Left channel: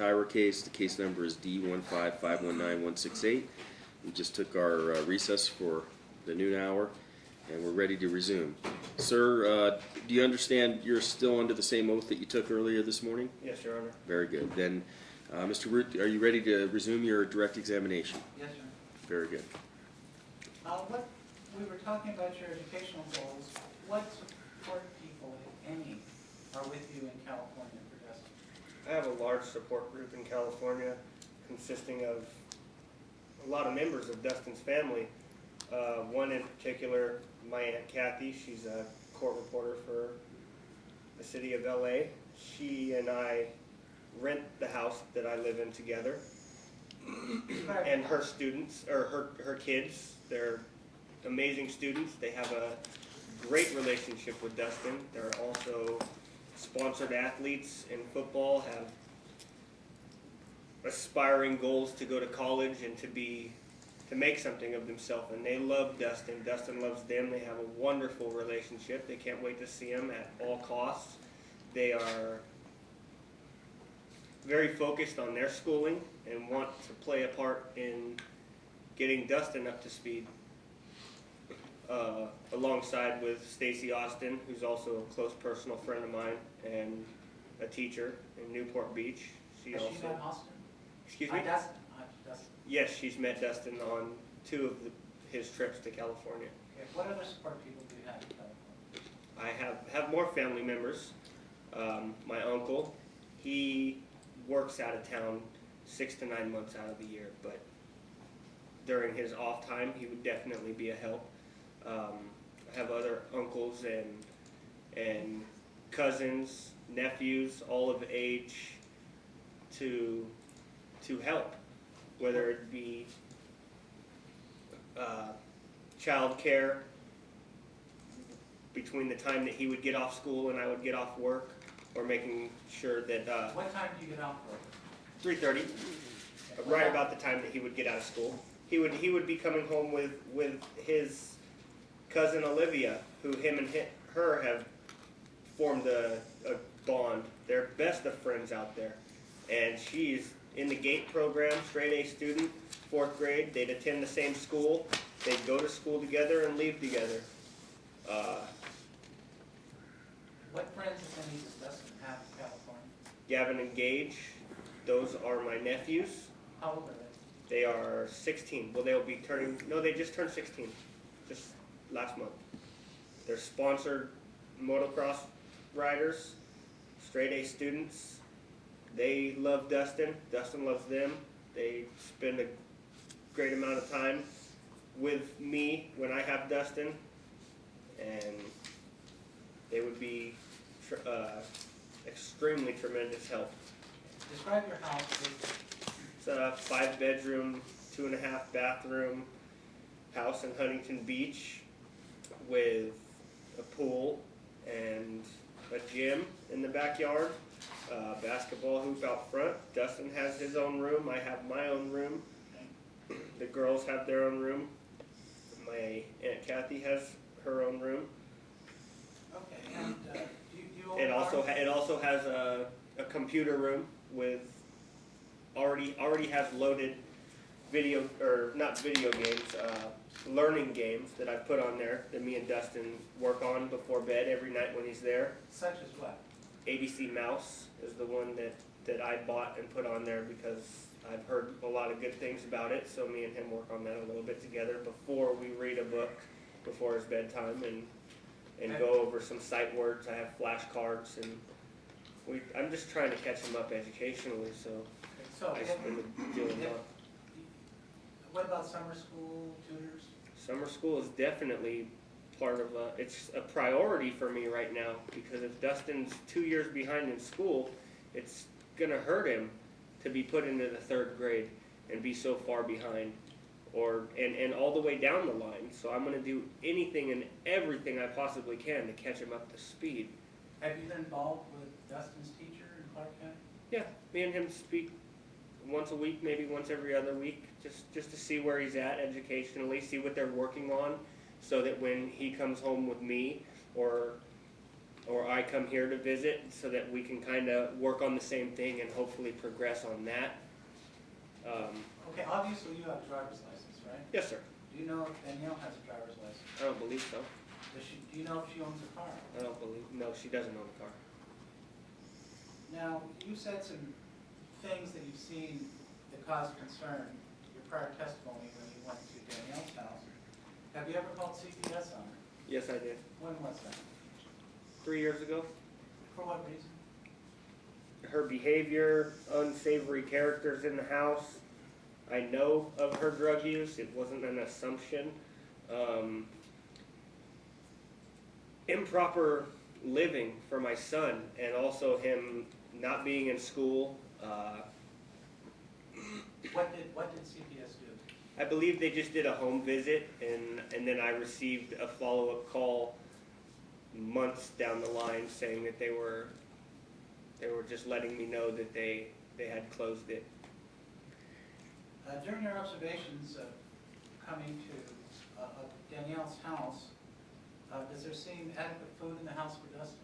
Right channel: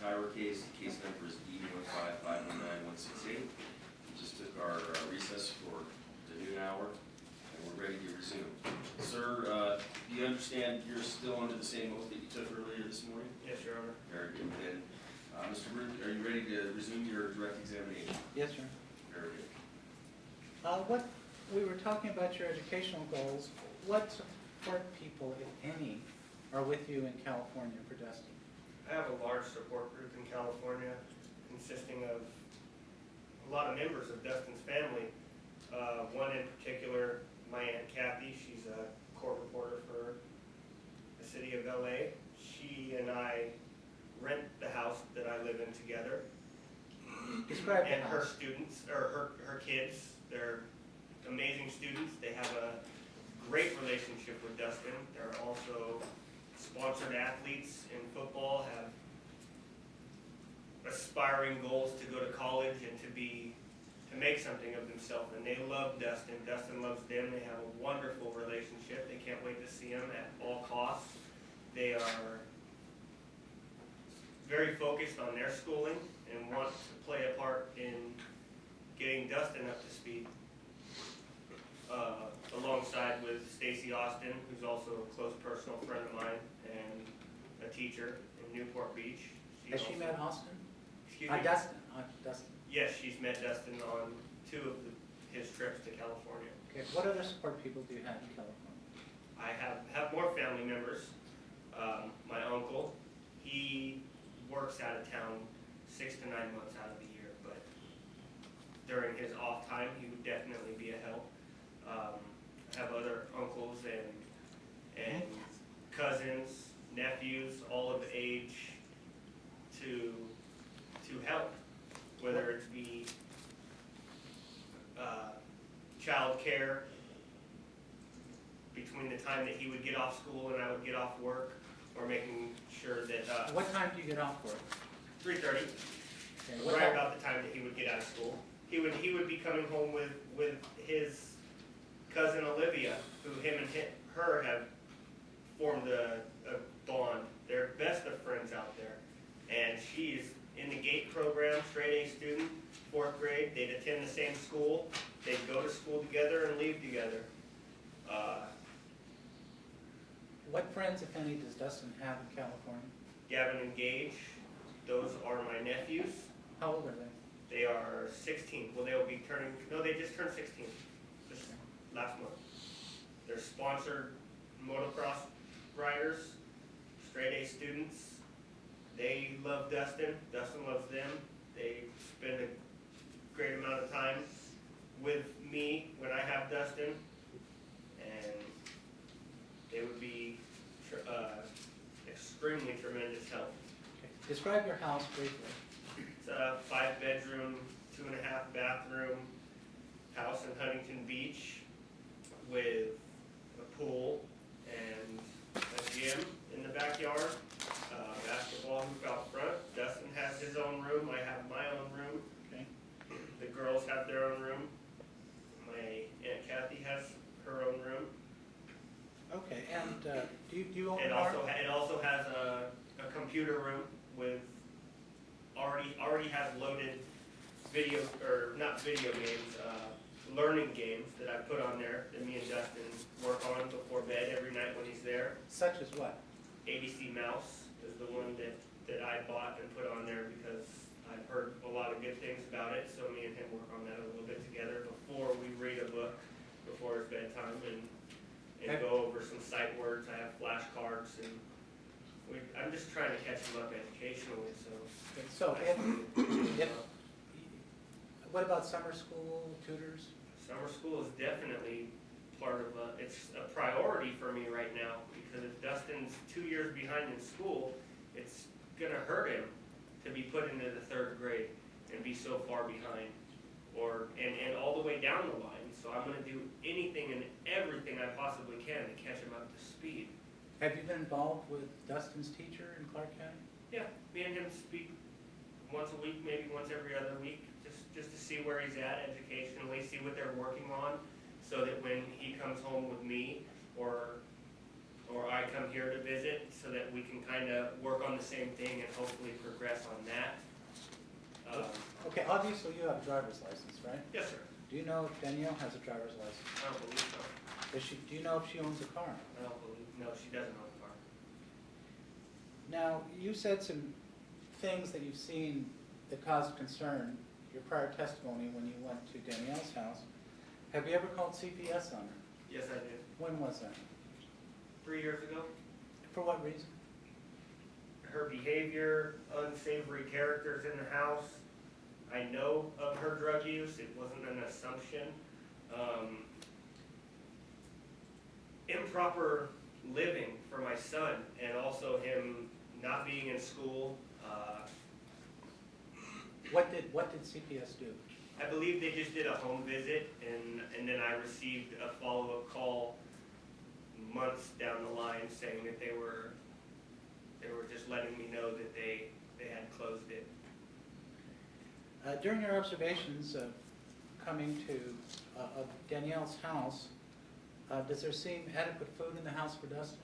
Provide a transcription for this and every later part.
Tyra case. The case number is D15519-168. We just took our recess for the noon hour, and we're ready to resume. Sir, do you understand you're still under the same oath that you took earlier this morning? Yes, Your Honor. Very good. Then, Mr. Root, are you ready to resume your direct examination? Yes, sir. Very good. What we were talking about your educational goals. What support people, if any, are with you in California for Dustin? I have a large support group in California consisting of a lot of members of Dustin's family. One in particular, my Aunt Kathy. She's a court reporter for the city of LA. She and I rent the house that I live in together. And her students, or her kids, they're amazing students. They have a great relationship with Dustin. They're also sponsored athletes in football, have aspiring goals to go to college and to make something of themselves. And they love Dustin. Dustin loves them. They have a wonderful relationship. They can't wait to see him at all costs. They are very focused on their schooling and want to play a part in getting Dustin up to speed, alongside with Stacy Austin, who's also a close personal friend of mine and a teacher in Newport Beach. Has she met Austin? Excuse me? Dustin. Dustin. Yes, she's met Dustin on 2 of his trips to California. Okay. What other support people do you have in California? I have more family members. My uncle, he works out of town 6 to 9 months out of the year, but during his off time, he would definitely be a help. I have other uncles and cousins, nephews, all of age to help, whether it be child care between the time that he would get off school and I would get off work, or making sure that what time do you get off work? 3:30, Okay. right about the time that he would get out of school. He would be coming home with his cousin Olivia, who him and her have formed a bond. They're best of friends out there, and she's in the GATE program, straight A student, 4th grade. They'd attend the same school. They'd go to school together and leave together. What friends, if any, does Dustin have in California? Gavin and Gage, those are my nephews. How old are they? They are 16. Well, they'll be turning, no, they just turned 16, just last month. They're sponsored motocross riders, straight A students. They love Dustin. Dustin loves them. They spend a great amount of time with me when I have Dustin, and they would be extremely tremendous help. Describe your house briefly. It's a 5-bedroom, 2.5 bathroom house in Huntington Beach with a pool and a gym in the backyard, basketball hoop out front. Dustin has his own room. I have my own room. Okay. The girls have their own room. My Aunt Kathy has her own room. Okay, and do you own It also a has a computer room with already has loaded video, or not video games, learning games that I put on there that me and Dustin work on before bed every night when he's there. Such as what? ABC Mouse is the one that I bought and put on there because I've heard a lot of good things about it, so me and him work on that a little bit together before we read a book before his bedtime and go over some sight words. I have flashcards, and I'm just trying to catch him up educationally, so what about summer school, tutors? Summer school is definitely part of it's a priority for me right now, because if Dustin's 2 years behind in school, it's gonna hurt him to be put into the 3rd grade and be so far behind, and all the way down the line. So I'm gonna do anything and everything I possibly can to catch him up to speed. Have you been involved with Dustin's teacher in Clark County? Yeah, me and him speak once a week, maybe once every other week, just to see where he's at educationally, see what they're working on, so that when he comes home with me or or I come here to visit so that we can kind of work on the same thing and hopefully progress on that. Okay, obviously you have a driver's license, right? Yes, sir. Do you know if Danielle has a driver's license? I don't believe so. Do you know if she owns a car? No, she doesn't own a car. Now, you said some things that you've seen that caused concern, your prior testimony when you went to Danielle's house. Have you ever called CPS on her? Yes, I did. When was that? 3 years ago. For what reason? Her behavior, unsavory characters in the house. I know of her drug use. It wasn't an assumption. Improper living for my son, and also him not being in school. What did CPS do? I believe they just did a home visit, and then I received a follow-up call months down the line saying that they were just letting me know that they had closed it. During your observations of coming to of Danielle's house, does there seem adequate food in the house for Dustin?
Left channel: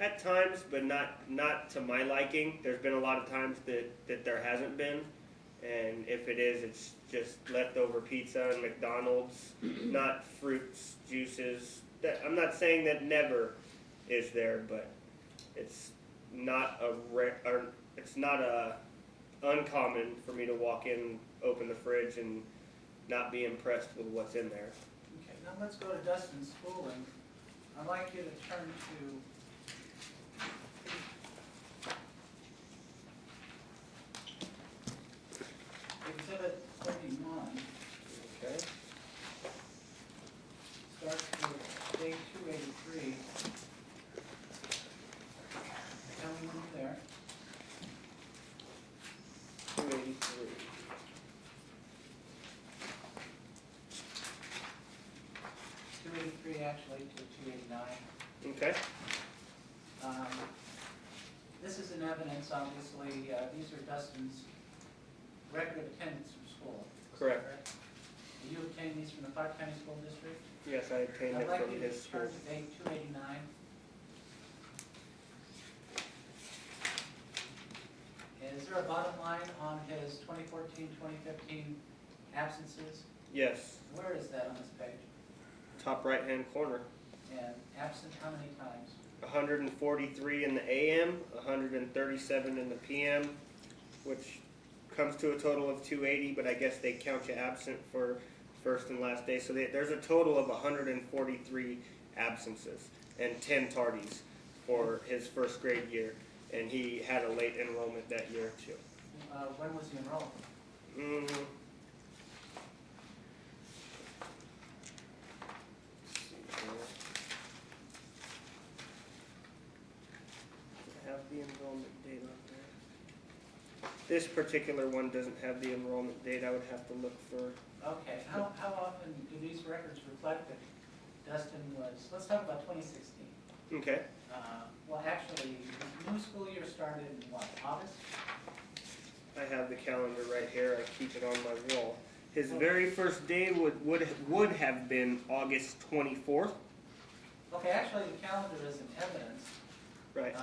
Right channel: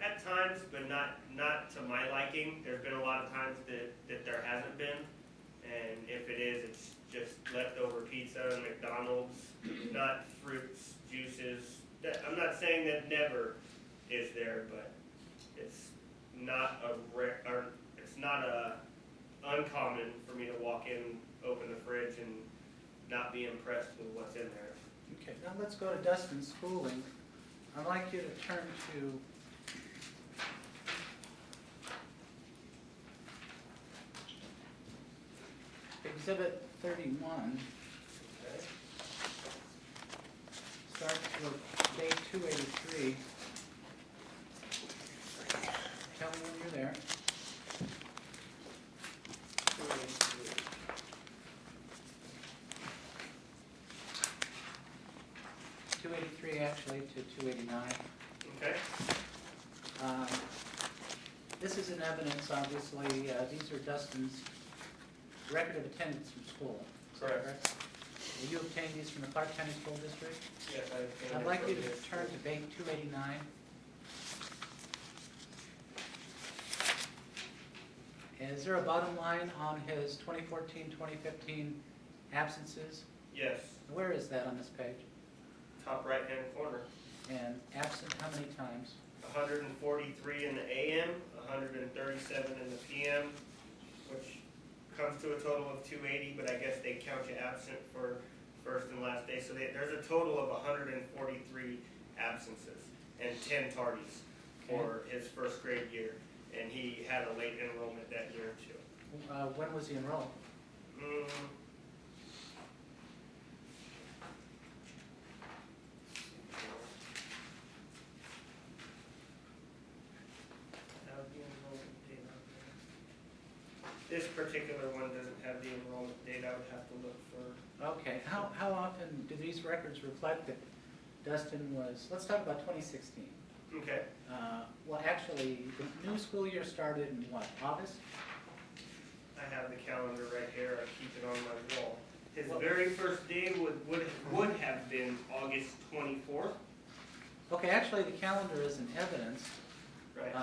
At times, but not to my liking. There's been a lot of times that there hasn't been, and if it is, it's just leftover pizza and McDonald's, not fruits, juices. I'm not saying that never is there, but it's not uncommon for me to walk in, open the fridge, and not be impressed with what's in there. Okay, now let's go to Dustin's schooling. I'd like you to turn to Exhibit 31, okay? Start with day 283. Tell me when you're there. 283. 283 actually to 289. Okay. This is in evidence, obviously. These are Dustin's record of attendance from school. Correct. Will you obtain these from the Clark County School District? Yes, I obtained I'd it like from you to his turn school. to page 289. Is there a bottom line on his 2014-2015 absences? Yes, Where is that on this page? top right-hand corner. And absent how many times? 143 in the AM, 137 in the PM, which comes to a total of 280, but I guess they count you absent for first and last day. So there's a total of 143 absences and 10 tardies for his first grade year. And he had a late enrollment that year too. When was he enrolled? Have the enrollment date on there. This particular one doesn't have the enrollment date. I would have to look for. Okay, how often do these records reflect that Dustin was, let's talk about 2016. Okay. Well, actually, the new school year started in what, August? I have the calendar right here. I keep it on my wall. His very first day would have been August 24th. Okay, actually, the calendar is in evidence. Right.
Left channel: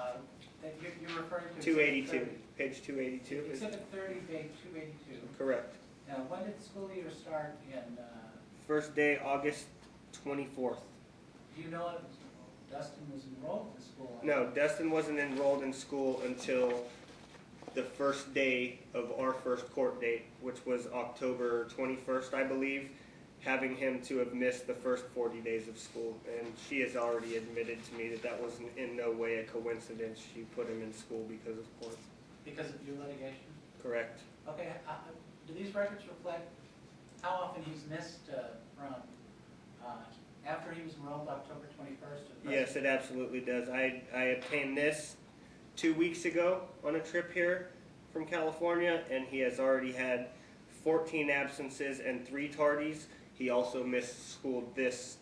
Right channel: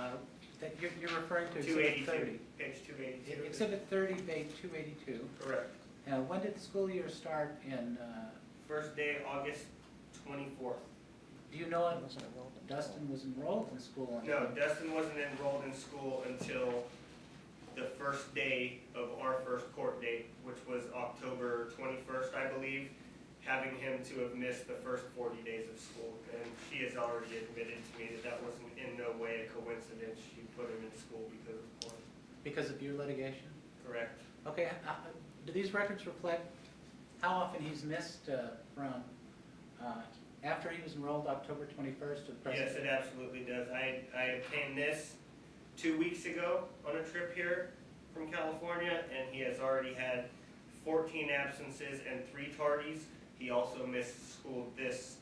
That you're referring to. 282. Page 282. Exhibit 30, page 282. Correct. Now, when did the school year start in, First day, August 24th. do you know if Dustin was enrolled in school? No, Dustin wasn't enrolled in school until the first day of our first court date, which was October 21st, I believe, having him to have missed the first 40 days of school. And she has already admitted to me that that was in no way a coincidence. She put him in school because of court. Because of your litigation? Correct. Okay, do these records reflect how often he's missed from after he was enrolled October 21st to present? Yes, it absolutely does. I obtained this 2 weeks ago on a trip here from California, and he has already had 14 absences and 3 tardies. He also missed school this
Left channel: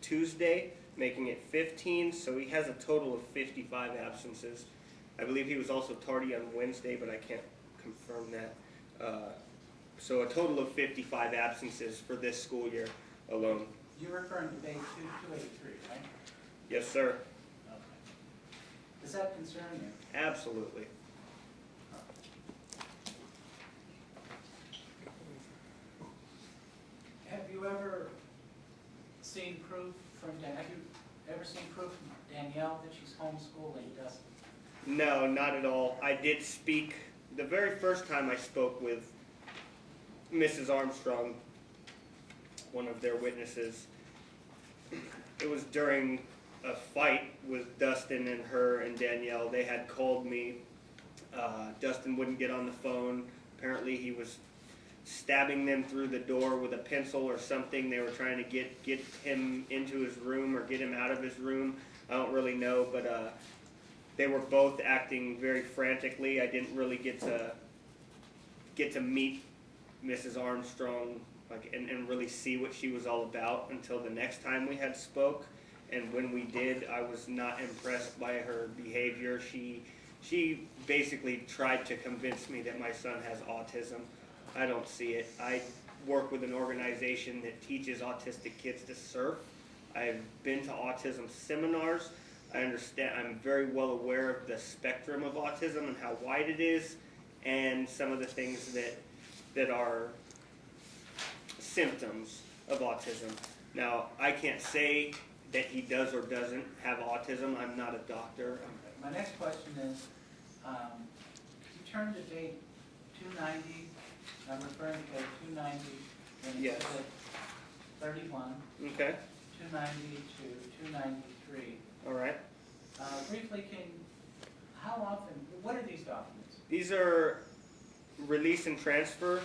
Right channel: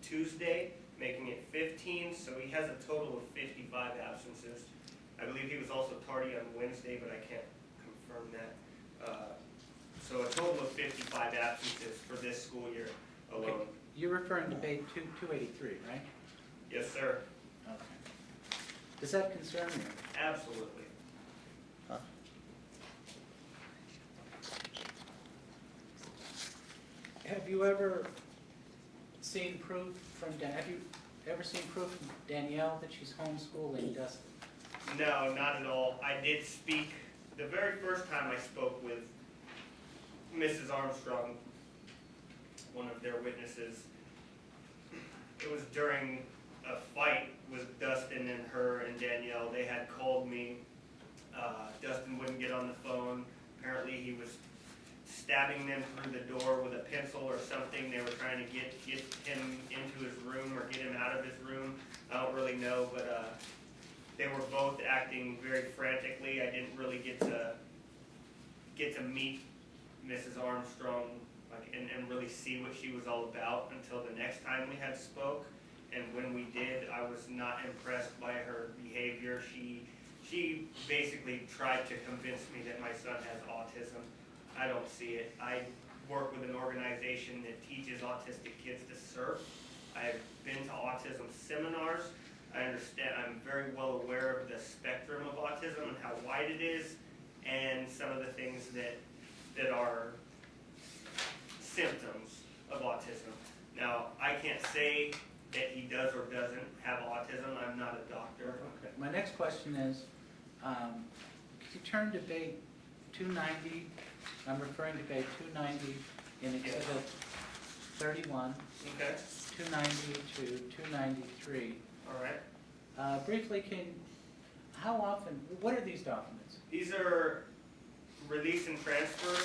Tuesday, making it 15, so he has a total of 55 absences. I believe he was also tardy on Wednesday, but I can't confirm that. So a total of 55 absences for this school year alone. You're referring to page 283, right? Yes, sir. Okay. Does that concern you? Absolutely. Have you ever seen proof from, have you ever seen proof from Danielle that she's homeschooling Dustin? No, not at all. I did speak, the very first time I spoke with Mrs. Armstrong, one of their witnesses, it was during a fight with Dustin and her and Danielle. They had called me. Dustin wouldn't get on the phone. Apparently he was stabbing them through the door with a pencil or something. They were trying to get him into his room or get him out of his room. I don't really know, but they were both acting very frantically. I didn't really get to meet Mrs. Armstrong and really see what she was all about until the next time we had spoke. And when we did, I was not impressed by her behavior. She basically tried to convince me that my son has autism. I don't see it. I work with an organization that teaches autistic kids to surf. I've been to autism seminars. I understand, I'm very well aware of the spectrum of autism and how wide it is, and some of the things that are symptoms of autism. Now, I can't say that he does or doesn't have autism. I'm not a doctor. Okay. My next question is, could you turn to date 290? I'm referring to page 290 in Yes. Exhibit 31, Okay. 290 to 293. All right. Briefly, how often, what are these documents? These are release and transfer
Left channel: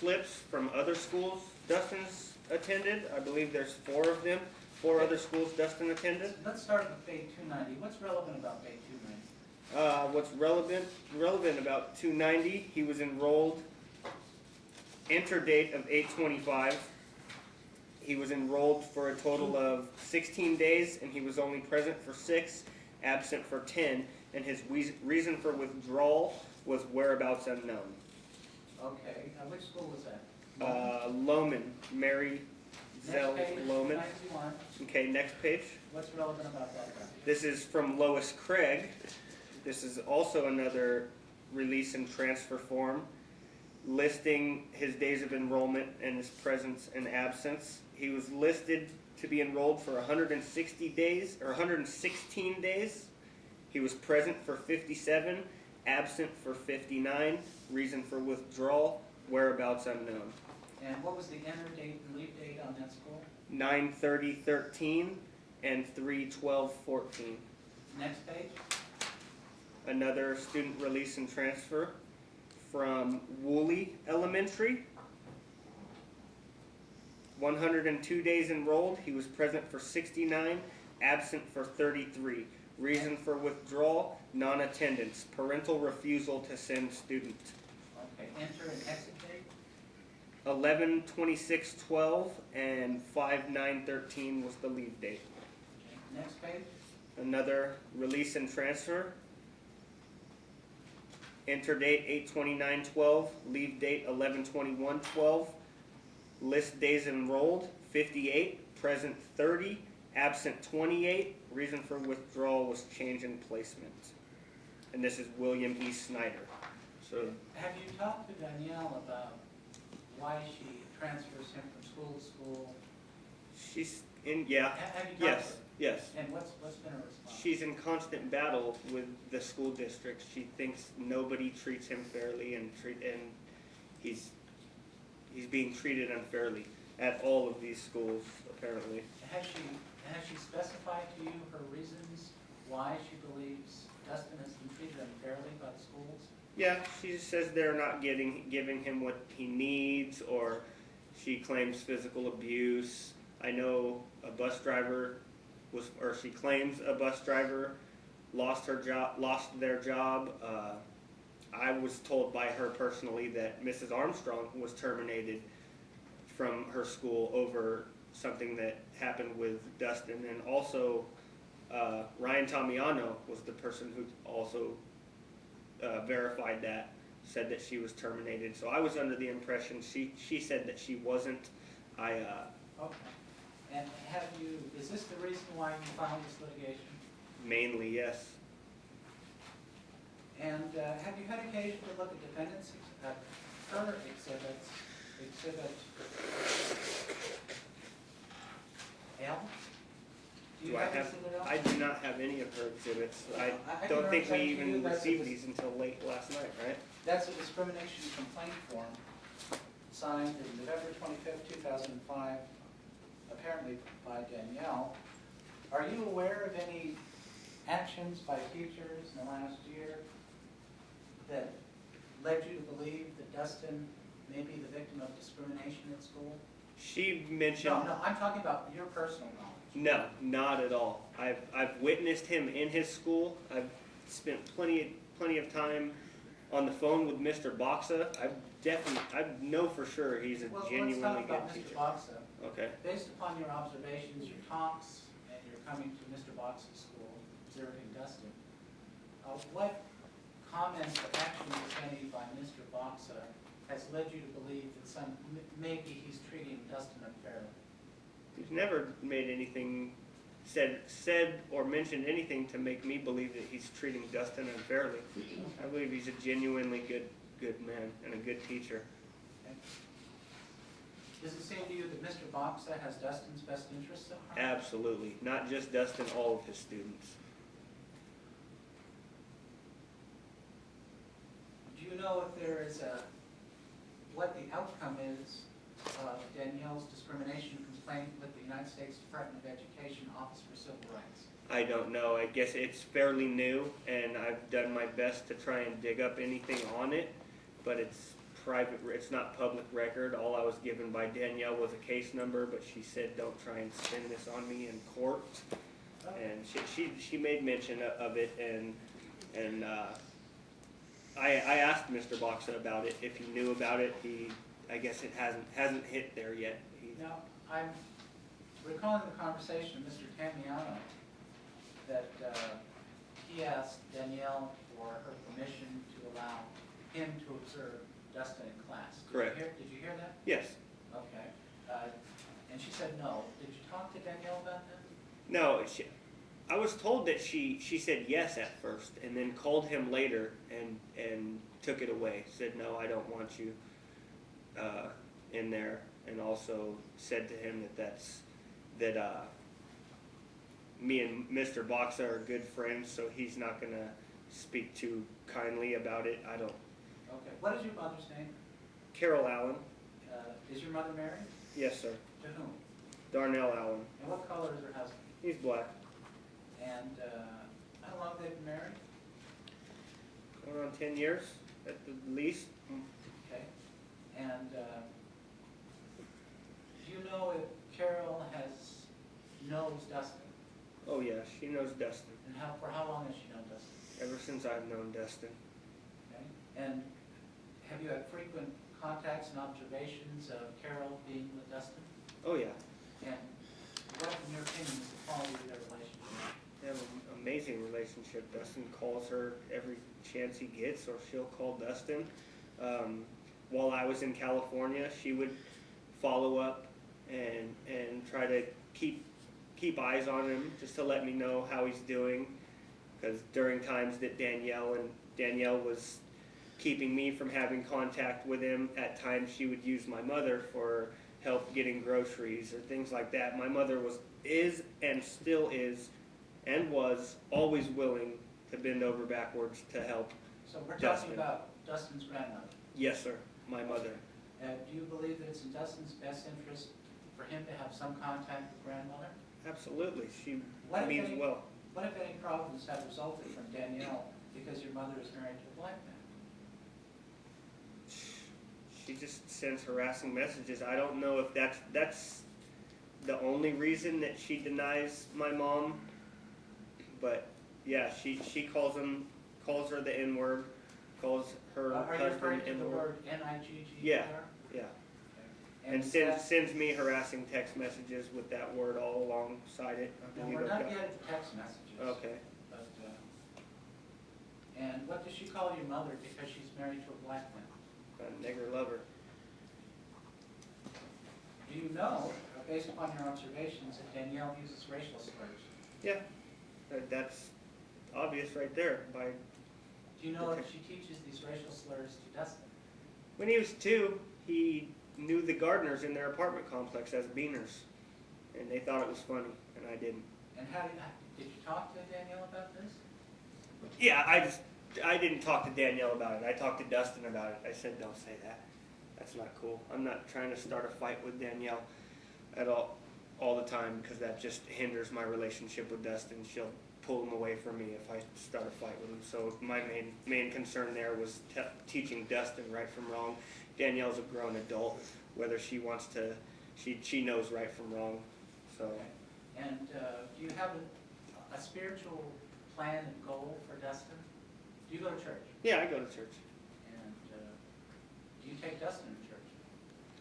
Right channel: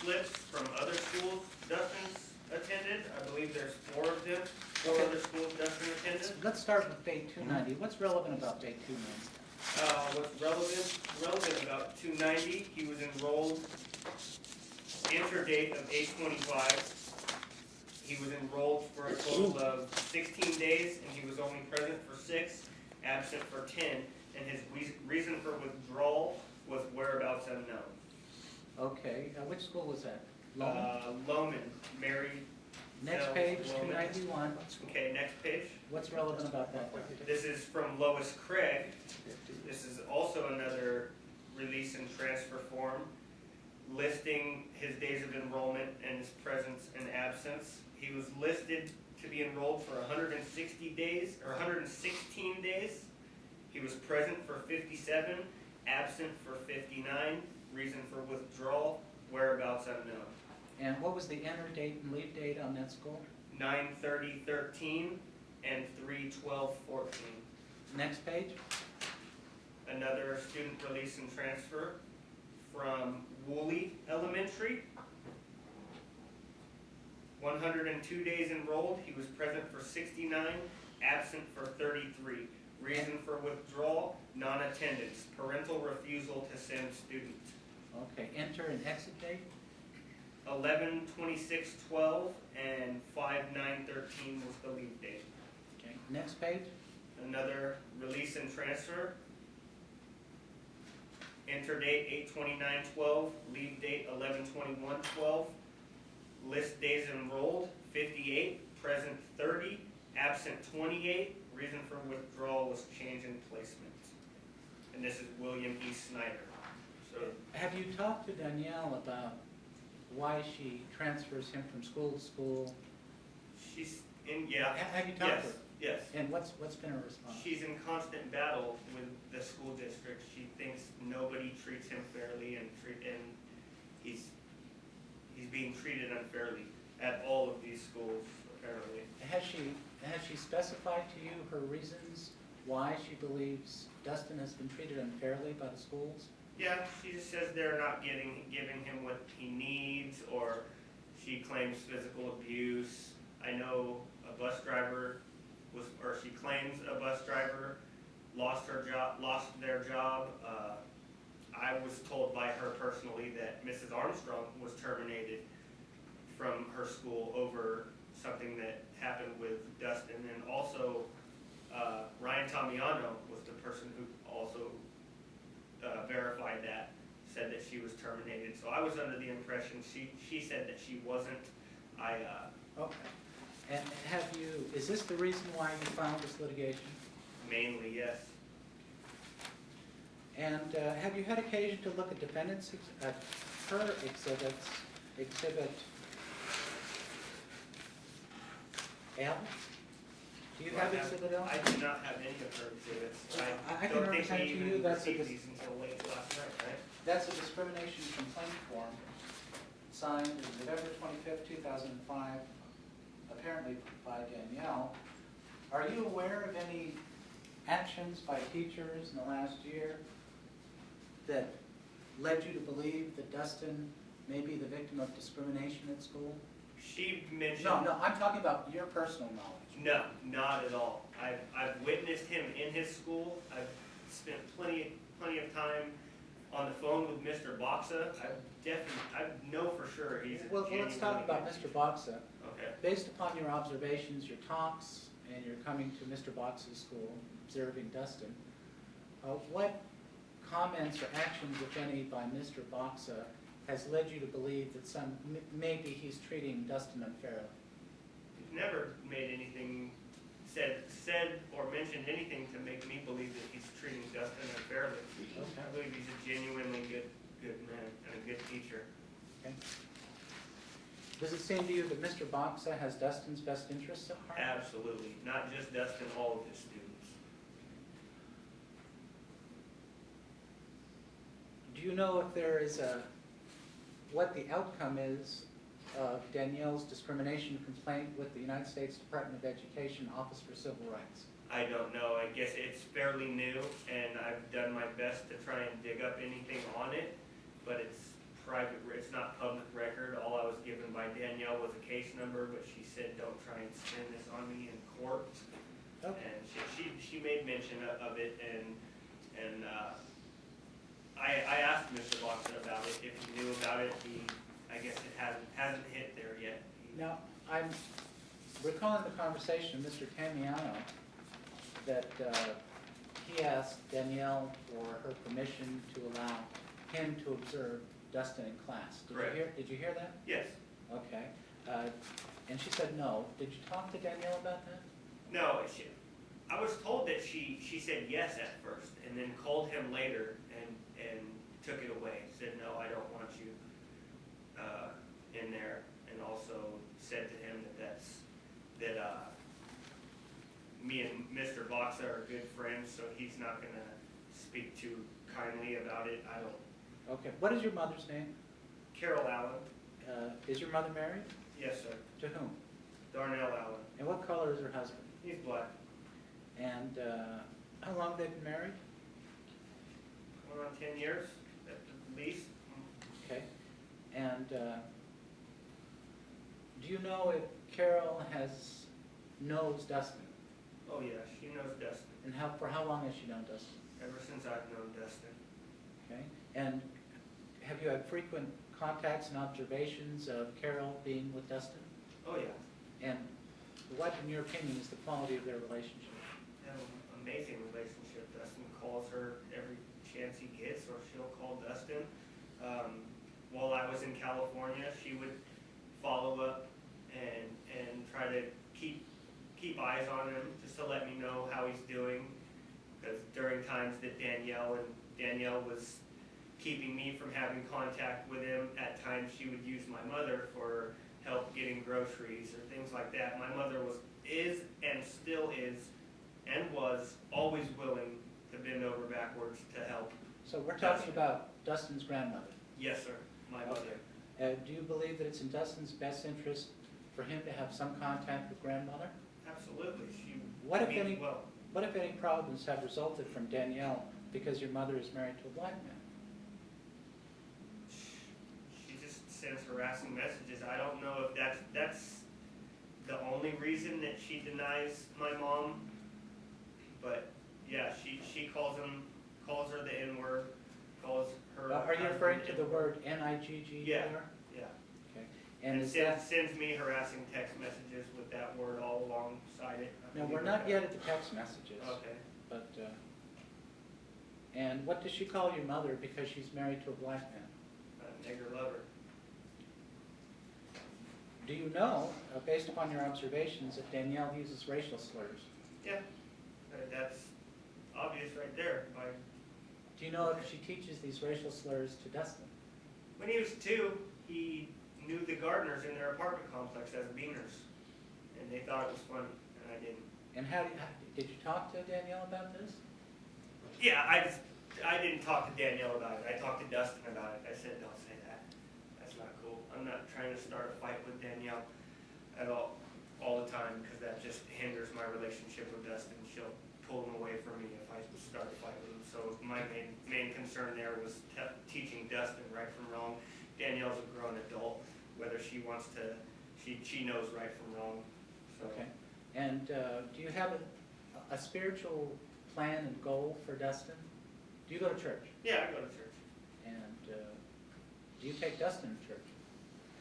slips from other schools Dustin's attended. I believe there's 4 of them. 4 other schools Dustin attended. Let's start with page 290. What's relevant about page 290? What's relevant about 290, he was enrolled, enter date of 8/25. He was enrolled for a total of 16 days, and he was only present for 6, absent for 10, and his reason for withdrawal was whereabouts unknown. Okay, which school was that? Loman, Mary Next Zell page, Loman. 291. Okay, next page. What's relevant about that? This is from Lois Craig. This is also another release and transfer form listing his days of enrollment and his presence and absence. He was listed to be enrolled for 160 days, or 116 days. He was present for 57, absent for 59, reason for withdrawal, whereabouts unknown. And what was the enter date and leave date on that school? 9/30/13 and 3/12/14. Next page. Another student release and transfer from Woolley Elementary. 102 days enrolled. He was present for 69, absent for 33. Reason for withdrawal, non-attendance, parental refusal to send student. Okay, enter and exit date. 11/26/12 and 5/9/13 was the leave date. Okay, next page. Another release and transfer. Enter date 8/29/12, leave date 11/21/12. List days enrolled 58, present 30, absent 28. Reason for withdrawal was change in placement. And this is William E. Snyder. So Have you talked to Danielle about why she transfers him from school to school? she's in, yeah, Have you talked to yes, her? yes. And what's been her response? She's in constant battle with the school district. She thinks nobody treats him fairly, and he's being treated unfairly at all of these schools, apparently. Has she specified to you her reasons why she believes Dustin has been treated unfairly by the schools? Yeah, she says they're not giving him what he needs, or she claims physical abuse. I know a bus driver she claims a bus driver lost their job. I was told by her personally that Mrs. Armstrong was terminated from her school over something that happened with Dustin, and also Ryan Tamiano was the person who also verified that, said that she was terminated. So I was under the impression she said that she wasn't. Okay. And is this the reason why you filed this litigation? Mainly, yes. And have you had occasion to look at defendants, at her exhibits, exhibit L? Do you have exhibit L? I do not have any of her exhibits. I I can don't think we represent to you even that's a received dis- these until late last night, right? That's a discrimination complaint form signed November 25th, 2005, apparently by Danielle. Are you aware of any actions by teachers in the last year that led you to believe that Dustin may be the victim of discrimination at school? She mentioned. No, I'm talking about your personal knowledge. No, not at all. I've witnessed him in his school. I've spent plenty of time on the phone with Mr. Boxa. I know for sure he's a Well, genuinely let's talk good about teacher. Mr. Boxa. Okay. Based upon your observations, your talks, and your coming to Mr. Box's school, observing Dustin, what comments or actions, if any, by Mr. Boxa has led you to believe that maybe he's treating Dustin unfairly? He's never made anything, said or mentioned anything to make me believe that he's treating Dustin unfairly. I believe he's a genuinely good man and a good teacher. Okay. Does it seem to you that Mr. Boxa has Dustin's best interests at heart? Absolutely. Not just Dustin, all of his students. Do you know if there is what the outcome is of Danielle's discrimination complaint with the United States Department of Education Office for Civil Rights? I don't know. I guess it's fairly new, and I've done my best to try and dig up anything on it, but it's private. It's not public record. All I was given by Danielle was a case number, but she said, "Don't try and spin this on me in court." Okay. And she made mention of it, and I asked Mr. Boxon about it. If he knew about it, I guess it hasn't hit there yet. Now, I'm recalling the conversation with Mr. Tamiano that he asked Danielle for her permission to allow him to observe Dustin in class. Correct. Did you hear that? Yes. Okay. And she said no. Did you talk to Danielle about that? No, I was told that she said yes at first, and then called him later and took it away. Said, "No, I don't want you in there," and also said to him that me and Mr. Boxa are good friends, so he's not going to speak too kindly about it. I don't. Okay. What is your mother's name? Carol Allen. Is your mother married? Yes, sir. To whom? Darnell Allen. And what color is her husband? He's black. And how long they've been married? Going on 10 years at the least. Okay. And do you know if Carol knows Dustin? Oh yeah, she knows Dustin. And for how long has she known Dustin? Ever since I've known Dustin. Okay. And have you had frequent contacts and observations of Carol being with Dustin? Oh yeah. And what, in your opinion, is the quality of their relationship? They have an amazing relationship. Dustin calls her every chance he gets, or she'll call Dustin. While I was in California, she would follow up and try to keep eyes on him, just to let me know how he's doing. Because during times that Danielle was keeping me from having contact with him, at times she would use my mother for help getting groceries or things like that. My mother is and still is and was always willing to bend over backwards to help. So we're talking about Dustin's grandmother. Yes, sir. My mother. Do you believe that it's in Dustin's best interest for him to have some contact with grandmother? Absolutely. She What if means any- well. What if any problems have resulted from Danielle because your mother is married to a black man? She just sends harassing messages. I don't know if that's the only reason that she denies my mom. But yeah, she calls her the N-word, calls her Are you husband referring to the N-word. word N-I-G-G-E-R? Yeah. Yeah. Okay. And is sends me harassing text messages with that word all alongside it. I No, believe we're I've not got- yet at the text messages. Okay. But, and what does she call your mother because she's married to a black man? A nigger lover. Do you know, based upon your observations, that Danielle uses racial slurs? Yeah. That's obvious right there. Do you know if she teaches these racial slurs to Dustin? When he was 2, he knew the gardeners in their apartment complex as beaners, and they thought it was funny, and I didn't. And how did you talk to Danielle about this? Yeah, I didn't talk to Danielle about it. I talked to Dustin about it. I said, don't say that. That's not cool. I'm not trying to start a fight with Danielle at all the time, because that just hinders my relationship with Dustin. She'll pull him away from me if I start a fight with him. So my main concern there was teaching Dustin right from wrong. Danielle's a grown adult. Whether she wants to, she knows right from wrong. So. Okay. And do you have a spiritual plan and goal for Dustin? Do you go to church? Yeah, I go to church. And do you take Dustin to church?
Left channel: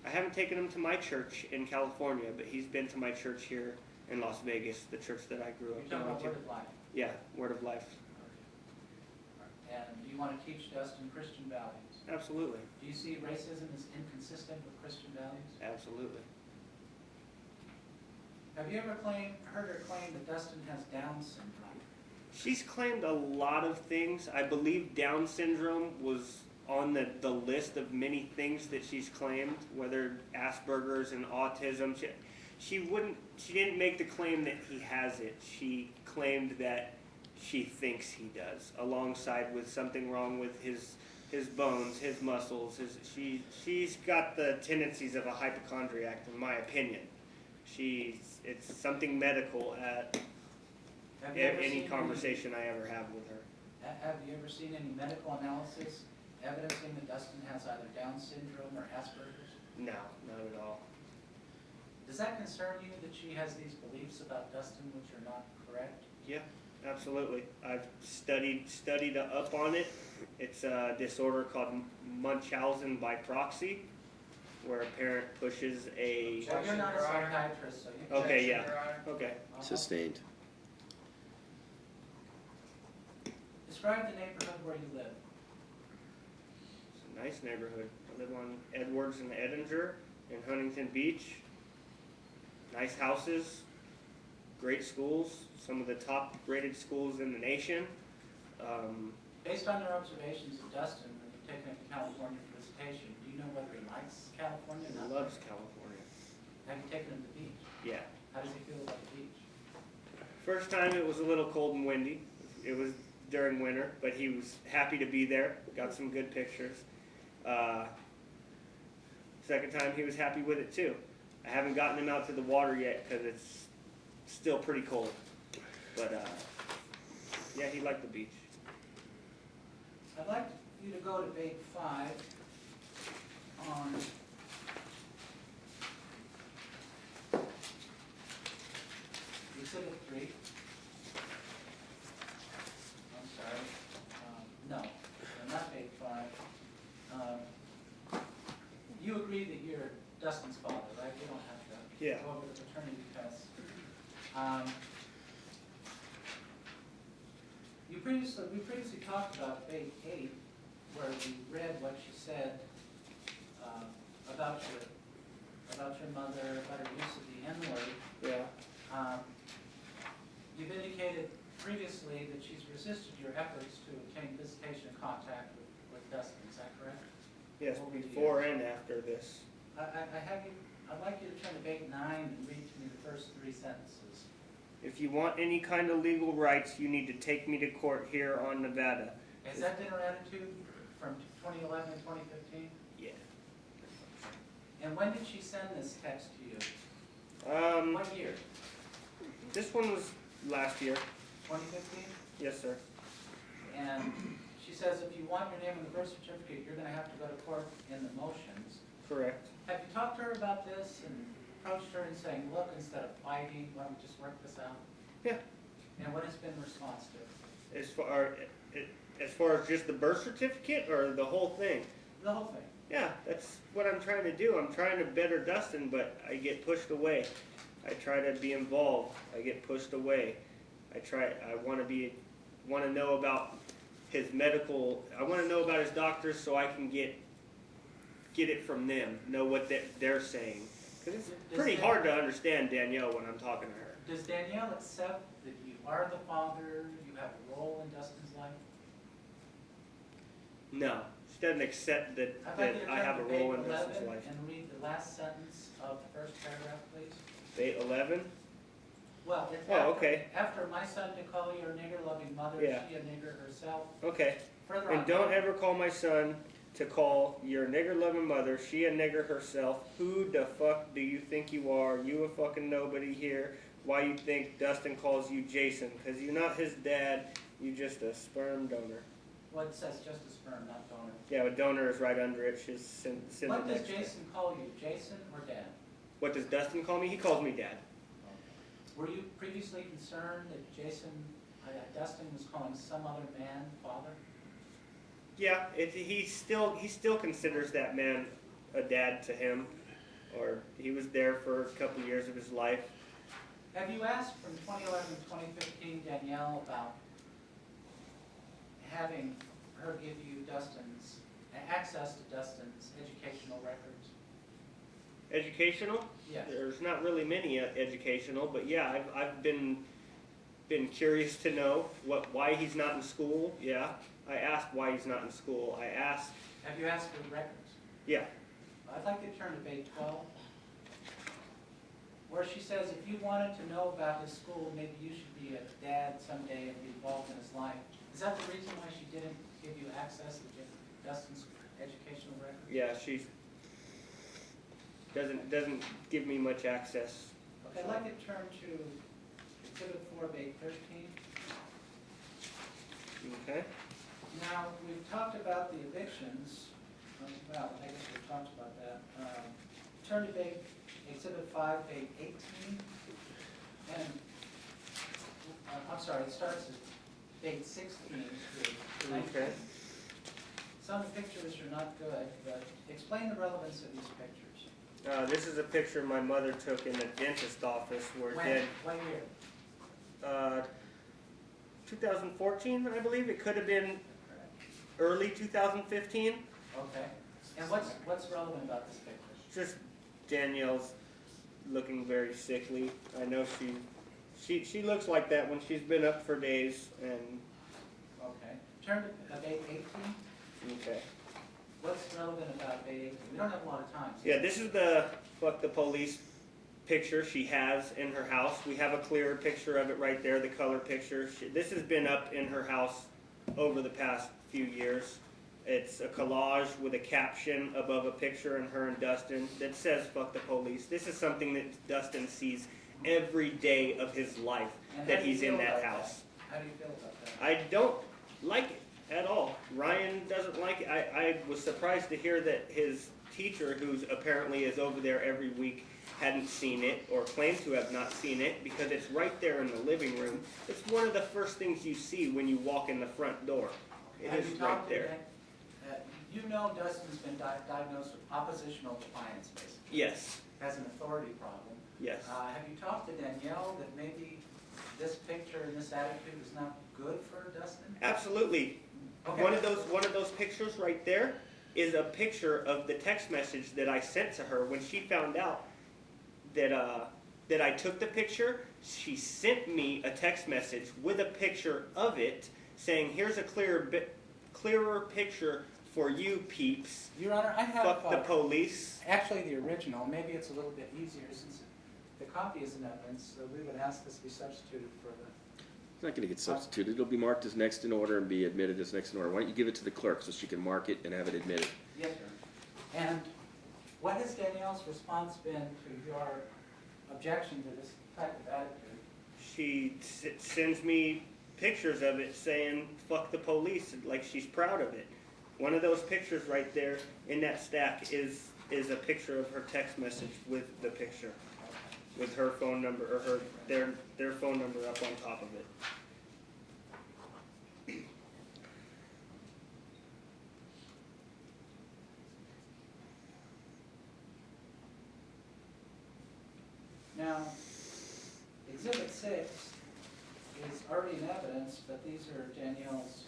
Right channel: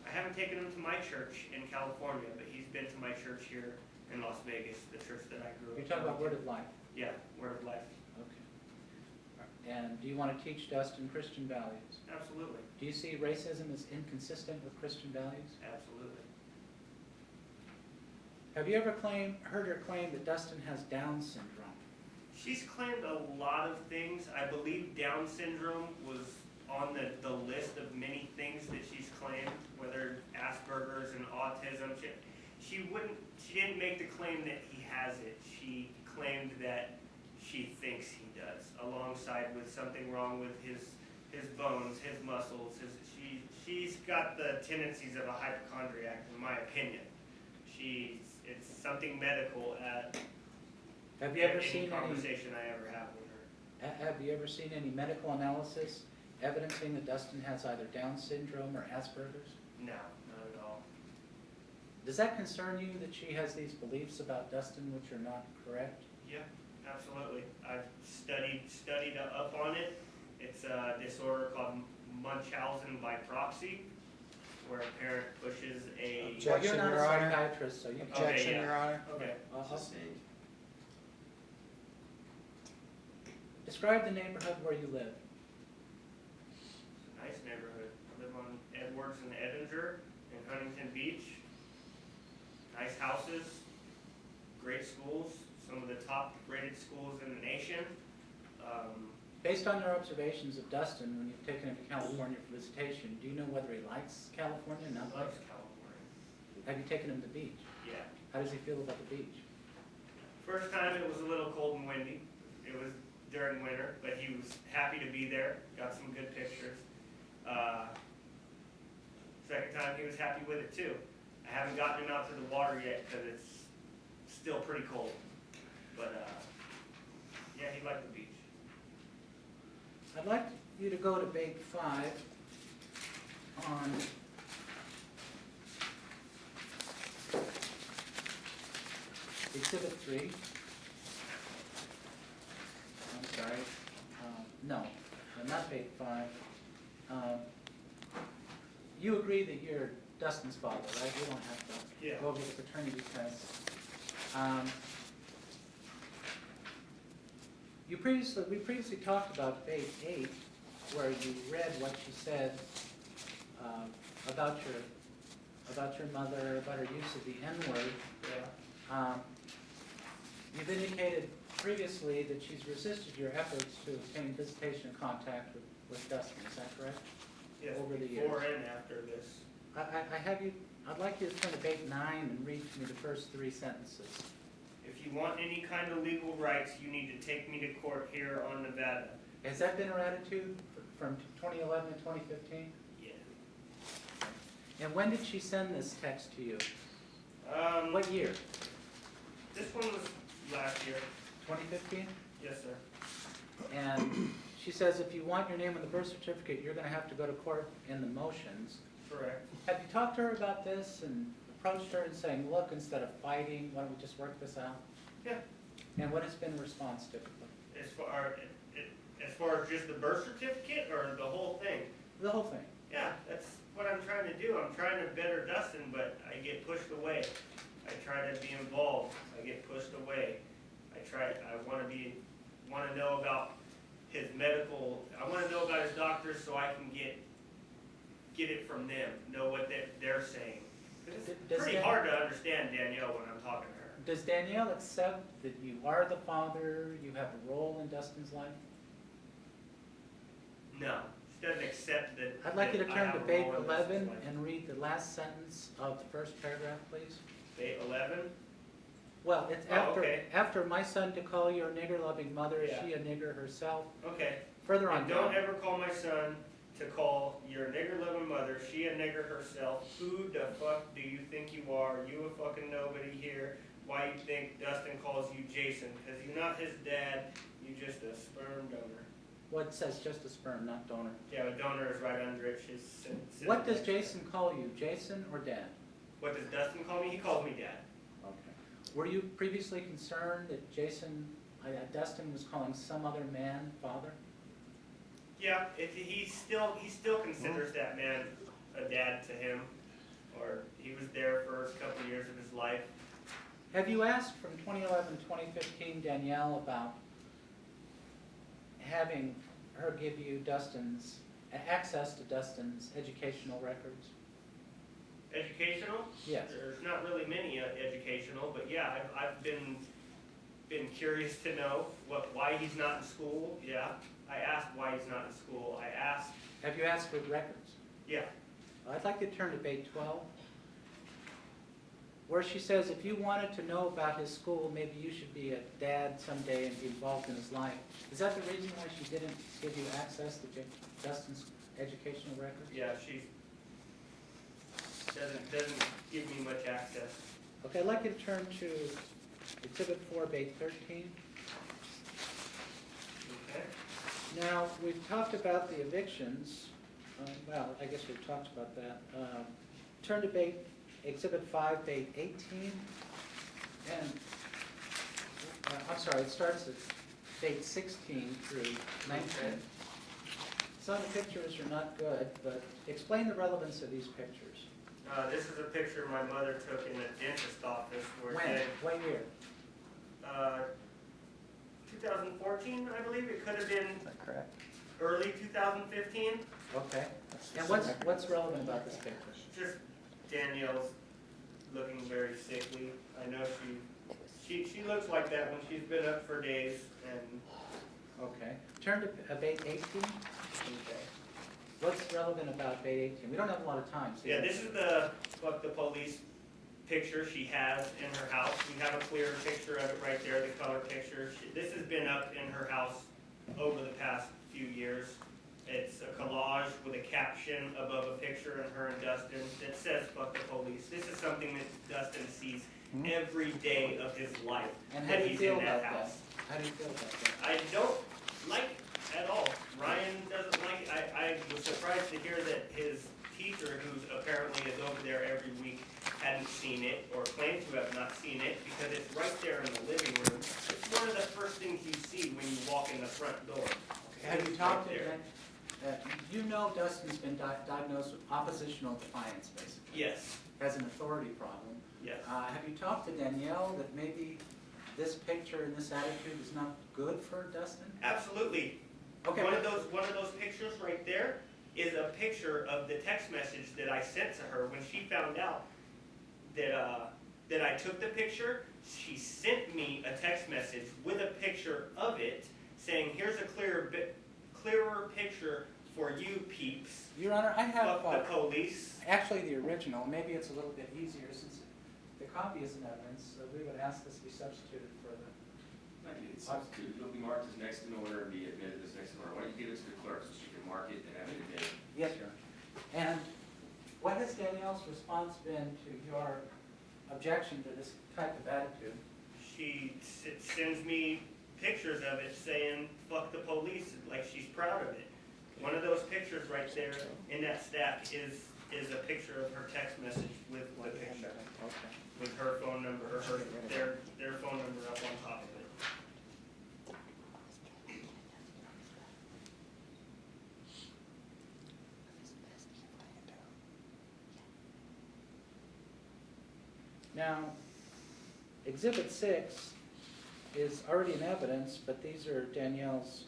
I haven't taken him to my church in California, but he's been to my church here in Las Vegas, the church that I grew up in. You're talking about Word of Life? Yeah, Word of Life. Okay. And do you want to teach Dustin Christian values? Absolutely. Do you see racism as inconsistent with Christian values? Absolutely. Have you ever heard her claim that Dustin has Down syndrome? She's claimed a lot of things. I believe Down syndrome was on the list of many things that she's claimed, whether Asperger's and autism. She didn't make the claim that he has it. She claimed that she thinks he does, alongside with something wrong with his bones, his muscles. She's got the tendencies of a hypochondriac, in my opinion. It's something medical at any conversation I ever have with her. Have you ever seen any medical analysis evidencing that Dustin has either Down syndrome or Asperger's? No, not at all. Does that concern you that she has these beliefs about Dustin which are not correct? Yeah, absolutely. I've studied up on it. It's a disorder called Munchausen by proxy, where a parent pushes a... Well, you're not a Your Honor. psychiatrist, so you can... Okay, Objection, yeah. Your Honor. Okay. Sustained. Describe the neighborhood where you live. It's a nice neighborhood. I live on Edwards and Edinger in Huntington Beach. Nice houses, great schools, some of the top rated schools in the nation. Based on your observations of Dustin when you've taken him to California for visitation, do you know whether he likes California or He not? loves California. Have you taken him to the beach? Yeah. How does he feel about the beach? First time it was a little cold and windy. It was during winter, but he was happy to be there. Got some good pictures. Second time he was happy with it too. I haven't gotten him out to the water yet because it's still pretty cold. But yeah, he liked the beach. I'd like you to go to Big 5 on Exhibit 3. I'm sorry. No, not Big 5. You agree that you're Dustin's father, right? You don't have to Yeah. go over the paternity test. We previously talked about Big 8, where you read what she said about your mother, about her use of the N-word. Yeah. You've indicated previously that she's resisted your efforts to obtain visitation and contact with Dustin. Is that correct? Yes, Over the before years. and after this. I'd like you to turn to Big 9 and read to me the first 3 sentences. If you want any kind of legal rights, you need to take me to court here on Nevada. Has that been her attitude from 2011 to 2015? Yeah. And when did she send this text to you? What year? This one was last year. 2015? Yes, sir. And she says if you want your name on the birth certificate, you're going to have to go to court in the motions. Correct. Have you talked to her about this and approached her and saying, look, instead of fighting, why don't we just work this out? Yeah. And what has been the response to it? As far as just the birth certificate or the whole thing? The whole thing. Yeah, that's what I'm trying to do. I'm trying to better Dustin, but I get pushed away. I try to be involved. I get pushed away. I want to know about his medical. I want to know about his doctors so I can get it from them. Know what they're saying. Because it's pretty hard to understand Danielle when I'm talking to her. Does Danielle accept that you are the father, you have a role in Dustin's life? No, she doesn't accept that, I'd like you to that I have turn a to page role in Dustin's 11 life. and read the last sentence of the first paragraph, please. Date 11? Well, it's Oh, after, okay. after my son to call your nigger-loving mother, Yeah. she a nigger herself. Okay. Further on And don't down. ever call my son to call your nigger-loving mother, she a nigger herself. Who the fuck do you think you are? You a fucking nobody here. Why you think Dustin calls you Jason? Because you're not his dad, you just a sperm donor. What it says just a sperm, not donor. Yeah, but donor is right under it. What does Jason call you, Jason or Dad? What does Dustin call me? He calls me dad. Okay. Were you previously concerned that Dustin was calling some other man father? Yeah, he still considers that man a dad to him, or he was there for a couple years of his life. Have you asked from 2011 to 2015 Danielle about having her give you access to Dustin's educational records? Educational? Yes. There's not really many educational, but yeah, I've been curious to know why he's not in school. Yeah, I asked why he's not in school. I asked. Have you asked for the records? Yeah. I'd like to turn to page 12, where she says if you wanted to know about his school, maybe you should be a dad someday and be involved in his life. Is that the reason why she didn't give you access to Dustin's educational records? Yeah, she doesn't give me much access. Okay, I'd like you to turn to Exhibit 4, page 13. Okay. Now, we've talked about the evictions. Well, I guess we've talked about that. Turn to Exhibit 5, page 18. And, I'm sorry, it starts at page 16 through 19. Okay. Some pictures are not good, but explain the relevance of these pictures. This is a picture my mother took in the dentist office where When year? 2014, I believe. It could have been Is that correct? early 2015. Okay. And what's relevant about this picture? Just Danielle's looking very sickly. I know she looks like that when she's been up for days. And Okay. Turn to page 18. okay. What's relevant about page 18? We don't have a lot of time. So Yeah, this is the fuck the police picture she has in her house. We have a clearer picture of it right there, the color picture. This has been up in her house over the past few years. It's a collage with a caption above a picture of her and Dustin that says fuck the police. This is something that Dustin sees every day of his life, And how that do you he's feel in that about house. How do you feel about that? I don't like it at all. Ryan doesn't like it. I was surprised to hear that his teacher, who's apparently is over there every week, hadn't seen it or claimed to have not seen it because it's right there in the living room. It's one of the first things you see when you walk in the front door. It Have is you right talked to there. them? You know Dustin's been diagnosed with oppositional defiance, basically, Yes, as an authority problem. yes. Have you talked to Danielle that maybe this picture and this attitude is not good for Dustin? Absolutely. Okay. One of those pictures right there is a picture of the text message that I sent to her when she found out that I took the picture. She sent me a text message with a picture of it saying, "Here's a clearer picture for you peeps. Your Honor, I have Fuck the police." actually the original. Maybe it's a little bit easier since the copy is in evidence, so we would ask this to be substituted for the... It's not going to get substituted. It'll be marked as next in order and be admitted as next in order. Why don't you give it to the clerk so she can mark it and have it admitted? Yes, Your Honor. And what has Danielle's response been to your objection to this type of attitude? She sends me pictures of it saying, "Fuck the police," like she's proud of it. One of those pictures right there in that stack is a picture of her text message with the picture, Okay. with her phone number, or their phone number up on top of it. Now, Exhibit 6 is already in evidence, but these are Danielle's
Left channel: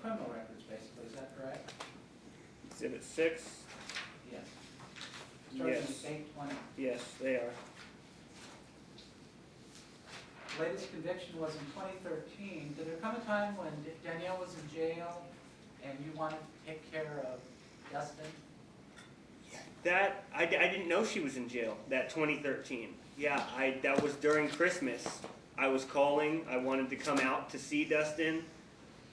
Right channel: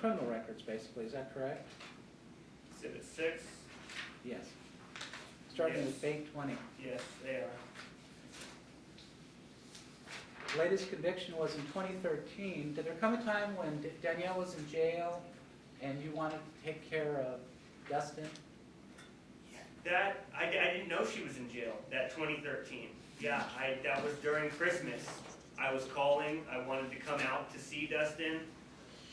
criminal records, basically. Is that correct? Exhibit 6, Yes. Starting Yes. with page 20. yes, they are. Latest conviction was in 2013. Did there come a time when Danielle was in jail and you want to take care of Dustin? That, I didn't know she was in jail, that 2013. Yeah, that was during Christmas. I was calling, I wanted to come out to see Dustin.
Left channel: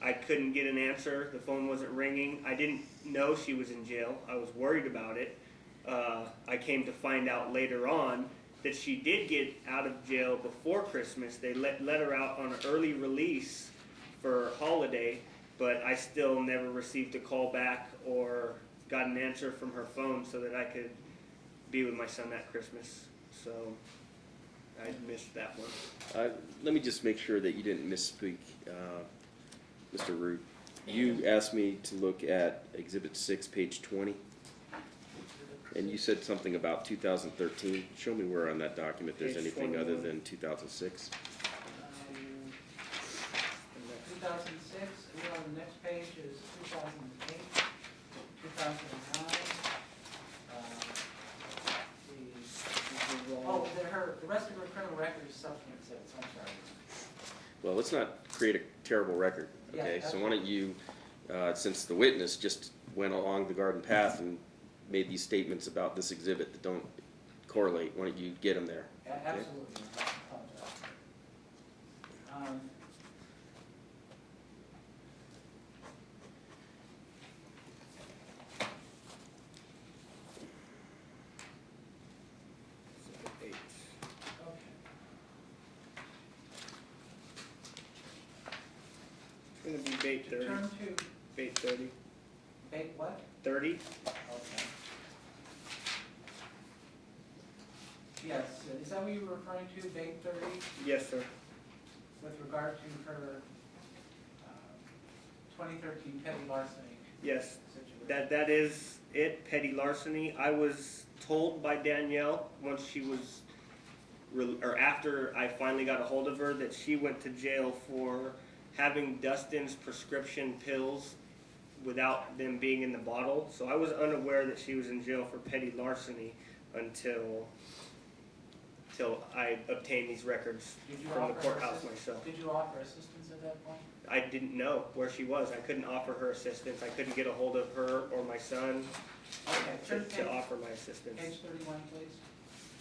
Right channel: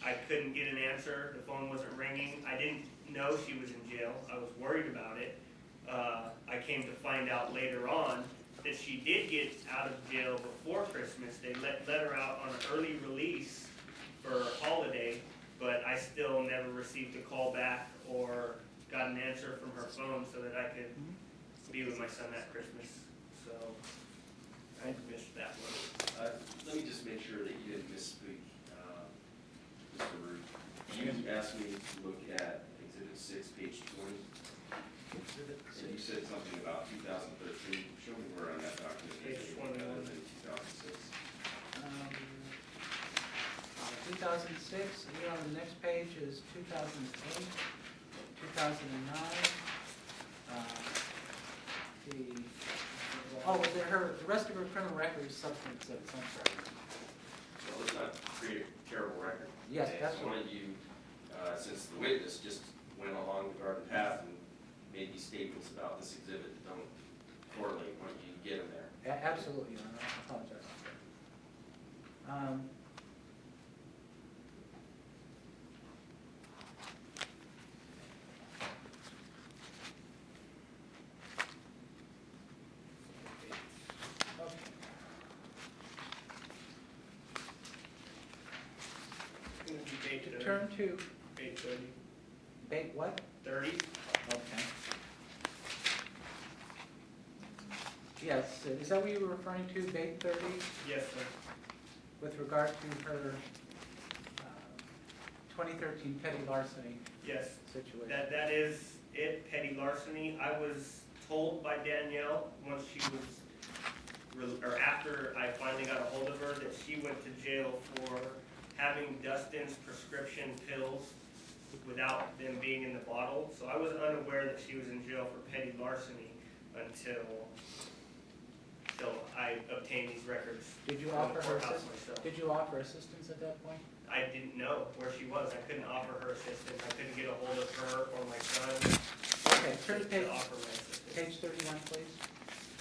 I couldn't get an answer, the phone wasn't ringing. I didn't know she was in jail, I was worried about it. I came to find out later on that she did get out of jail before Christmas. They let her out on an early release for holiday, but I still never received a call back or got an answer from her phone so that I could be with my son at Christmas. So I missed that one. Let me just make sure that you didn't misspeak, Mr. Root. You asked me to look at Exhibit 6, page 20, and you said something about 2013. Show me where on that document there's Page anything 21. other than 2006. 2006, and then on the next page is 2008, 2009. Oh, the rest of her criminal record is subsequent exhibits, I'm sorry. Well, let's not create a terrible record. Yes, Okay, that's so why don't you, since the witness just went along the garden path and made these statements about this exhibit that don't correlate, why don't you get them there? Absolutely, I apologize. It's going to be bait 30. Turn to Bait 30. bait what? 30? Okay. Yes, is that what you were referring to, bait 30, Yes, sir. with regard to her 2013 petty larceny Yes. situation? That is it, petty larceny. I was told by Danielle once she was, or after I finally got a hold of her, that she went to jail for having Dustin's prescription pills without them being in the bottle. So I was unaware that she was in jail for petty larceny until I obtained these records Did you from the offer courthouse assistance? myself. Did you offer assistance at that point? I didn't know where she was. I couldn't offer her assistance. I couldn't get a hold of her or my son Okay, turn to to offer my assistance. page 31, please.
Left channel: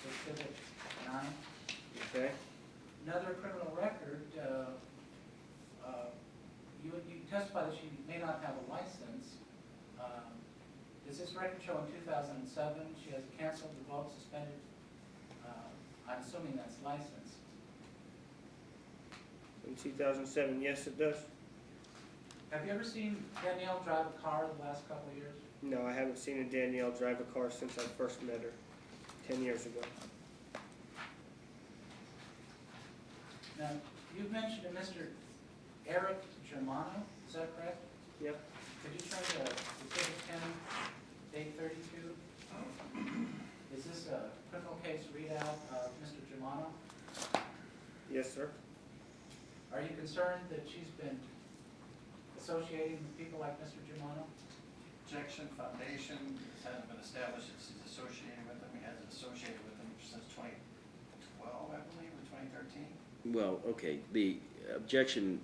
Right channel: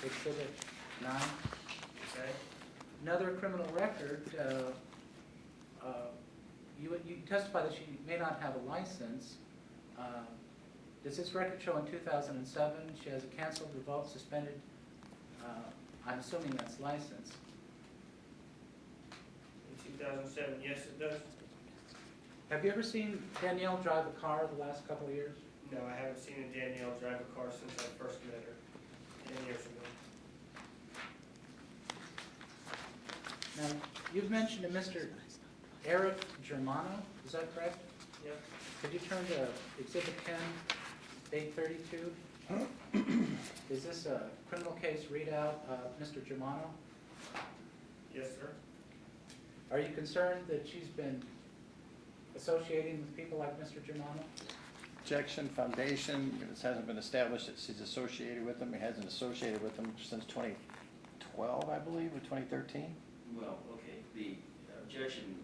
Exhibit 9. Okay? Another criminal record, you testified that she may not have a license. Does this record show in 2007 she has a canceled, revoked, suspended, I'm assuming that's license. In 2007, yes, it does. Have you ever seen Danielle drive a car the last couple of years? No, I haven't seen a Danielle drive a car since I first met her 10 years ago. Now, you've mentioned a Mr. Eric Germano, is that correct? Yep. Could you turn to Exhibit 10, page 32? Is this a criminal case readout of Mr. Germano? Yes, sir. Are you concerned that she's been associating with people like Mr. Germano? Objection, foundation, it hasn't been established that she's associated with them, he hasn't associated with them since 2012, I believe, or 2013. Well, okay, the objection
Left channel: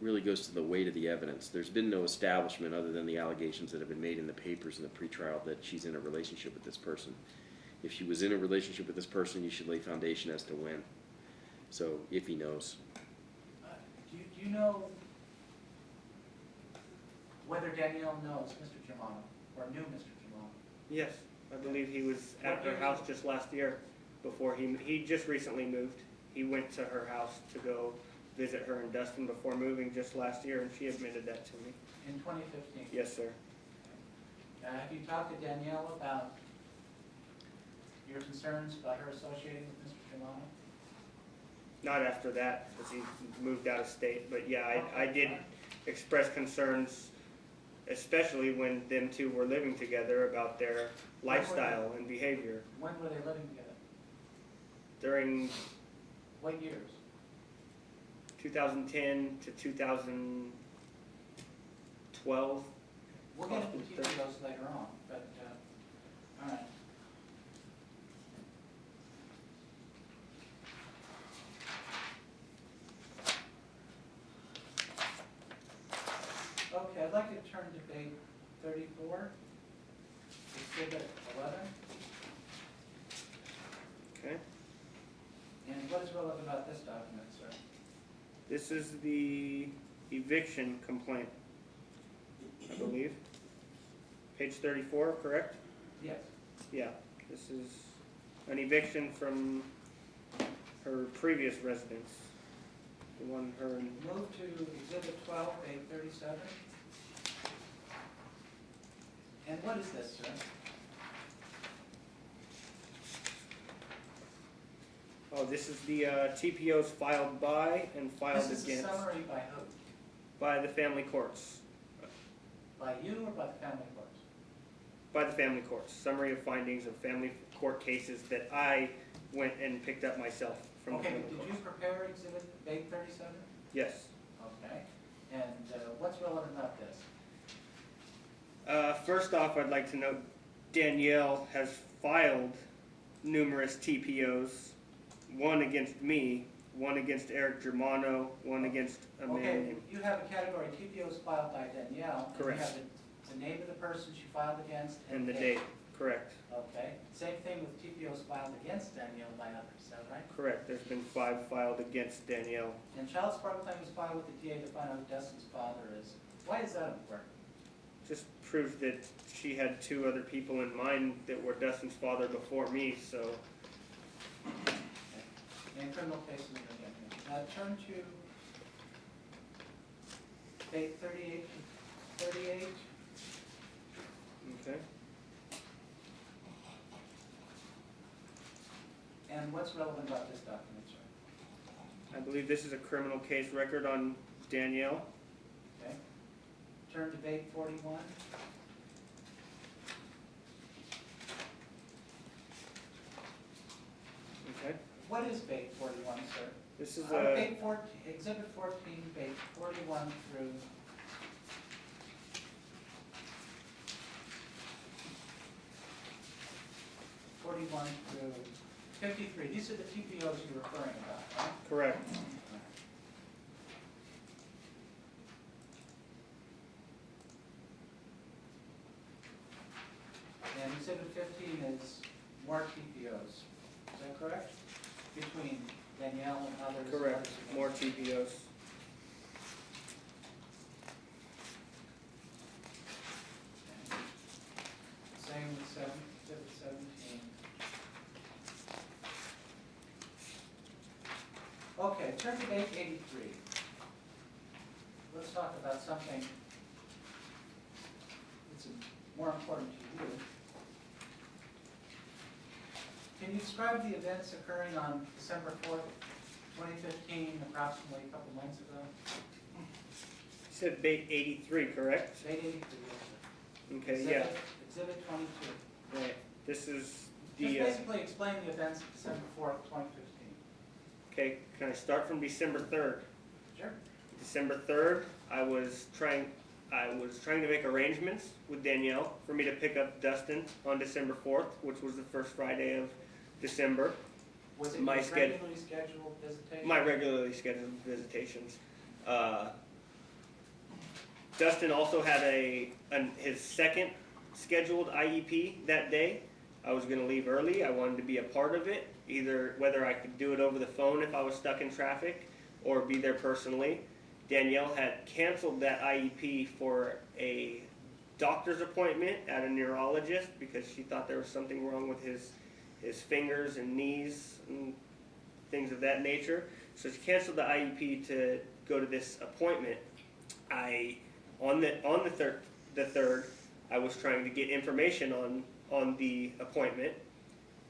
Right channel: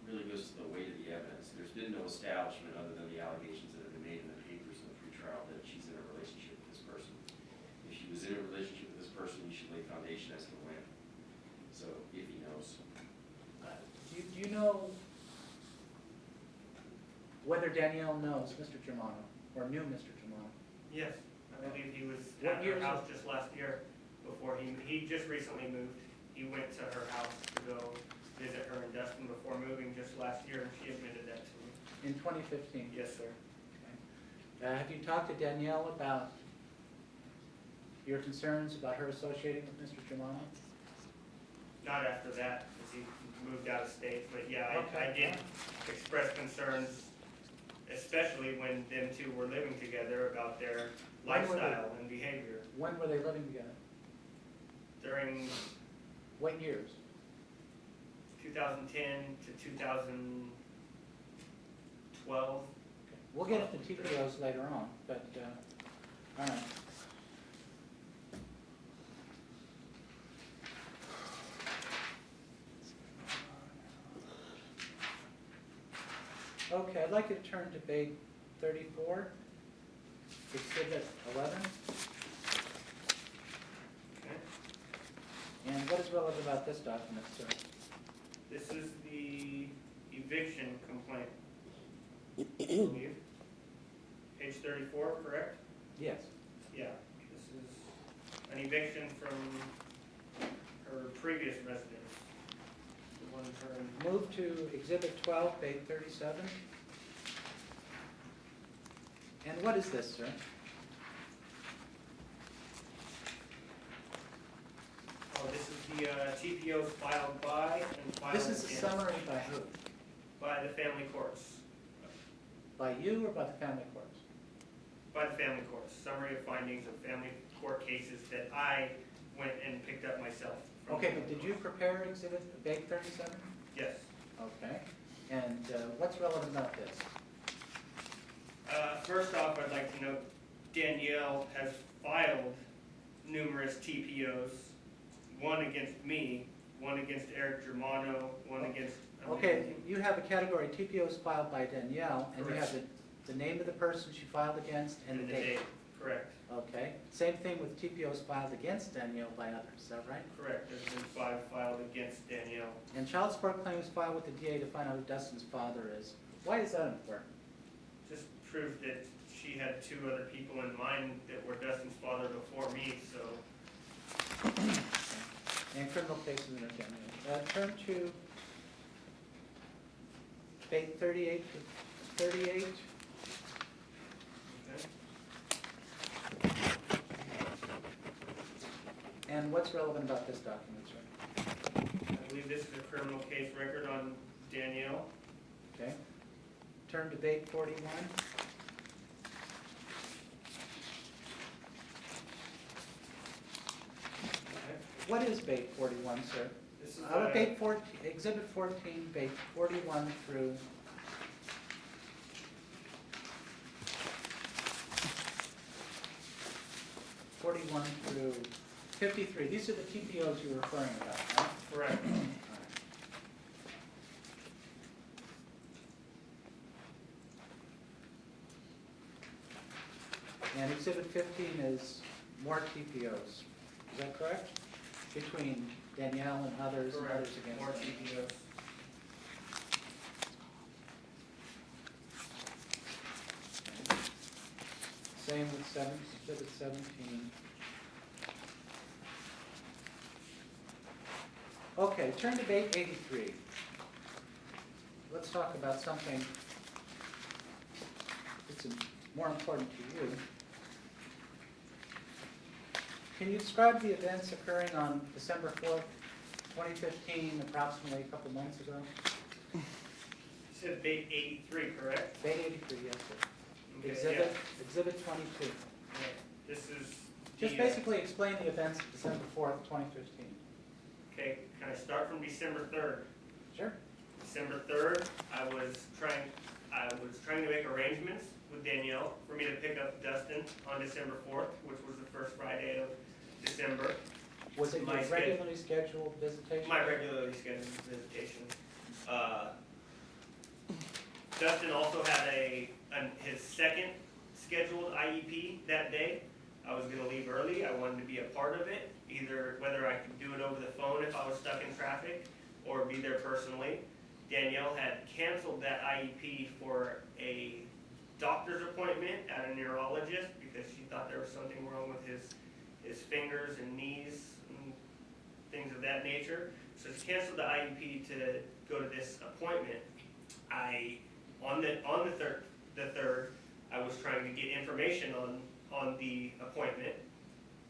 really goes to the weight of the evidence. There's been no establishment other than the allegations that have been made in the papers in the pretrial that she's in a relationship with this person. If she was in a relationship with this person, you should lay foundation as to when. So, if he knows. Do you know whether Danielle knows Mr. Germano, or knew Mr. Germano? Yes, I believe he was What at year her is house it? just last year before he just recently moved. He went to her house to go visit her in Dustin before moving just last year, and she admitted that to me. In 2015? Yes, sir. Have you talked to Danielle about your concerns about her associating with Mr. Germano? Not after that, because he moved out of state, but yeah, I Okay. did express concerns, especially when them two were living together, about their lifestyle and behavior When were they living together? during What years? 2010 to 2012. We'll get to the details later on, but, all right. like you to turn to page 34, exhibit 11. Okay. And what is relevant about this document, sir? This is the eviction complaint, I believe. Page 34, correct? Yes. Yeah, this is an eviction from her previous residence. The one her and Move to exhibit 12, page 37. And what is this, sir? oh, this is the TPOs filed by and filed This is a against summary by who? by the family courts. By you or by the family courts? By the family courts. Summary of findings of family court cases that I went and picked up myself from. Okay, the but did family you courts. prepare exhibit page 37? Yes. Okay. And what's relevant about this? First off, I'd like to note Danielle has filed numerous TPOs, one against me, one against Eric Germano, one against Amanda. Okay, you have a category, TPOs filed by Danielle, and you Correct. have the name of the person she filed against And the date, correct, Okay, same thing with TPOs filed against Danielle by others, is that right? correct. There's been 5 filed against Danielle. And child support claims filed with the DA to find out who Dustin's father is. Why is that important? Just proves that she had 2 other people in mind that were Dustin's father before me, so. And criminal cases and examination. Turn to page 38 to 38. Okay. And what's relevant about this document, sir? I believe this is a criminal case record on Danielle. Okay. Turn to page 41. Okay. What is page 41, sir? This is Page 14, exhibit 14, page 41 through 41 through 53. These are the TPOs you're referring about, right? correct. And exhibit 15 is more TPOs. Is that correct? Between Danielle and others. and Correct. others against More her. TPOs. Same with exhibit 17. Okay, turn to page 83. Let's talk about something that's more important to you. Can you describe the events occurring on December 4th, 2015, approximately a couple months ago? You said bait 83, correct? Page 83, yes, sir. Okay, yeah. Exhibit 22. Right. This is Just the, basically explain the events of December 4th, 2015. okay, can I start from December 3rd? Sure. December 3rd, I was trying to make arrangements with Danielle for me to pick up Dustin on December 4th, which was the first Friday of December. Was it My your sched- regularly scheduled visitation? My regularly scheduled visitation. Dustin also had his second scheduled IEP that day. I was going to leave early. I wanted to be a part of it, either whether I could do it over the phone if I was stuck in traffic or be there personally. Danielle had canceled that IEP for a doctor's appointment at a neurologist because she thought there was something wrong with his fingers and knees and things of that nature. So she canceled the IEP to go to this appointment. On the third, I was trying to get information on the appointment,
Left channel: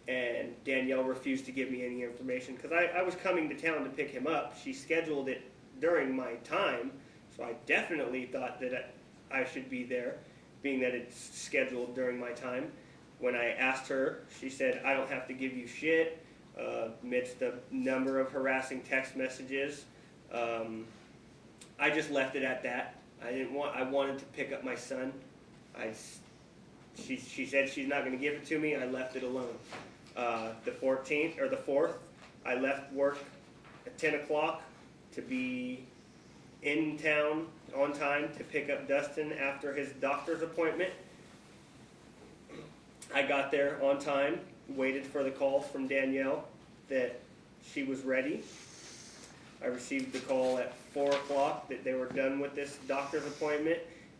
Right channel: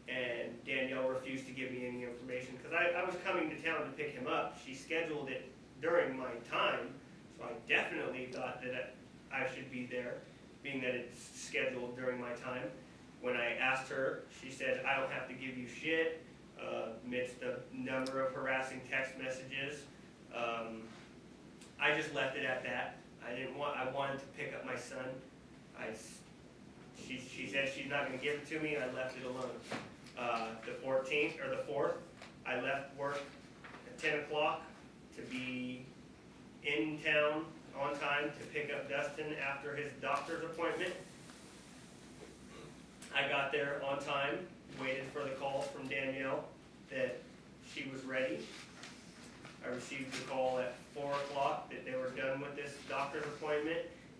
and Danielle refused to give me any information because I was coming to town to pick him up. She scheduled it during my time, so I definitely thought that I should be there, being that it's scheduled during my time. When I asked her, she said, "I don't have to give you shit," amidst a number of harassing text messages. I just left it at that. I wanted to pick up my son. She said she's not going to give it to me. I left it alone. The 14th or the 4th, I left work at 10 o'clock to be in town on time to pick up Dustin after his doctor's appointment. I got there on time, waited for the call from Danielle that she was ready. I received the call at 4 o'clock that they were done with this doctor's appointment,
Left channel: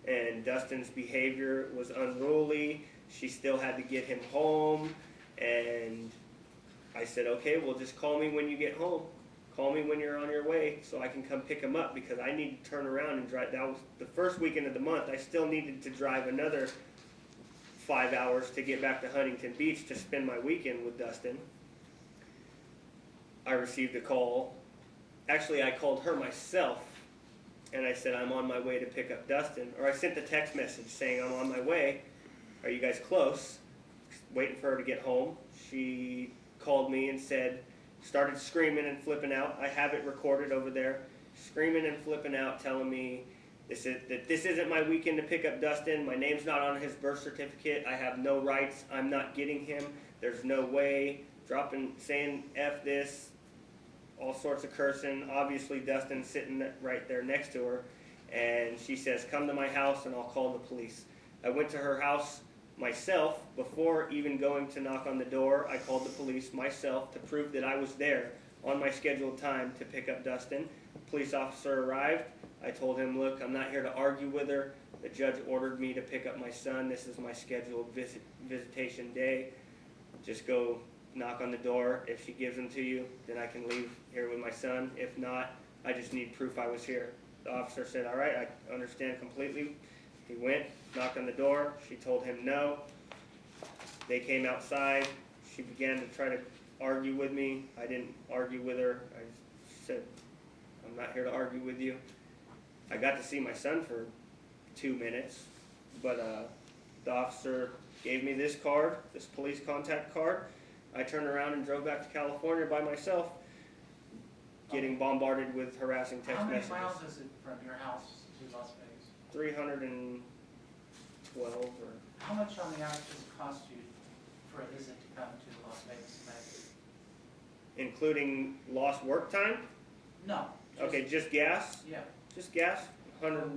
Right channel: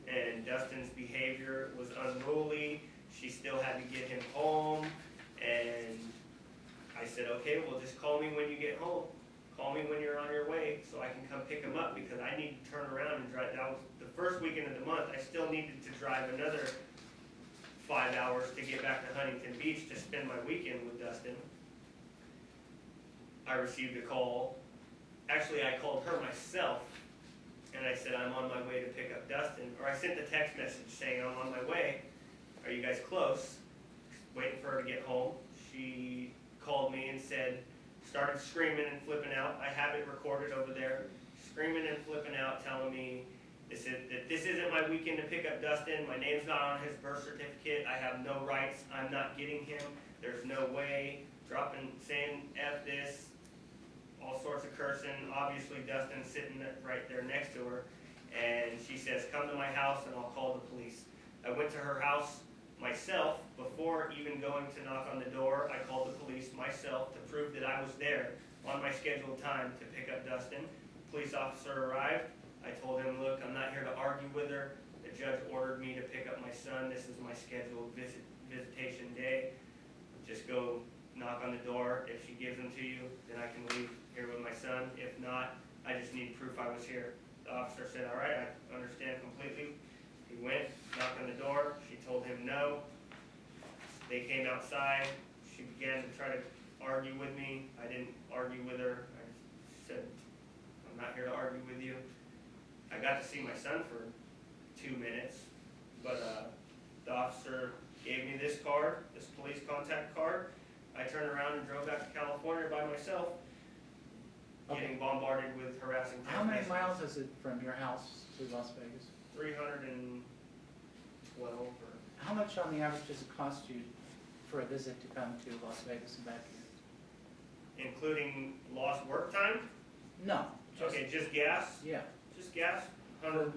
and Dustin's behavior was unruly. She still had to get him home, and I said, okay, well, just call me when you get home. Call me when you're on your way so I can come pick him up, because I need to turn around and drive. That was the first weekend of the month. I still needed to drive another 5 hours to get back to Huntington Beach to spend my weekend with Dustin. I received a call. Actually, I called her myself, and I said, I'm on my way to pick up Dustin. Or I sent a text message saying, I'm on my way. Are you guys close? Waiting for her to get home. She called me and started screaming and flipping out. I have it recorded over there. Screaming and flipping out, telling me that this isn't my weekend to pick up Dustin. My name's not on his birth certificate. I have no rights. I'm not getting him. There's no way. Saying F this. All sorts of cursing. Obviously, Dustin's sitting right there next to her. And she says, come to my house and I'll call the police. I went to her house myself. Before even going to knock on the door, I called the police myself to prove that I was there on my scheduled time to pick up Dustin. Police officer arrived. I told him, look, I'm not here to argue with her. The judge ordered me to pick up my son. This is my scheduled visitation day. Just go knock on the door. If she gives them to you, then I can leave here with my son. If not, I just need proof I was here. The officer said, all right, I understand completely. He went, knocked on the door. She told him no. They came outside. She began to try to argue with me. I didn't argue with her. I said, I'm not here to argue with you. I got to see my son for 2 minutes, but the officer gave me this card, this police contact card. I turned around and drove back to California by myself, getting bombarded with harassing text How many messages. miles is it from your house to Las Vegas? 312 or How much on the average does it cost you for a visit to come to Las Vegas and back here? including lost work time. No. Okay, just gas. Yeah. Just gas. $100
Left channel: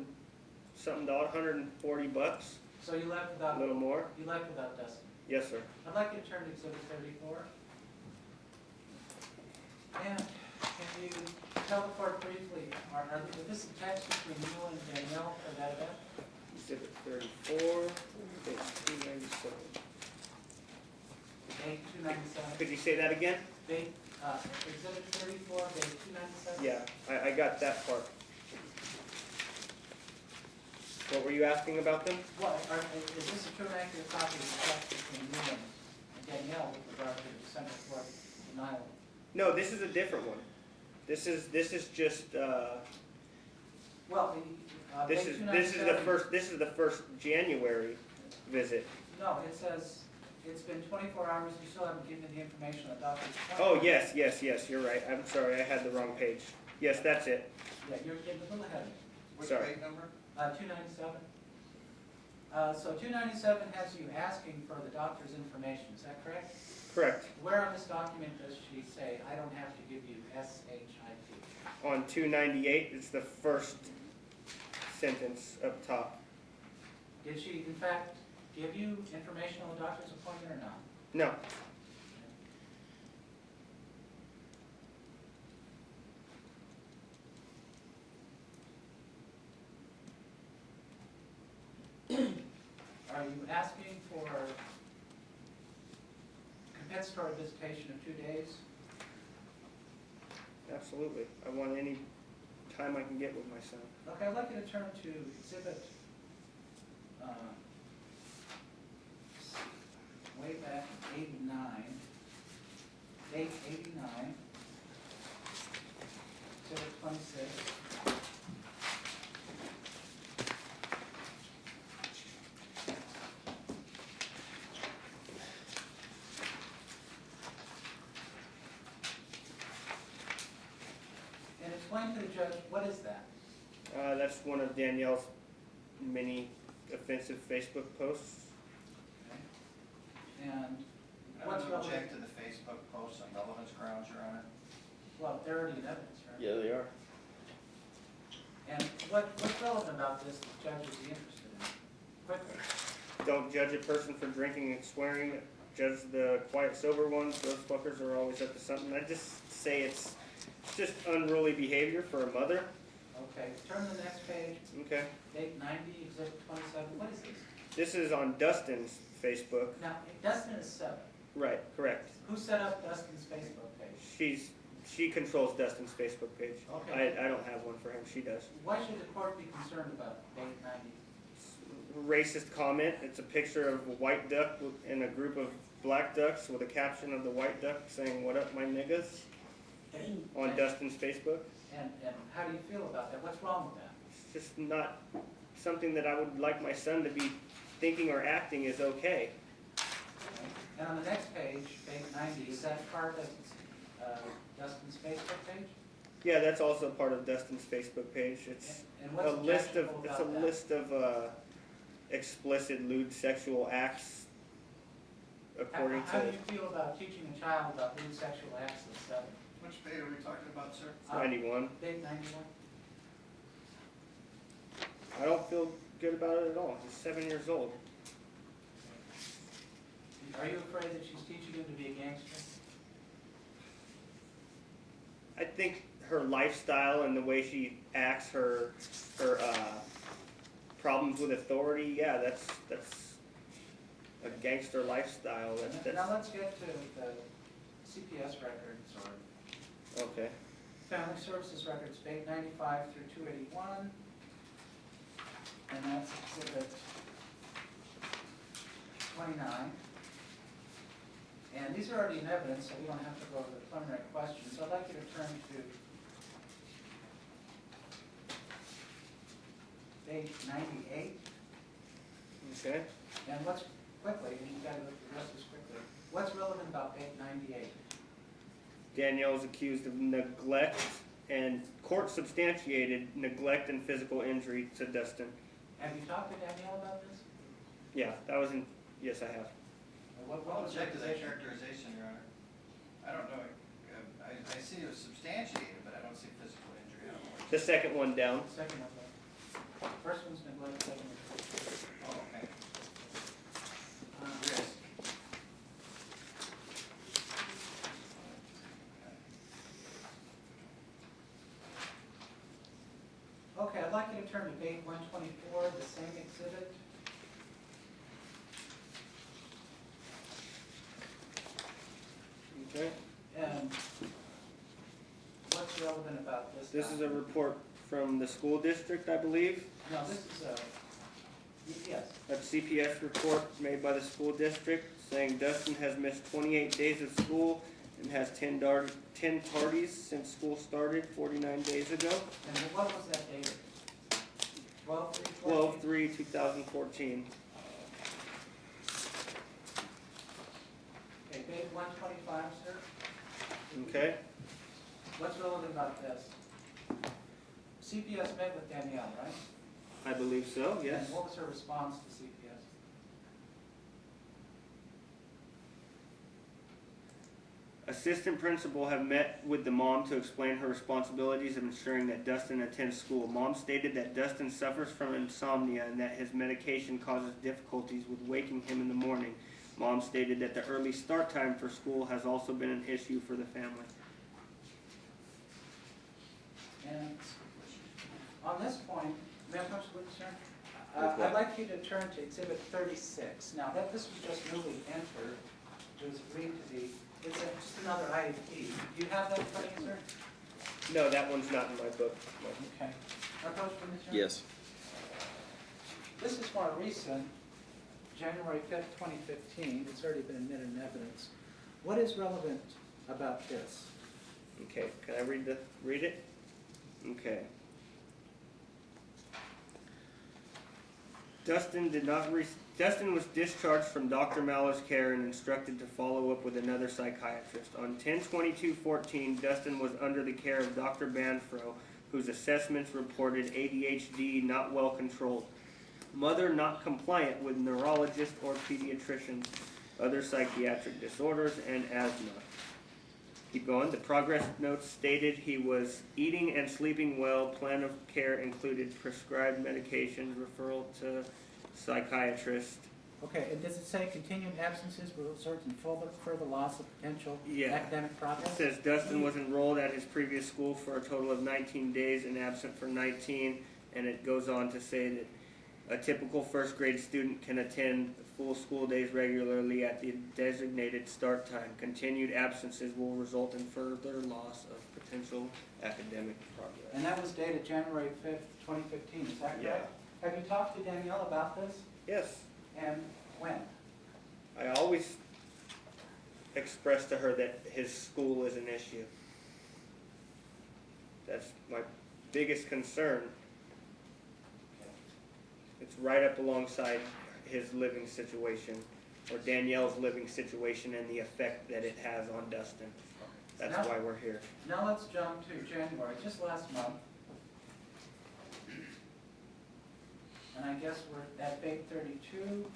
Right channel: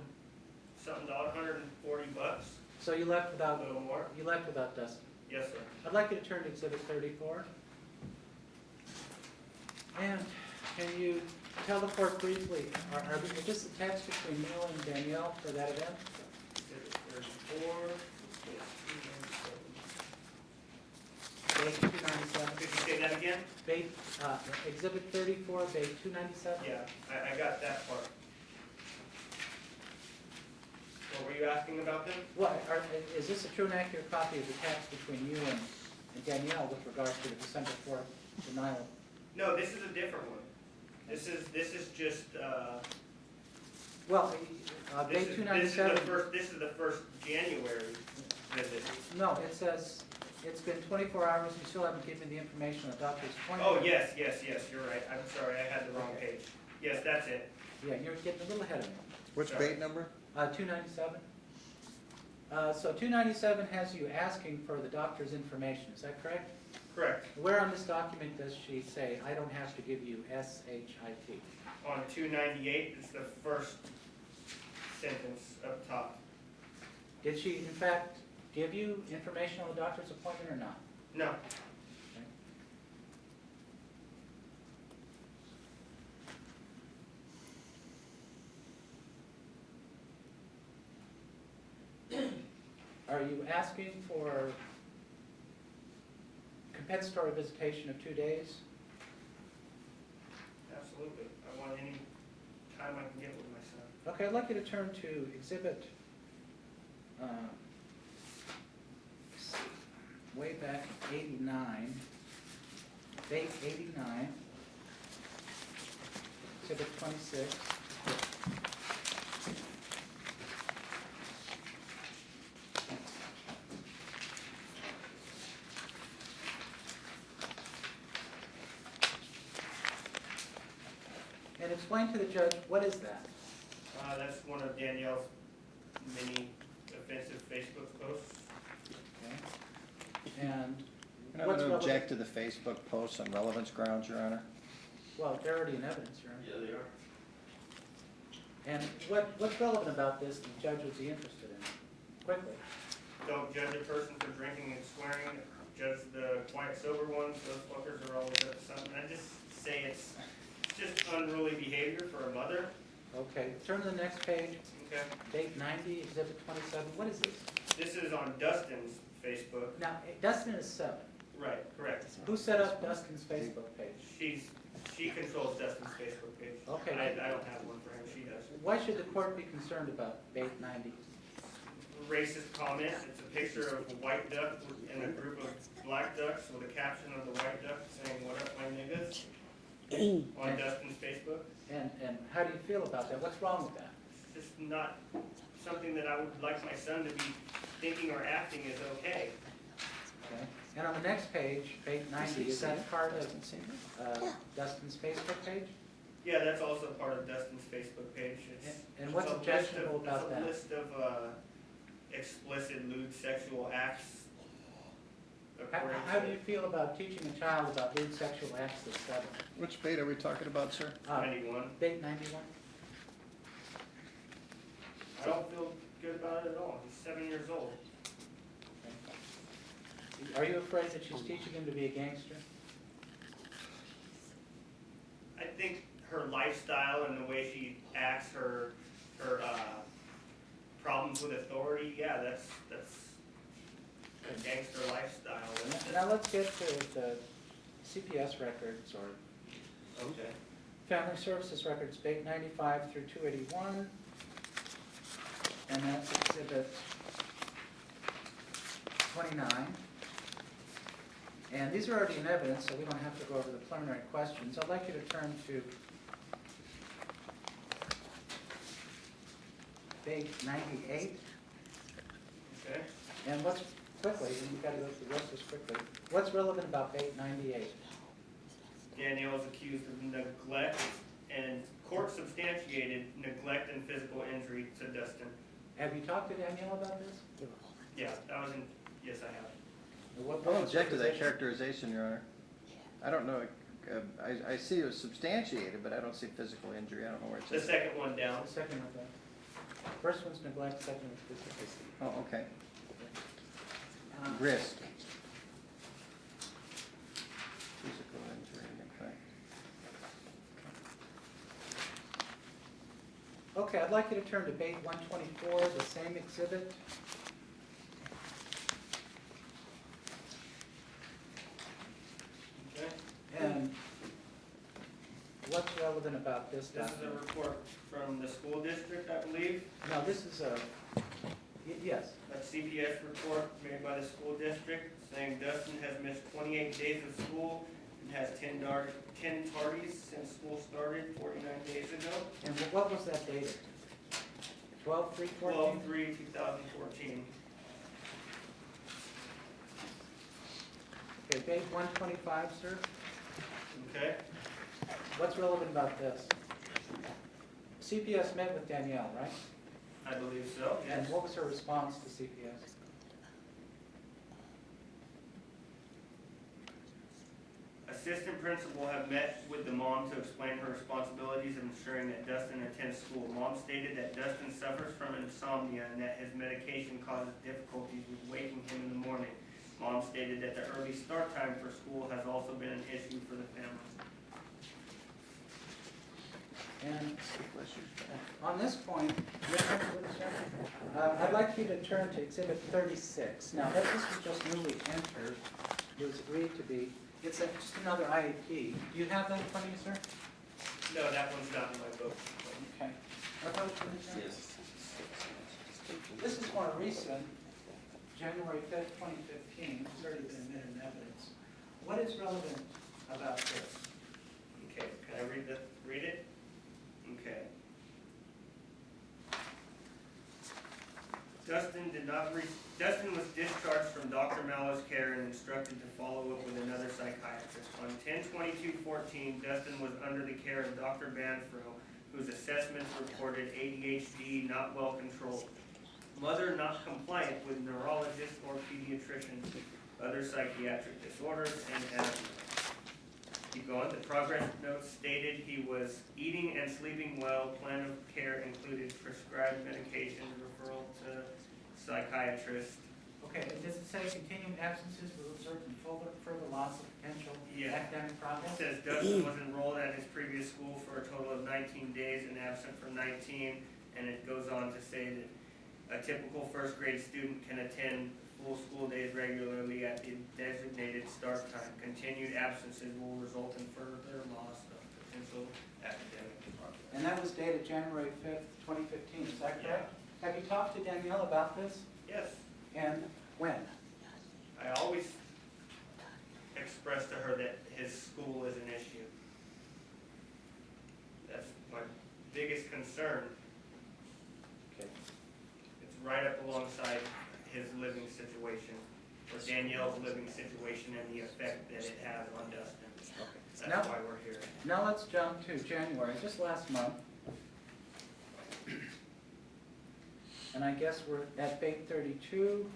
$140. So you left A without, little more. you left without Dustin. Yes, sir. I'd like you to turn to Exhibit 34. And can you tell the court briefly, are we just attached between you and Danielle for that event? Exhibit 34. Page 297. Page 297. Could you say that again? Exhibit 34, page 297? Yeah, I got that part. What were you asking about them? Well, is this a true and accurate copy of the text between you and Danielle with regard to the December 4th denial? No, this is a different one. This is just Well, this page is 297. this is the first January visit. No, it says, it's been 24 hours, you still haven't given me the information on the doctor's appointment. Oh, yes, you're right. I'm sorry, I had the wrong page. Yes, that's it. Yeah, you're getting a little ahead of me. Which Sorry. page number? 297. So 297 has you asking for the doctor's information, is that correct? Correct. Where on this document does she say, I don't have to give you SHIT? On 298, it's the first sentence up top. Did she, in fact, give you information on the doctor's appointment or not? No. Are you asking for compensatory visitation of 2 days? Absolutely. I want any time I can get with my son. Okay, I'd like you to turn to exhibit, way back 89, date 89, exhibit 26. And explain to the judge, what is that? That's one of Danielle's many offensive Facebook posts. Okay. And I what's would object relevant? to the Facebook posts on relevance grounds, Your Honor. Well, they're already in evidence, right? Yeah, they are. And what's relevant about this the judge would be interested in? Quickly. Don't judge a person for drinking and swearing. Judge the quiet, sober ones. Those fuckers are always up to something. I just say it's just unruly behavior for a mother. Okay, turn to the next page. Okay. Date 90, exhibit 27. What is this? This is on Dustin's Facebook. Now, Dustin is 7. Right, correct. Who set up Dustin's Facebook page? She controls Dustin's Facebook page. Okay. I don't have one for him. She does. Why should the court be concerned about date 90? Racist comment. It's a picture of a white duck and a group of black ducks with a caption of the white duck saying, "What up, my niggas?" on Dustin's Facebook. And how do you feel about that? What's wrong with that? It's just not something that I would like my son to be thinking or acting is okay. Okay. And on the next page, page 90, is that part of Dustin's Facebook page? Yeah, that's also part of Dustin's Facebook page. It's And what's a list of objectionable about that? list of explicit lewd sexual acts according How do to you feel about teaching a child about lewd sexual acts at 7? Which page are we talking about, sir? 91. Date 91? I don't feel good about it at all. He's 7 years old. Are you afraid that she's teaching him to be a gangster? I think her lifestyle and the way she acts, her problems with authority, yeah, that's a gangster lifestyle. Now let's get to the CPS records or Okay. Family Services records, page 95 through 281. And that's exhibit 29. And these are already in evidence, so we don't have to go over the preliminary questions. I'd like you to turn to page 98. Okay. And what's, quickly, and you've got to go through the rest of this quickly, what's relevant about page 98? Danielle is accused of neglect and court substantiated neglect and physical injury to Dustin. Have you talked to Danielle about this? Yeah, that was in, yes, I have. I'll object to that characterization, Your Honor. I don't know, I see it was substantiated, but I don't see physical injury, I don't know where The it's. second one down. Second of that. First one's neglect, second is physical. Oh, okay. Uh, Risk. Okay, I'd like you to turn to page 124, the same exhibit. Okay. And what's relevant about this? This is a document? report from the school district, I believe. No, this is a, yes. A CPS report made by the school district saying Dustin has missed 28 days of school and has 10 tardies since school started 49 days ago. And what was that dated? 12/3/14? 12/3/2014. Okay, page 125, sir. Okay. What's relevant about this? CPS met with Danielle, right? I believe so, yes. And what was her response to CPS? Assistant principal have met with the mom to explain her responsibilities of ensuring that Dustin attends school. Mom stated that Dustin suffers from insomnia and that his medication causes difficulties with waking him in the morning. Mom stated that the early start time for school has also been an issue for the family. And on this point, I'd like you to turn to Exhibit 36. Now, this was just newly entered. It was agreed to be, it's just another IEP. Do you have that in front of you, sir? No, that one's not in my book. Okay. Opposed, Commissioner? Yes. This is more recent, January 5th, 2015. It's already been admitted in evidence. What is relevant about this? Okay, can I read it? Okay. Dustin was discharged from Dr. Maller's care and instructed to follow up with another psychiatrist. On 10/22/14, Dustin was under the care of Dr. Banfro, whose assessments reported ADHD not well controlled, mother not compliant with neurologist or pediatricians, other psychiatric disorders, and asthma. keep going. The progress notes stated he was eating and sleeping well. Plan of care included prescribed medications, referral to psychiatrist. Okay, and does it say continued absences will result in further loss of potential Yeah. academic It progress? says Dustin was enrolled at his previous school for a total of 19 days and absent for 19, and it goes on to say that a typical first grade student can attend full school days regularly at the designated start time. Continued absences will result in further loss of potential academic progress. And that was dated January 5th, 2015, is that Yeah. correct? Have you talked to Danielle about this? Yes, And when? I always express to her that his school is an issue. That's my biggest concern. It's right up alongside his living situation, or Danielle's living situation, and the effect that it has on Dustin. That's Now- why we're here. Now let's jump to January, just last month. And I guess we're at Bait 32,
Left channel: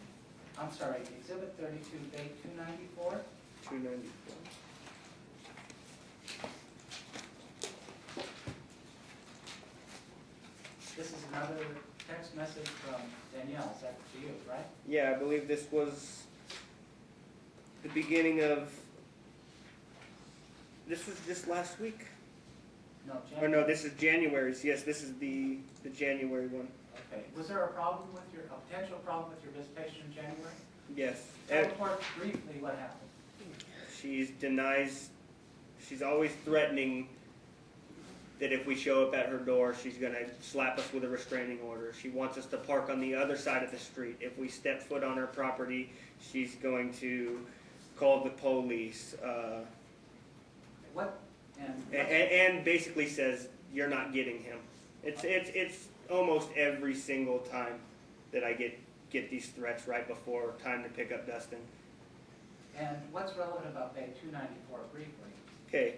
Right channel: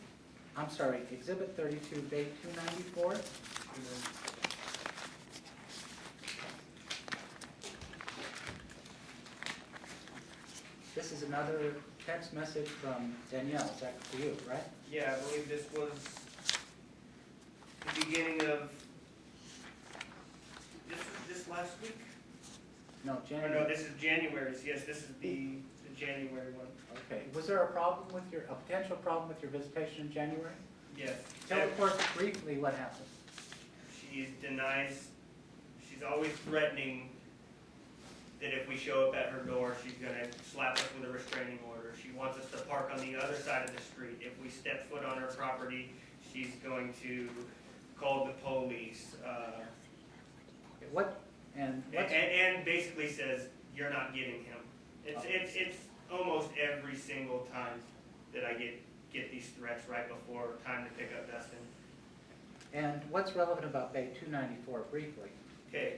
I'm sorry, Exhibit 32, Bait 294. 294. This is another text message from Danielle, is that for you, right? Yeah, I believe this was the beginning of. This was just last week. No, Or January. no, this is January's. Yes, this is the January one. Okay, was there a problem with a potential problem with your visitation in January? Yes. Tell the clerk briefly what happened. She's always threatening that if we show up at her door, she's gonna slap us with a restraining order. She wants us to park on the other side of the street. If we step foot on her property, she's going to call the police. What, and what's- And basically says, you're not getting him. It's almost every single time that I get these threats right before time to pick up Dustin. and what's relevant about Bay 294 briefly? Okay.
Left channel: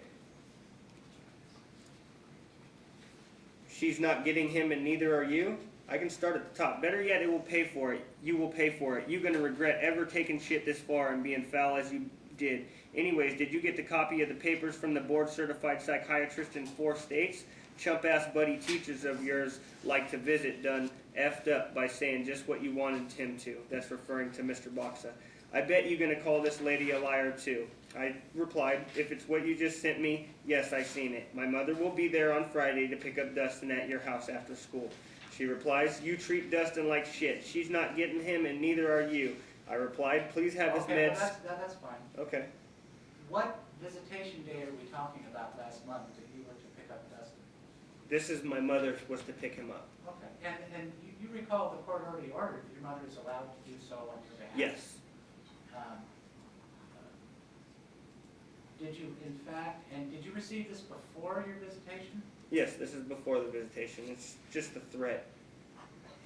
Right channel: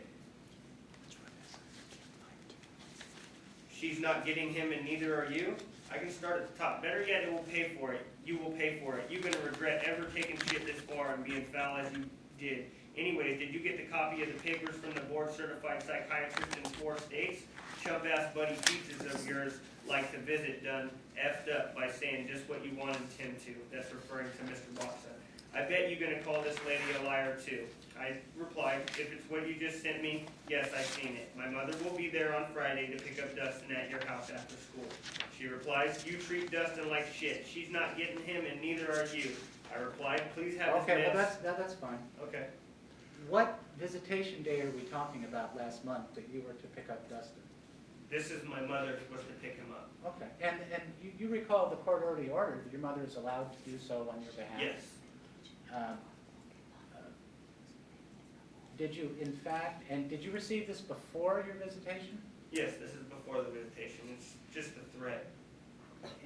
She's not getting him and neither are you. I can start at the top. Better yet, it will pay for it. You will pay for it. You're gonna regret ever taking shit this far and being foul as you did. Anyways, did you get the copy of the papers from the board certified psychiatrist in 4 states? Chump ass buddy teachers of yours like to visit done effed up by saying just what you wanted him to. That's referring to Mr. Boxa. I bet you're gonna call this lady a liar too. I replied, if it's what you just sent me, yes, I seen it. My mother will be there on Friday to pick up Dustin at your house after school. She replies, you treat Dustin like shit. She's not getting him and neither are you. I replied, please have his Okay, meds. well that's fine. Okay. What visitation day are we talking about last month that you were to pick up Dustin? This is my mother was to pick him up. Okay, and you recall the court already ordered your mother is allowed to do so on your behalf? Yes. Did you, in fact, and did you receive this before your visitation? Yes, this is before the visitation. It's just a threat.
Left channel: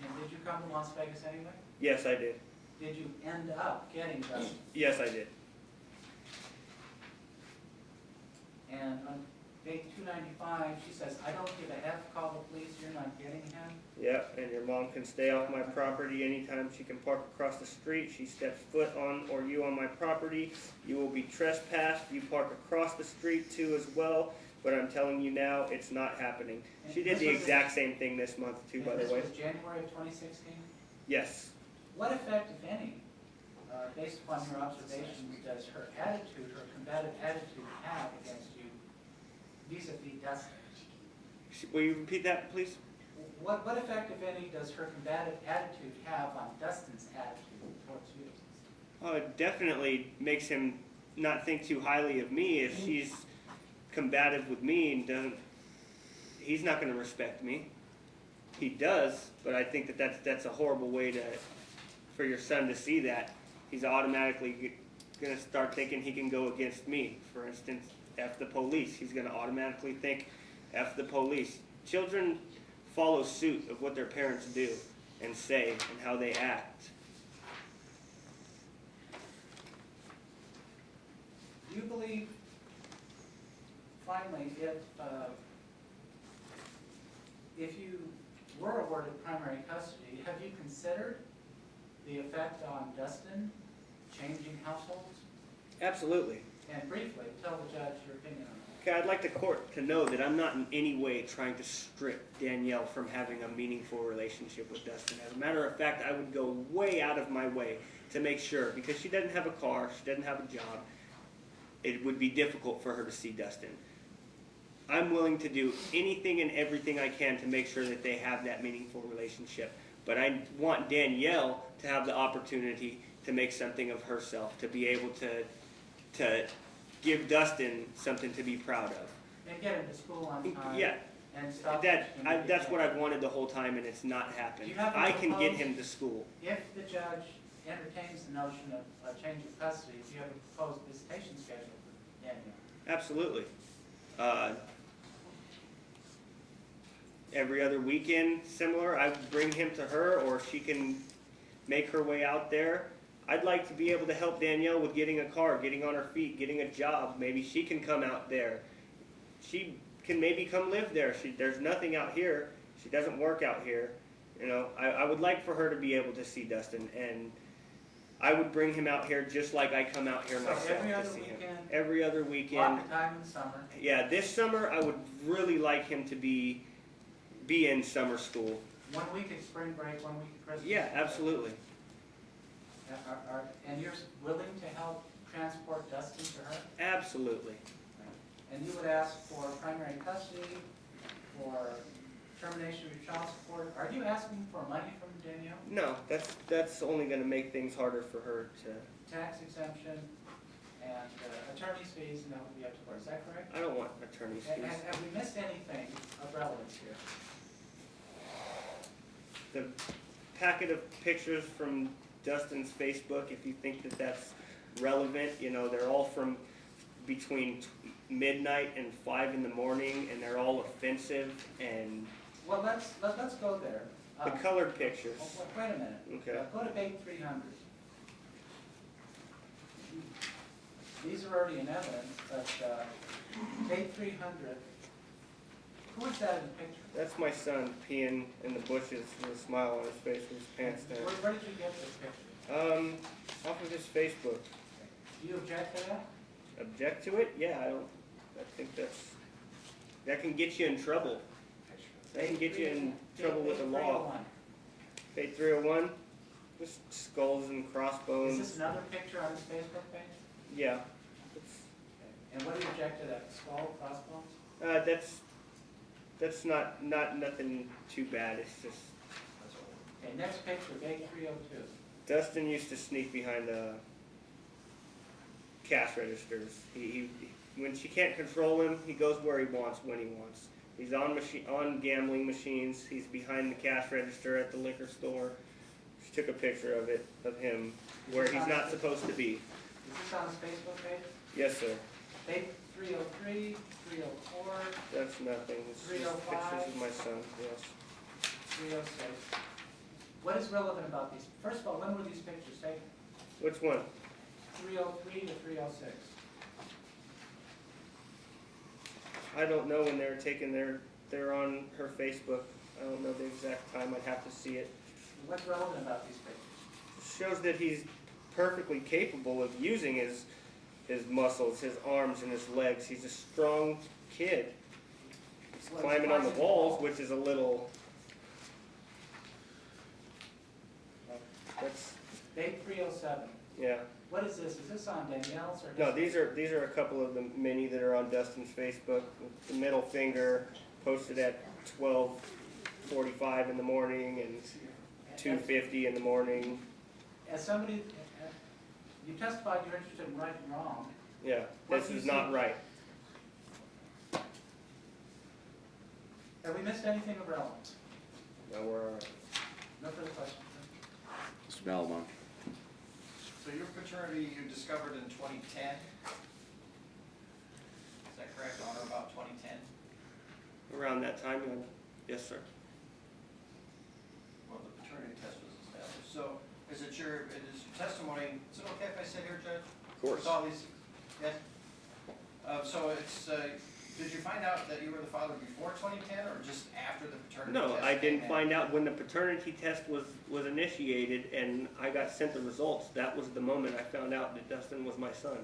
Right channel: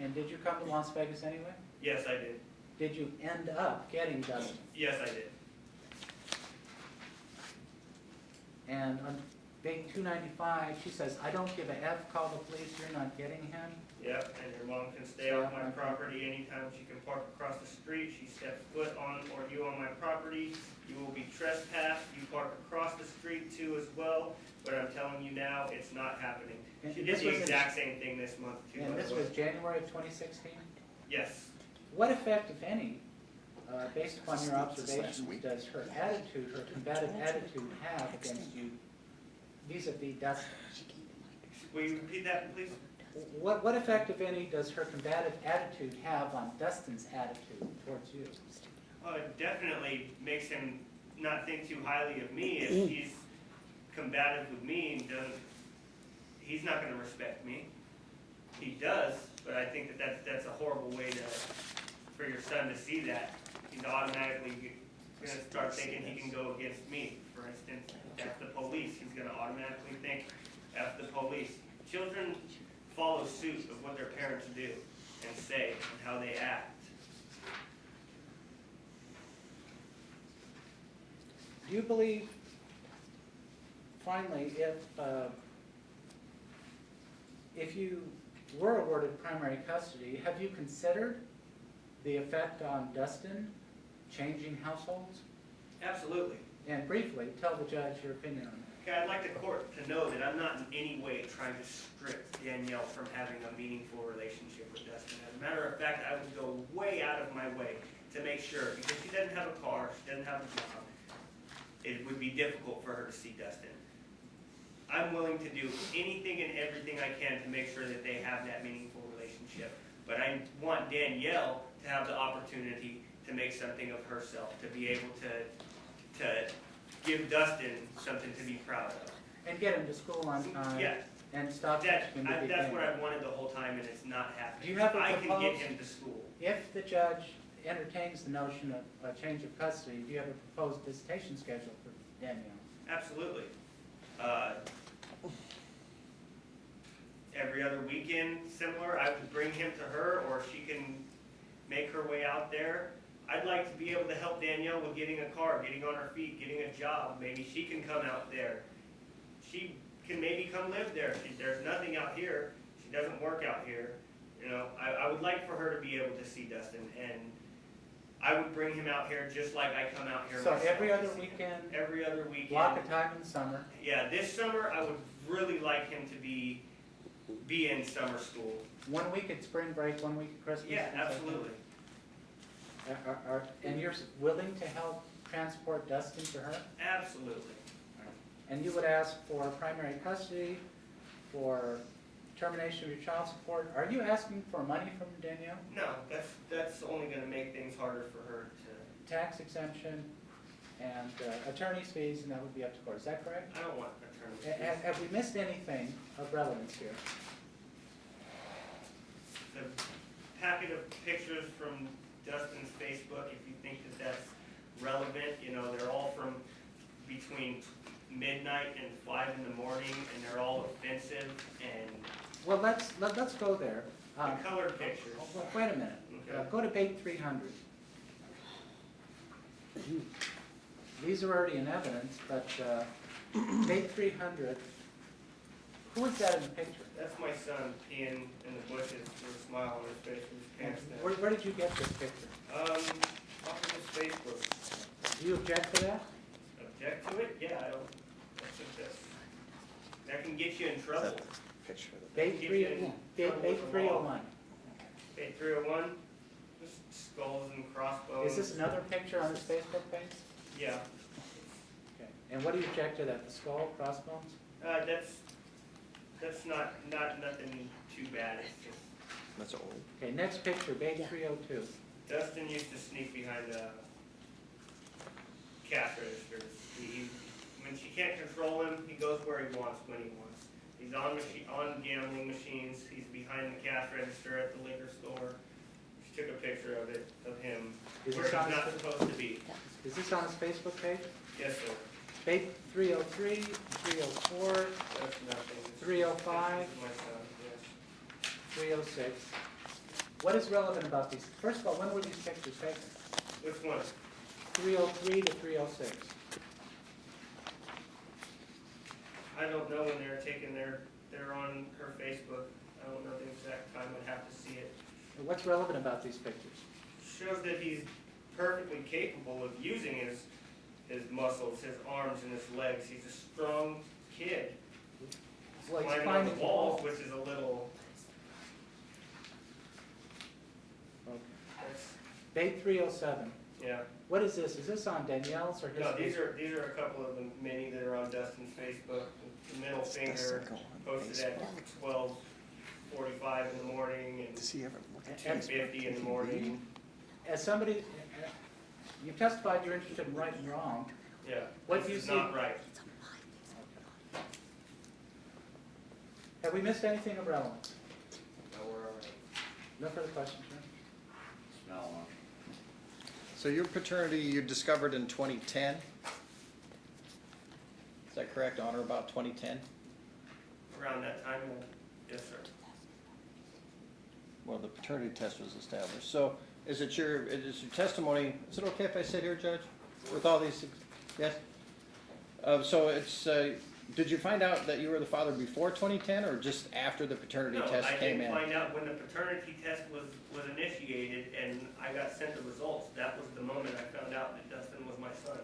And did you come to Las Vegas anyway? Yes, I did. Did you end up getting Dustin? Yes, I did. And on day 295, she says, I don't give a F, call the police, you're not getting him. Yep, and your mom can stay off my property anytime she can park across the street. She steps foot on or you on my property, you will be trespassed. You park across the street too as well, but I'm telling you now, it's not happening. And She did this the was exact same thing this month too, by And this the way. was January of 2016? Yes. What effect, if any, based upon your observations, does her attitude, her combative attitude have against you vis-a-vis Dustin? Will you repeat that, please? What effect, if any, does her combative attitude have on Dustin's attitude towards you? Well, it definitely makes him not think too highly of me if he's combative with me and doesn't. He's not going to respect me. He does, but I think that's a horrible way for your son to see that. He's automatically going to start thinking he can go against me. For instance, F the police. He's going to automatically think F the police. Children follow suit of what their parents do and say and how they act. Do you believe, finally, if you were awarded primary custody, have you considered the effect on Dustin changing households? Absolutely. and briefly, tell the judge your opinion on that. Okay, I'd like the court to know that I'm not in any way trying to strip Danielle from having a meaningful relationship with Dustin. As a matter of fact, I would go way out of my way to make sure, because she doesn't have a car, she doesn't have a job, it would be difficult for her to see Dustin. I'm willing to do anything and everything I can to make sure that they have that meaningful relationship. But I want Danielle to have the opportunity to make something of herself, to be able to give Dustin something to be proud of. And get him to school on time. Yeah, And stop. that's teaching him to what behave. I've wanted the whole time, and it's not happening. Do you have a I can get proposed- him to school. If the judge entertains the notion of a change of custody, do you have a proposed visitation schedule for Danielle? Absolutely. Every other weekend, similar, I would bring him to her, or she can make her way out there. I'd like to be able to help Danielle with getting a car, getting on her feet, getting a job. Maybe she can come out there. She can maybe come live there. There's nothing out here. She doesn't work out here. You know, I would like for her to be able to see Dustin, and I would bring him out here just like I come out here So myself. every to other see him. weekend? Every other weekend. Block of time in the summer. Yeah, this summer I would really like him to be in summer school. 1 week at spring break, 1 week at Christmas. Yeah, absolutely. And you're willing to help transport Dustin to her? Absolutely. And you would ask for primary custody, for termination of your child support. Are you asking for money from Danielle? No, that's only going to make things harder for her to. Tax exemption and attorney's fees, and that would be up to court. Is that correct? I don't want attorney's fees. Have we missed anything of relevance here? The packet of pictures from Dustin's Facebook, if you think that that's relevant, you know, they're all from between midnight and 5 in the morning, and they're all offensive, and Well, let's go there. the colored pictures. Wait a minute. Okay. Go to page 300. These are already in evidence, but page 300, who is that in the picture? That's my son peeing in the bushes with a smile on his face with his pants down. Where did you get this picture? Off of his Facebook. Do you object to that? Object to it? Yeah, I think that can get you in trouble. That can get you in trouble with the law. 301. Page 301, just skulls and crossbones. Is this another picture on his Facebook page? Yeah. Okay. And what do you object to that, the skull, crossbones? That's not nothing too bad. It's just That's old. Okay, next picture, page 302. Dustin used to sneak behind cash registers. When she can't control him, he goes where he wants when he wants. He's on gambling machines. He's behind the cash register at the liquor store. She took a picture of him Is where this he's on not his- supposed to be. Is this on his Facebook page? Yes, sir. Page 303, 304, That's nothing. It's just 305. pictures of my son. Yes. 306. What is relevant about these? First of all, when were these pictures taken? Which one? 303 to 306. I don't know when they're taken. They're on her Facebook. I don't know the exact time. I'd have to see it. What's relevant about these pictures? Shows that he's perfectly capable of using his muscles, his arms, and his legs. He's a strong kid. He's Well, he's climbing on the climbing walls, walls. which is a little. That's Page 307. yeah. What is this? Is this on Danielle's or his? No, these are a couple of the many that are on Dustin's Facebook. The middle finger posted at 12:45 in the morning and 2:50 in the morning. As somebody, you testified you're interested in right and wrong. Yeah, What this do you is not see? right. Have we missed anything of relevance? No, we're all right. No further questions, Mr. Belmont. So your paternity you discovered in 2010? Is that correct, on or about 2010? Around that time, yes, sir. Well, the paternity test was established. So is it your testimony, is it okay if I sit here, Judge? Of course. With all these, yes? So it's, did you find out that you were the father before 2010 or just after the paternity No, test I came didn't in? find out when the paternity test was initiated and I got sent the results. That was the moment I found out that Dustin was my son.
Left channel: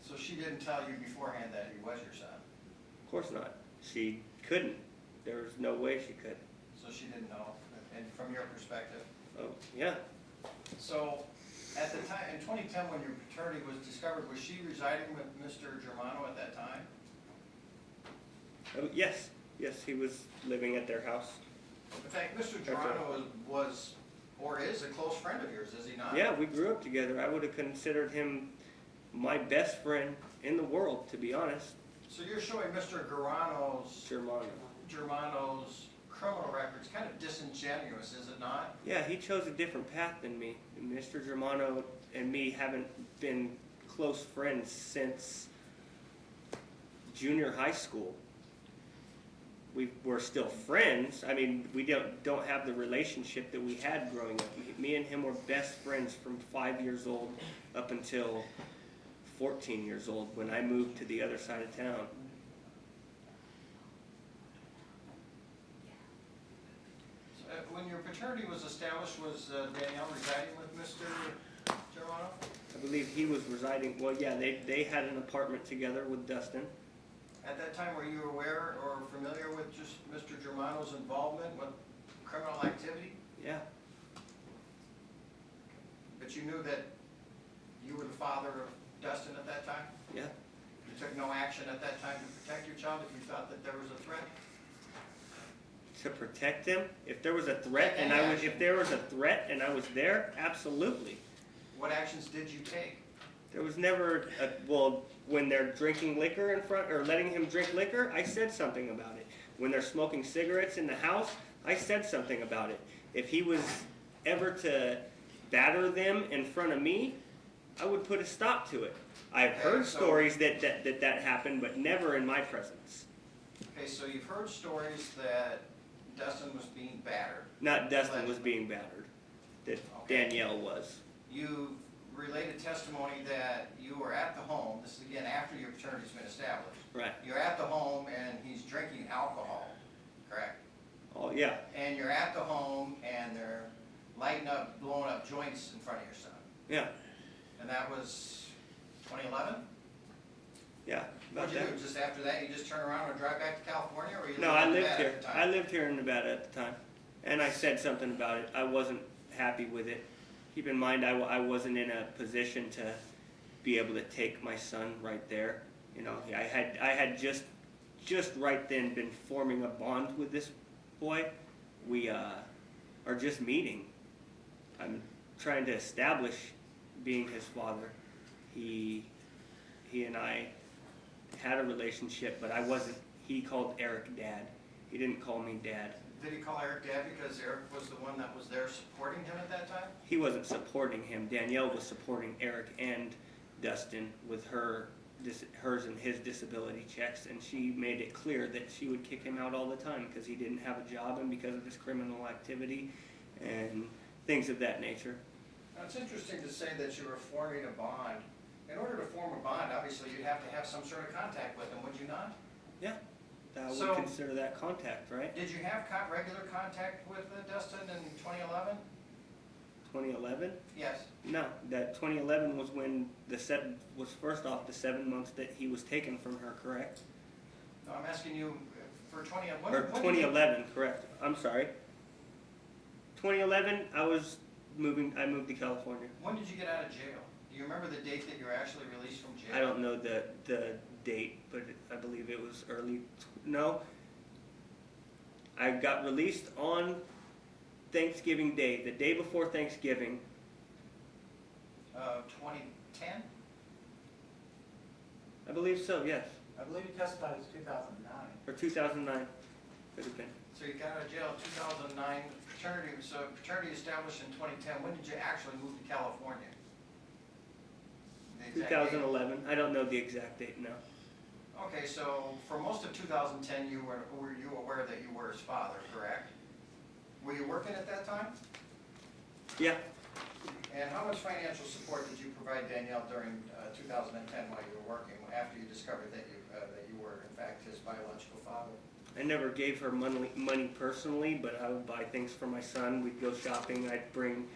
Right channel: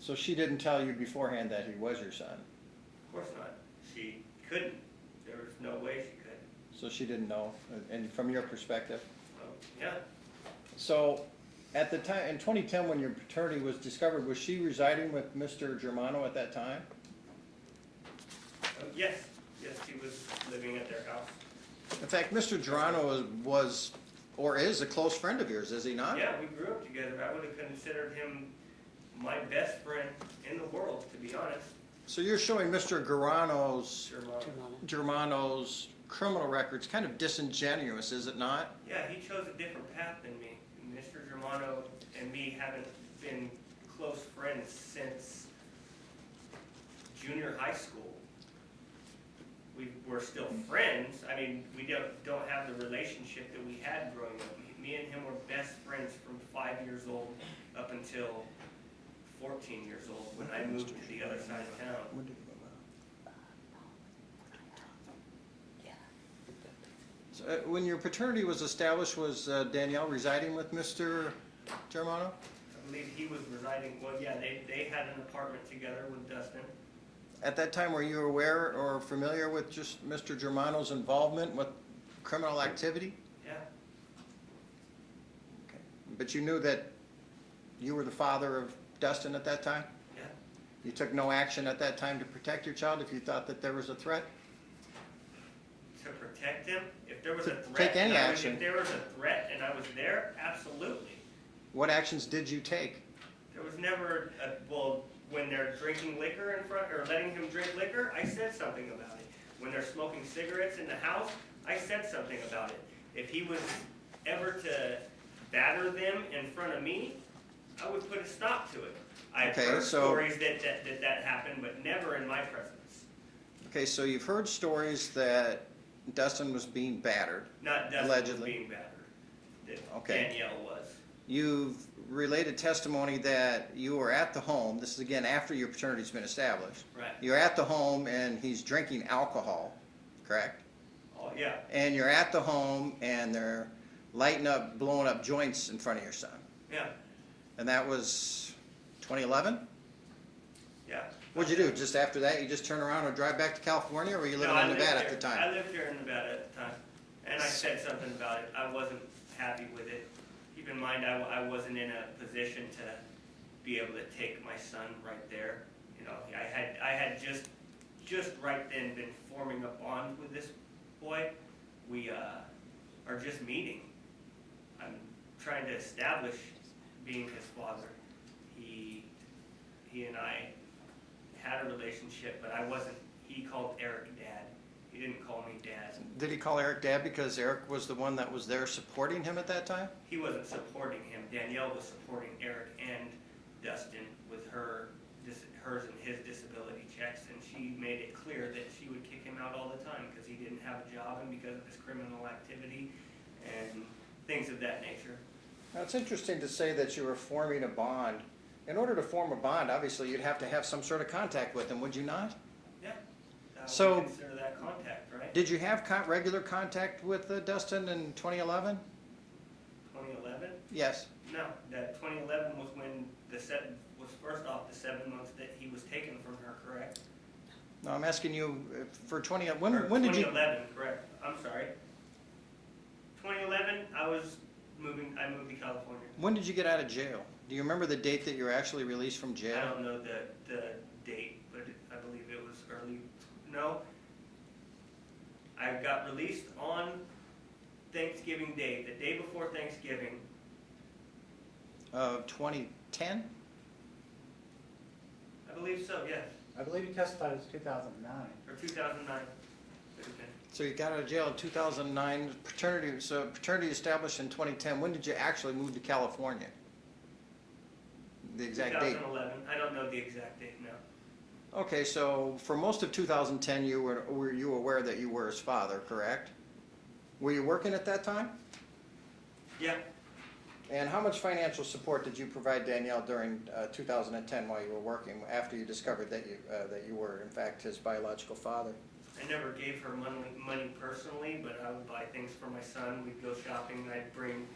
So she didn't tell you beforehand that he was your son? Of course not. She couldn't. There was no way she could. So she didn't know, and from your perspective? Oh, yeah. So, at the time, in 2010, when your paternity was discovered, was she residing with Mr. Germano at that time? Yes. Yes, he was living at their house. In fact, Mr. Germano was, or is, a close friend of yours, is he not? Yeah, we grew up together. I would have considered him my best friend in the world, to be honest. So you're showing Mr. Germano's criminal records kind of disingenuous, is it not? Yeah, he chose a different path than me. Mr. Germano and me haven't been close friends since junior high school. We're still friends. I mean, we don't have the relationship that we had growing up. Me and him were best friends from 5 years old up until 14 years old when I moved to the other side of town. So, when your paternity was established, was Danielle residing with Mr. Germano? I believe he was residing, well, yeah, they had an apartment together with Dustin. At that time, were you aware or familiar with just Mr. Germano's involvement with criminal activity? Yeah, But you knew that you were the father of Dustin at that time? yeah. You took no action at that time to protect your child if you thought that there was a threat? To protect him, if there was a Take threat any and action. if there was a threat and I was there, absolutely. What actions did you take? There was never well, when they're drinking liquor in front, or letting him drink liquor, I said something about it. When they're smoking cigarettes in the house, I said something about it. If he was ever to batter them in front of me, I would put a stop to it. I've heard stories that happened, but never in my presence. Okay, so you've heard stories that Dustin was being battered. Not Dustin was Allegedly. being battered, that Okay. Danielle was. You've related testimony that you were at the home, this is again after your paternity's been established. Right. You're at the home and he's drinking alcohol, correct? Oh, yeah. And you're at the home and they're lighting up, blowing up joints in front of your son. Yeah. And that was 2011? Yeah. What'd you do? Just after that, you just turn around and drive back to California, or were you living No, I in lived Nevada here. at the time? I lived here in Nevada at the time, and I said something about it. I wasn't happy with it. Keep in mind, I wasn't in a position to be able to take my son right there. You know, I had just right then been forming a bond with this boy. We are just meeting. I'm trying to establish being his father. He and I had a relationship, but I wasn't. He called Eric Dad. He didn't call me Dad. Did he call Eric Dad because Eric was the one that was there supporting him at that time? He wasn't supporting him. Danielle was supporting Eric and Dustin with hers and his disability checks, and she made it clear that she would kick him out all the time because he didn't have a job and because of his criminal activity and things of that nature. Now, it's interesting to say that you were forming a bond. In order to form a bond, obviously, you'd have to have some sort of contact with him, would you not? Yeah, So- we consider that contact, right? Did you have regular contact with Dustin in 2011? 2011? Yes. No, that 2011 was when was first off the 7 months that he was taken from her, correct? No, I'm asking you for when did you... 2011, correct. I'm sorry. 2011, I moved to California. When did you get out of jail? Do you remember the date that you were actually released from jail? I don't know the date, but I believe it was early. No, I got released on Thanksgiving Day, the day before Thanksgiving. 2010? I believe so, yes, I believe you testified it was 2009. or 2009. Could have been. So you got out of jail in 2009, paternity established in 2010. When did you actually move to California? The exact date? 2011. I don't know the exact date now. Okay, so for most of 2010, were you aware that you were his father, correct? Were you working at that time? Yeah, And how much financial support did you provide Danielle during 2010 while you were working, after you discovered that you were, in fact, his biological father? I never gave her money personally, but I would buy things for my son. We'd go shopping. I'd bring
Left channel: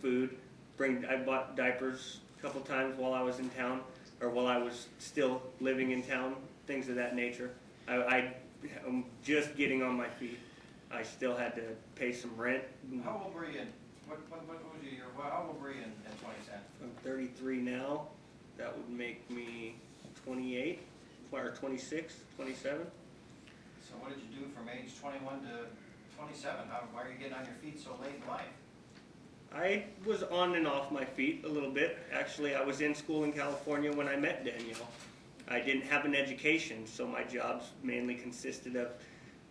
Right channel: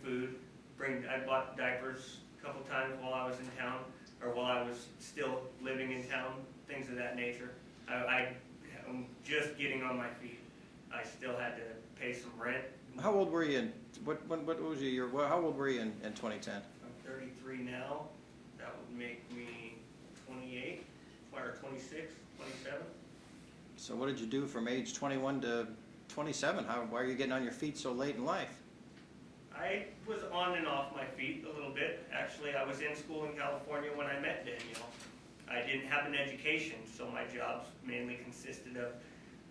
food. I bought diapers a couple times while I was in town. or while I was still living in town, things of that nature. I'm just getting on my feet. I still had to pay some rent. How old were you in, what was your year, how old were you in 2010? I'm 33 now. That would make me 28, or 26, 27. So what did you do from age 21 to 27? Why are you getting on your feet so late in life? I was on and off my feet a little bit. Actually, I was in school in California when I met Danielle. I didn't have an education, so my jobs mainly consisted of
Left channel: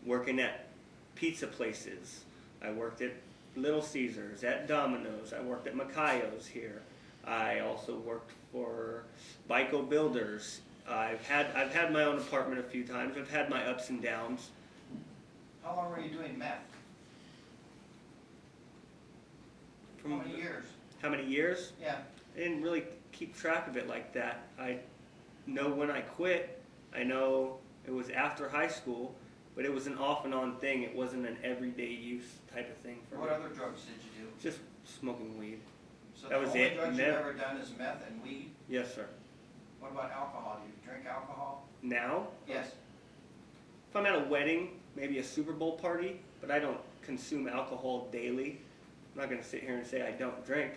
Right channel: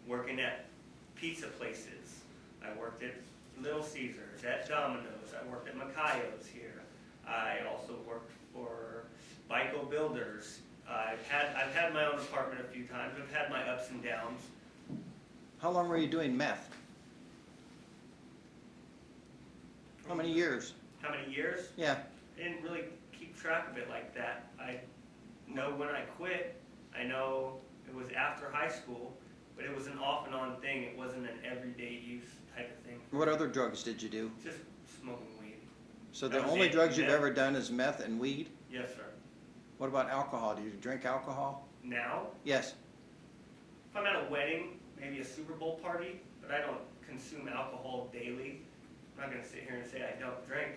working at pizza places. I worked at Little Caesars, at Domino's. I worked at Macayo's here. I also worked for Bico Builders. I've had my own apartment a few times. I've had my ups and downs. How long were you doing meth? How many years? How many years? Yeah. I didn't really keep track of it like that. I know when I quit. I know it was after high school, but it was an off and on thing. It wasn't an everyday use type of thing. What other drugs did you do? Just smoking weed. So That the was only it. drugs you've Meth. ever done is meth and weed? Yes, sir. What about alcohol? Do you drink alcohol? Now, Yes. if I'm at a wedding, maybe a Super Bowl party, but I don't consume alcohol daily. I'm not going to sit here and say I don't drink.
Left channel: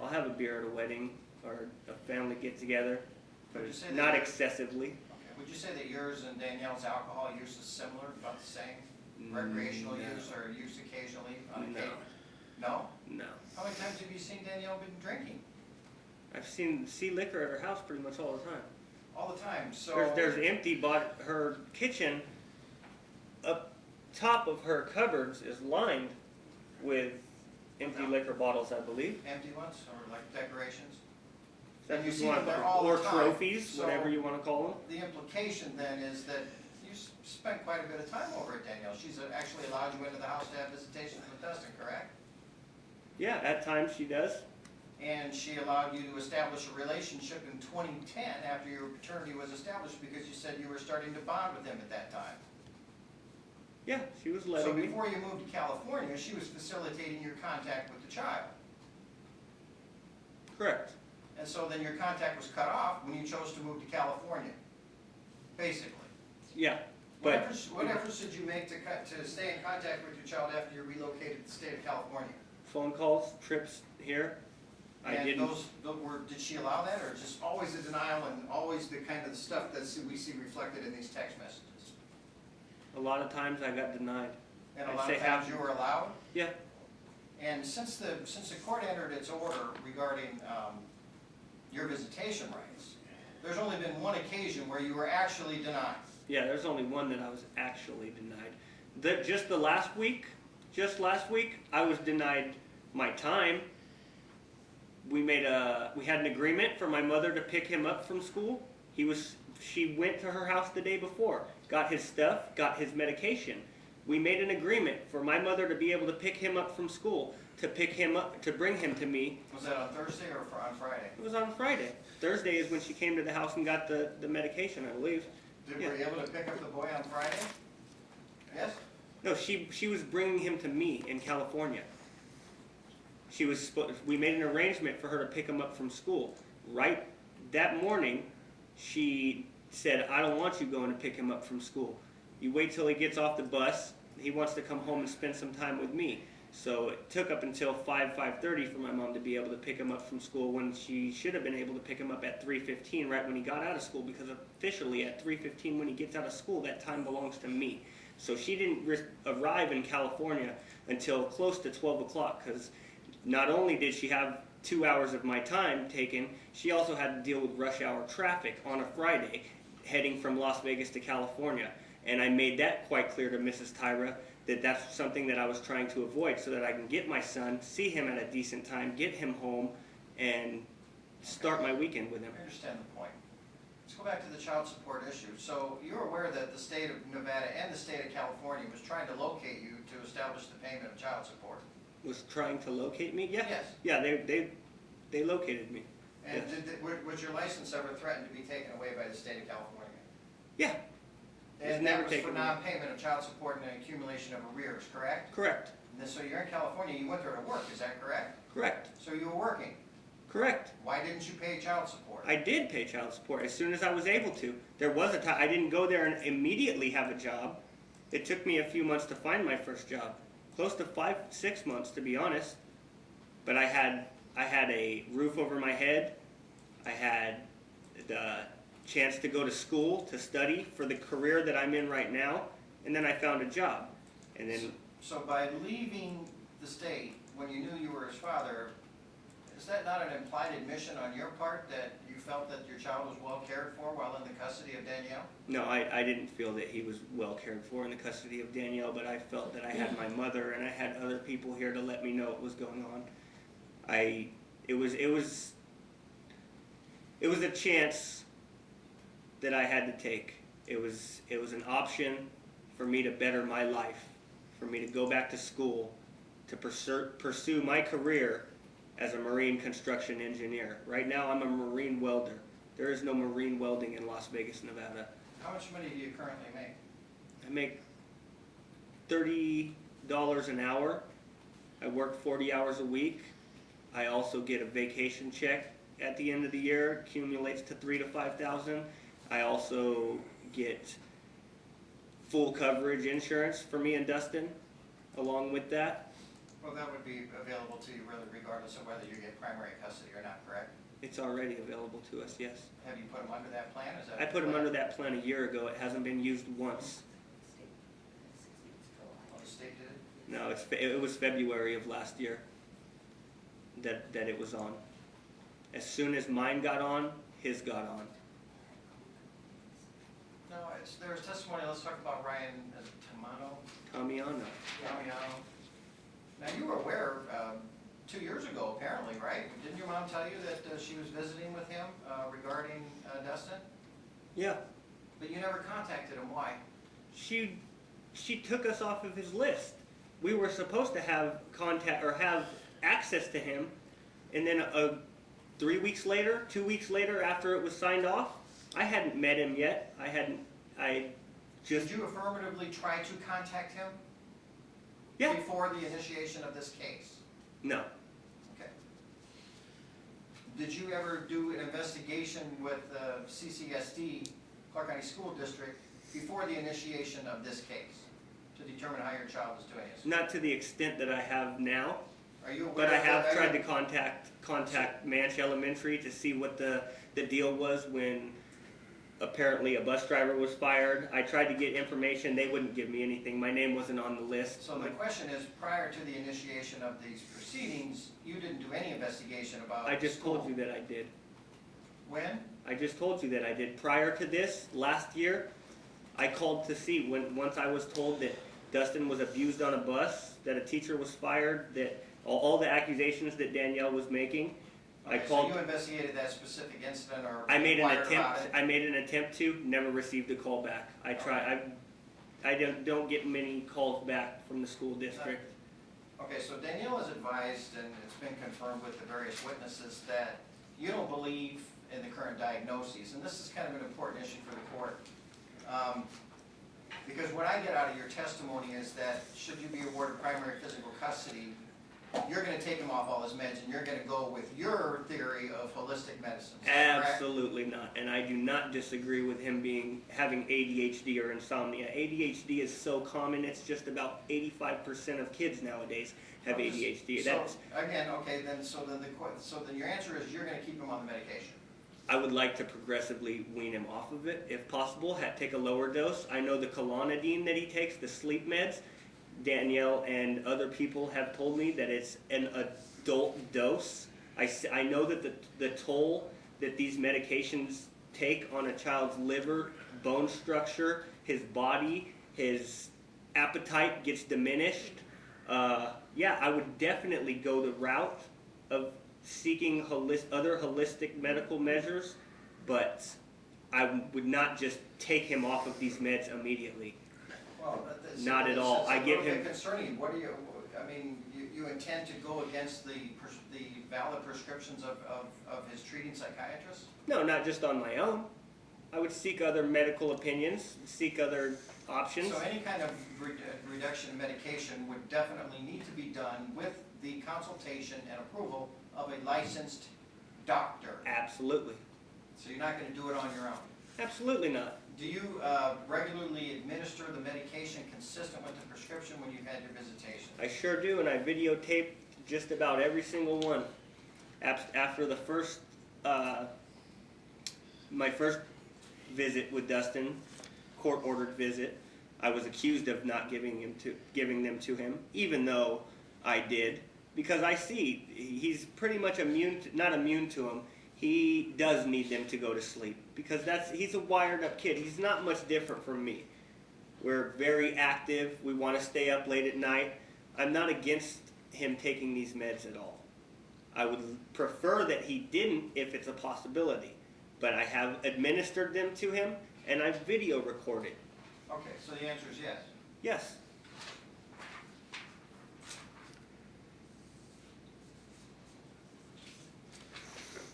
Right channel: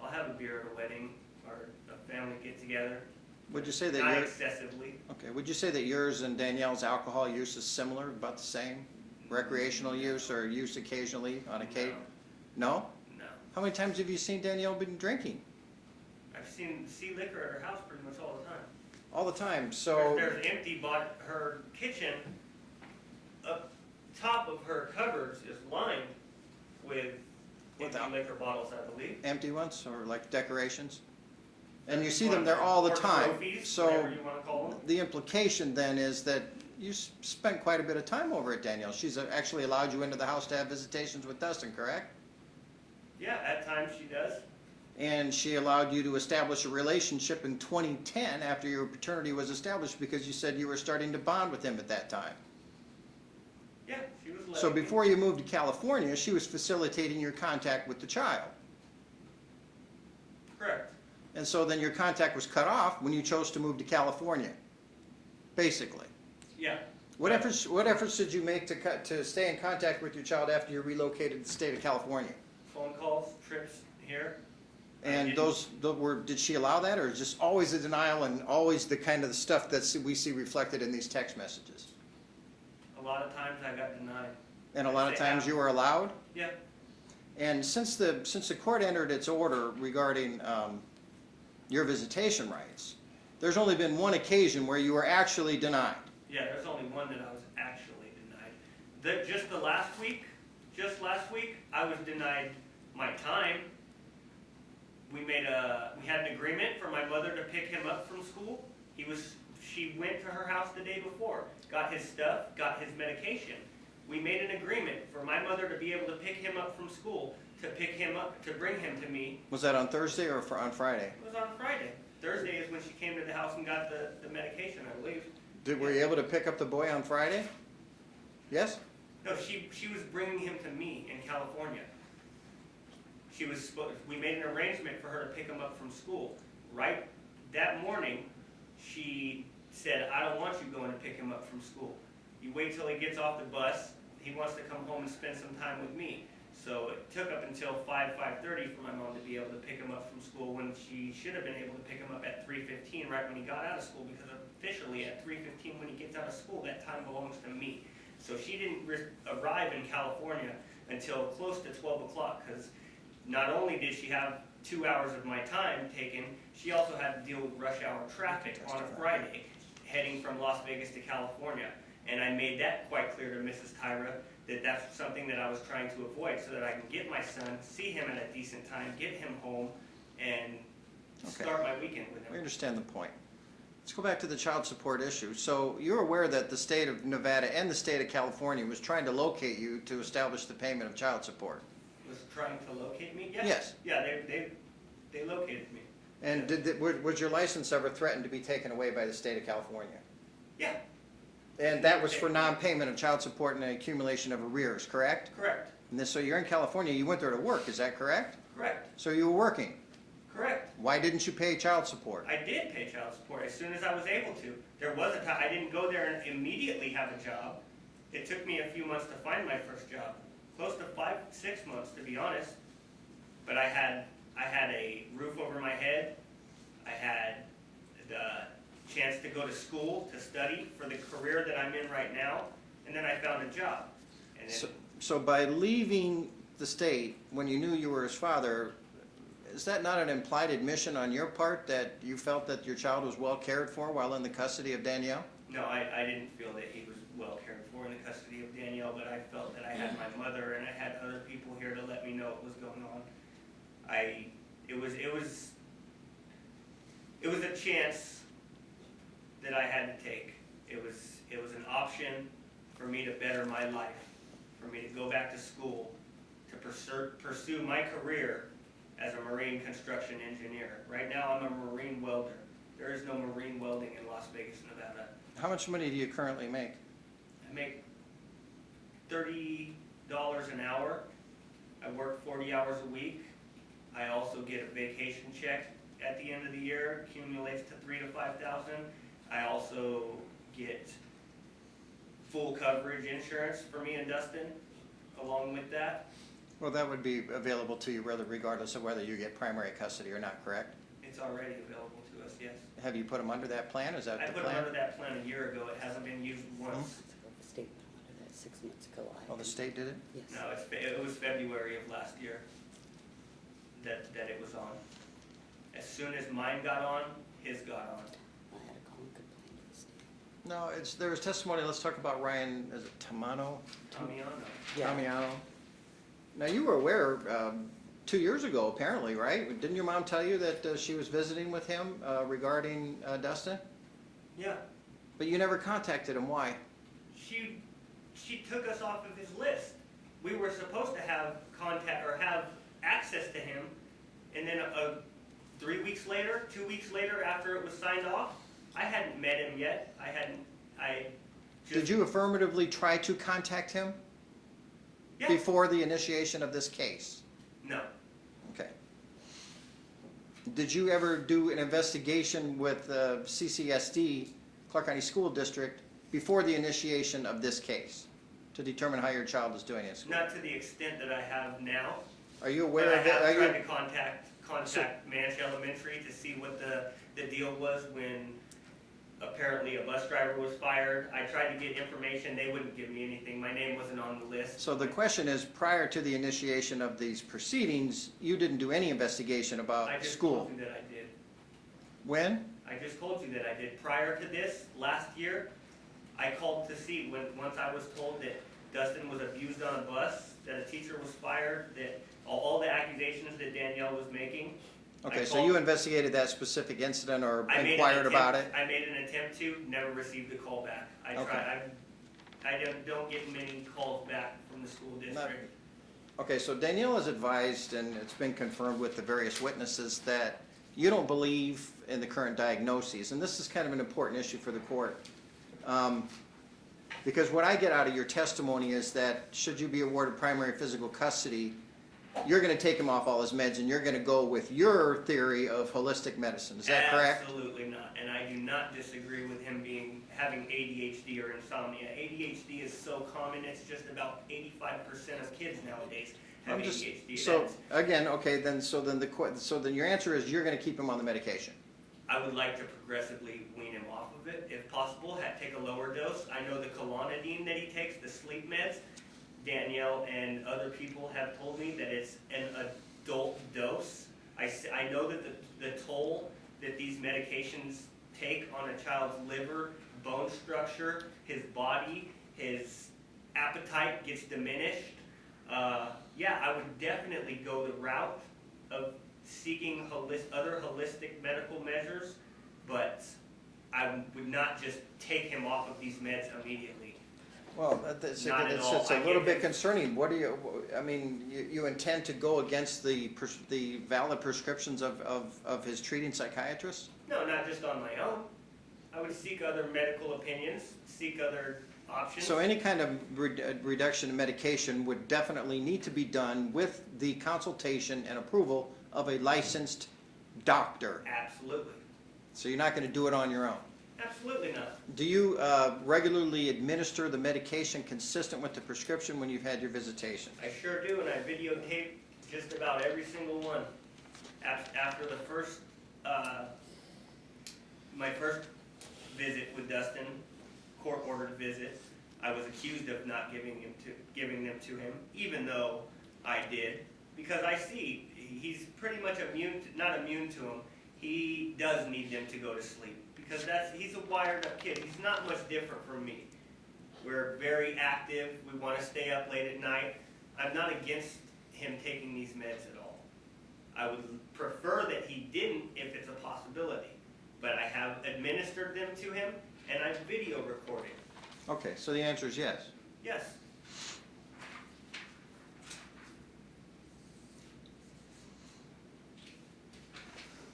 I'll have a beer at a wedding or a family get together. Would you say that Not your- excessively. Okay, would you say that yours and Danielle's alcohol use is similar, about the same? Recreational No. use or use occasionally on No. occasion? No? No. How many times have you seen Danielle been drinking? I've seen liquor at her house pretty much all the time. All the time, so... There's empty, but her kitchen, up top of her cupboards is lined with empty Without- liquor bottles, I believe. Empty ones, or like decorations? And If you see them want, there all the or time. trophies, So whatever you want to call them. the implication then is that you spent quite a bit of time over at Danielle. She's actually allowed you into the house to have visitations with Dustin, correct? Yeah, at times she does. And she allowed you to establish a relationship in 2010 after your paternity was established because you said you were starting to bond with him at that time. Yeah, she was letting So me. before you moved to California, she was facilitating your contact with the child. Correct. And so then your contact was cut off when you chose to move to California, basically. Yeah. What efforts did you make to stay in contact with your child after you relocated to the state of California? Phone calls, trips here. I And didn't- did she allow that, or just always a denial and always the kind of stuff that we see reflected in these text messages? A lot of times I got denied. And a lot of I'd say times you were allowed? Yeah. And since the court entered its order regarding your visitation rights, there's only been one occasion where you were actually denied. Yeah, there's only one that I was actually denied. Just last week, I was denied my time. We had an agreement for my mother to pick him up from school. She went to her house the day before, got his stuff, got his medication. We made an agreement for my mother to be able to pick him up from school, to bring him to me. Was that on Thursday or on Friday? It was on Friday. Thursday is when she came to the house and got the medication, I believe. Were you able to pick up the boy on Friday? Yes? No, she was bringing him to me in California. We made an arrangement for her to pick him up from school. Right that morning, she said, "I don't want you going to pick him up from school. You wait till he gets off the bus. He wants to come home and spend some time with me." So it took up until 5:30 for my mom to be able to pick him up from school, when she should have been able to pick him up at 3:15, right when he got out of school, because officially at 3:15 when he gets out of school, that time belongs to me. So she didn't arrive in California until close to 12 o'clock, because not only did she have 2 hours of my time taken, she also had to deal with rush hour traffic on a Friday heading from Las Vegas to California. And I made that quite clear to Mrs. Tyra, that that's something that I was trying to avoid, so that I can get my son, see him at a decent time, get him home, and start my weekend with him. I understand the point. Let's go back to the child support issue. So you're aware that the state of Nevada and the state of California was trying to locate you to establish the payment of child support. Was trying to locate me? Yeah. Yes. Yeah, they located me. And was your license ever threatened to be taken away by the state of California? Yeah. And that was for non-payment of child support and the accumulation of arrears, correct? Correct. And so you're in California, you went there to work, is that correct? Correct. So you were working? Correct. Why didn't you pay child support? I did pay child support as soon as I was able to. There was a time I didn't go there and immediately have a job. It took me a few months to find my first job, close to 5-6 months to be honest. But I had a roof over my head. I had the chance to go to school to study for the career that I'm in right now, and then I found a job. And then So by leaving the state when you knew you were his father, is that not an implied admission on your part that you felt that your child was well cared for while in the custody of Danielle? no, I didn't feel that he was well cared for in the custody of Danielle, but I felt that I had my mother and I had other people here to let me know what was going on. It was a chance that I had to take. It was an option for me to better my life, for me to go back to school, to pursue my career as a marine construction engineer. Right now I'm a marine welder. There is no marine welding in Las Vegas, Nevada. How much money do you currently make? I make $30 an hour. I work 40 hours a week. I also get a vacation check at the end of the year, accumulates to $3,000 to $5,000. I also get full coverage insurance for me and Dustin along with that. Well, that would be available to you regardless of whether you get primary custody or not, correct? It's already available to us, yes. Have you put him under that plan? Is that I the put him plan? under that plan a year ago. It hasn't been used once. State, 6 months ago. Oh, the state did it? Yes. No, it was February of last year that it was on. As soon as mine got on, his got on. I had a call and No, there's testimony. Let's talk about Ryan Tamano. Tamiano. Tamiano. Now, you were aware 2 years ago, apparently, right? Didn't your mom tell you that she was visiting with him regarding Dustin? Yeah. But you never contacted him. Why? She took us off of his list. We were supposed to have contact or have access to him, and then 3 weeks later, 2 weeks later, after it was signed off, I hadn't met him yet. Did you affirmatively try to contact him Yeah. before the initiation of this case? No. Okay. Did you ever do an investigation with CCSD, Clark County School District, before the initiation of this case to determine how your child is doing this? Not to the extent that I have now, Are you aware but I of that? have tried to contact Manch Elementary to see what the deal was when apparently a bus driver was fired. I tried to get information. They wouldn't give me anything. My name wasn't on the list. So the question is, prior to the initiation of these proceedings, you didn't do any investigation about I just school? told you that I did. When? I just told you that I did. Prior to this, last year, I called to see once I was told that Dustin was abused on a bus, that a teacher was fired, that all the accusations that Danielle was making. Okay, so you investigated that specific incident or I made an inquired about it? I made an attempt to, never received a call back. I don't get many calls back from the school district. Okay, so Danielle has advised, and it's been confirmed with the various witnesses, that you don't believe in the current diagnoses, and this is kind of an important issue for the court. Because what I get out of your testimony is that should you be awarded primary physical custody, you're going to take him off all his meds and you're going to go with your theory of holistic medicine. Is that correct? Absolutely not, and I do not disagree with him having ADHD or insomnia. ADHD is so common; it's just about 85% of kids nowadays have ADHD. So again, okay, then your answer is you're going to keep him on the medication. I would like to progressively wean him off of it, if possible. Take a lower dose. I know the Klonidine that he takes, the sleep meds. Danielle and other people have told me that it's an adult dose. I know that the toll that these medications take on a child's liver, bone structure, his body, his appetite gets diminished. Yeah, I would definitely go the route of seeking other holistic medical measures, but I would not just take him off of these meds immediately. Well, Not at all. It's a little bit concerning. What do you? I mean, you intend to go against the valid prescriptions of his treating psychiatrist? No, not just on my own. I would seek other medical opinions, seek other options. So any kind of reduction in medication would definitely need to be done with the consultation and approval of a licensed doctor. Absolutely. So you're not going to do it on your own. Absolutely not. Do you regularly administer the medication consistent with the prescription when you've had your visitation? I sure do, and I videotape just about every single one. After the first, my first visit with Dustin, court-ordered visit, I was accused of not giving them to him, even though I did, because I see he's pretty much not immune to them. He does need them to go to sleep because he's a wired-up kid. He's not much different from me. We're very active. We want to stay up late at night. I'm not against him taking these meds at all. I would prefer that he didn't if it's a possibility, but I have administered them to him and I've video recorded. Okay, so the answer is yes. Yes.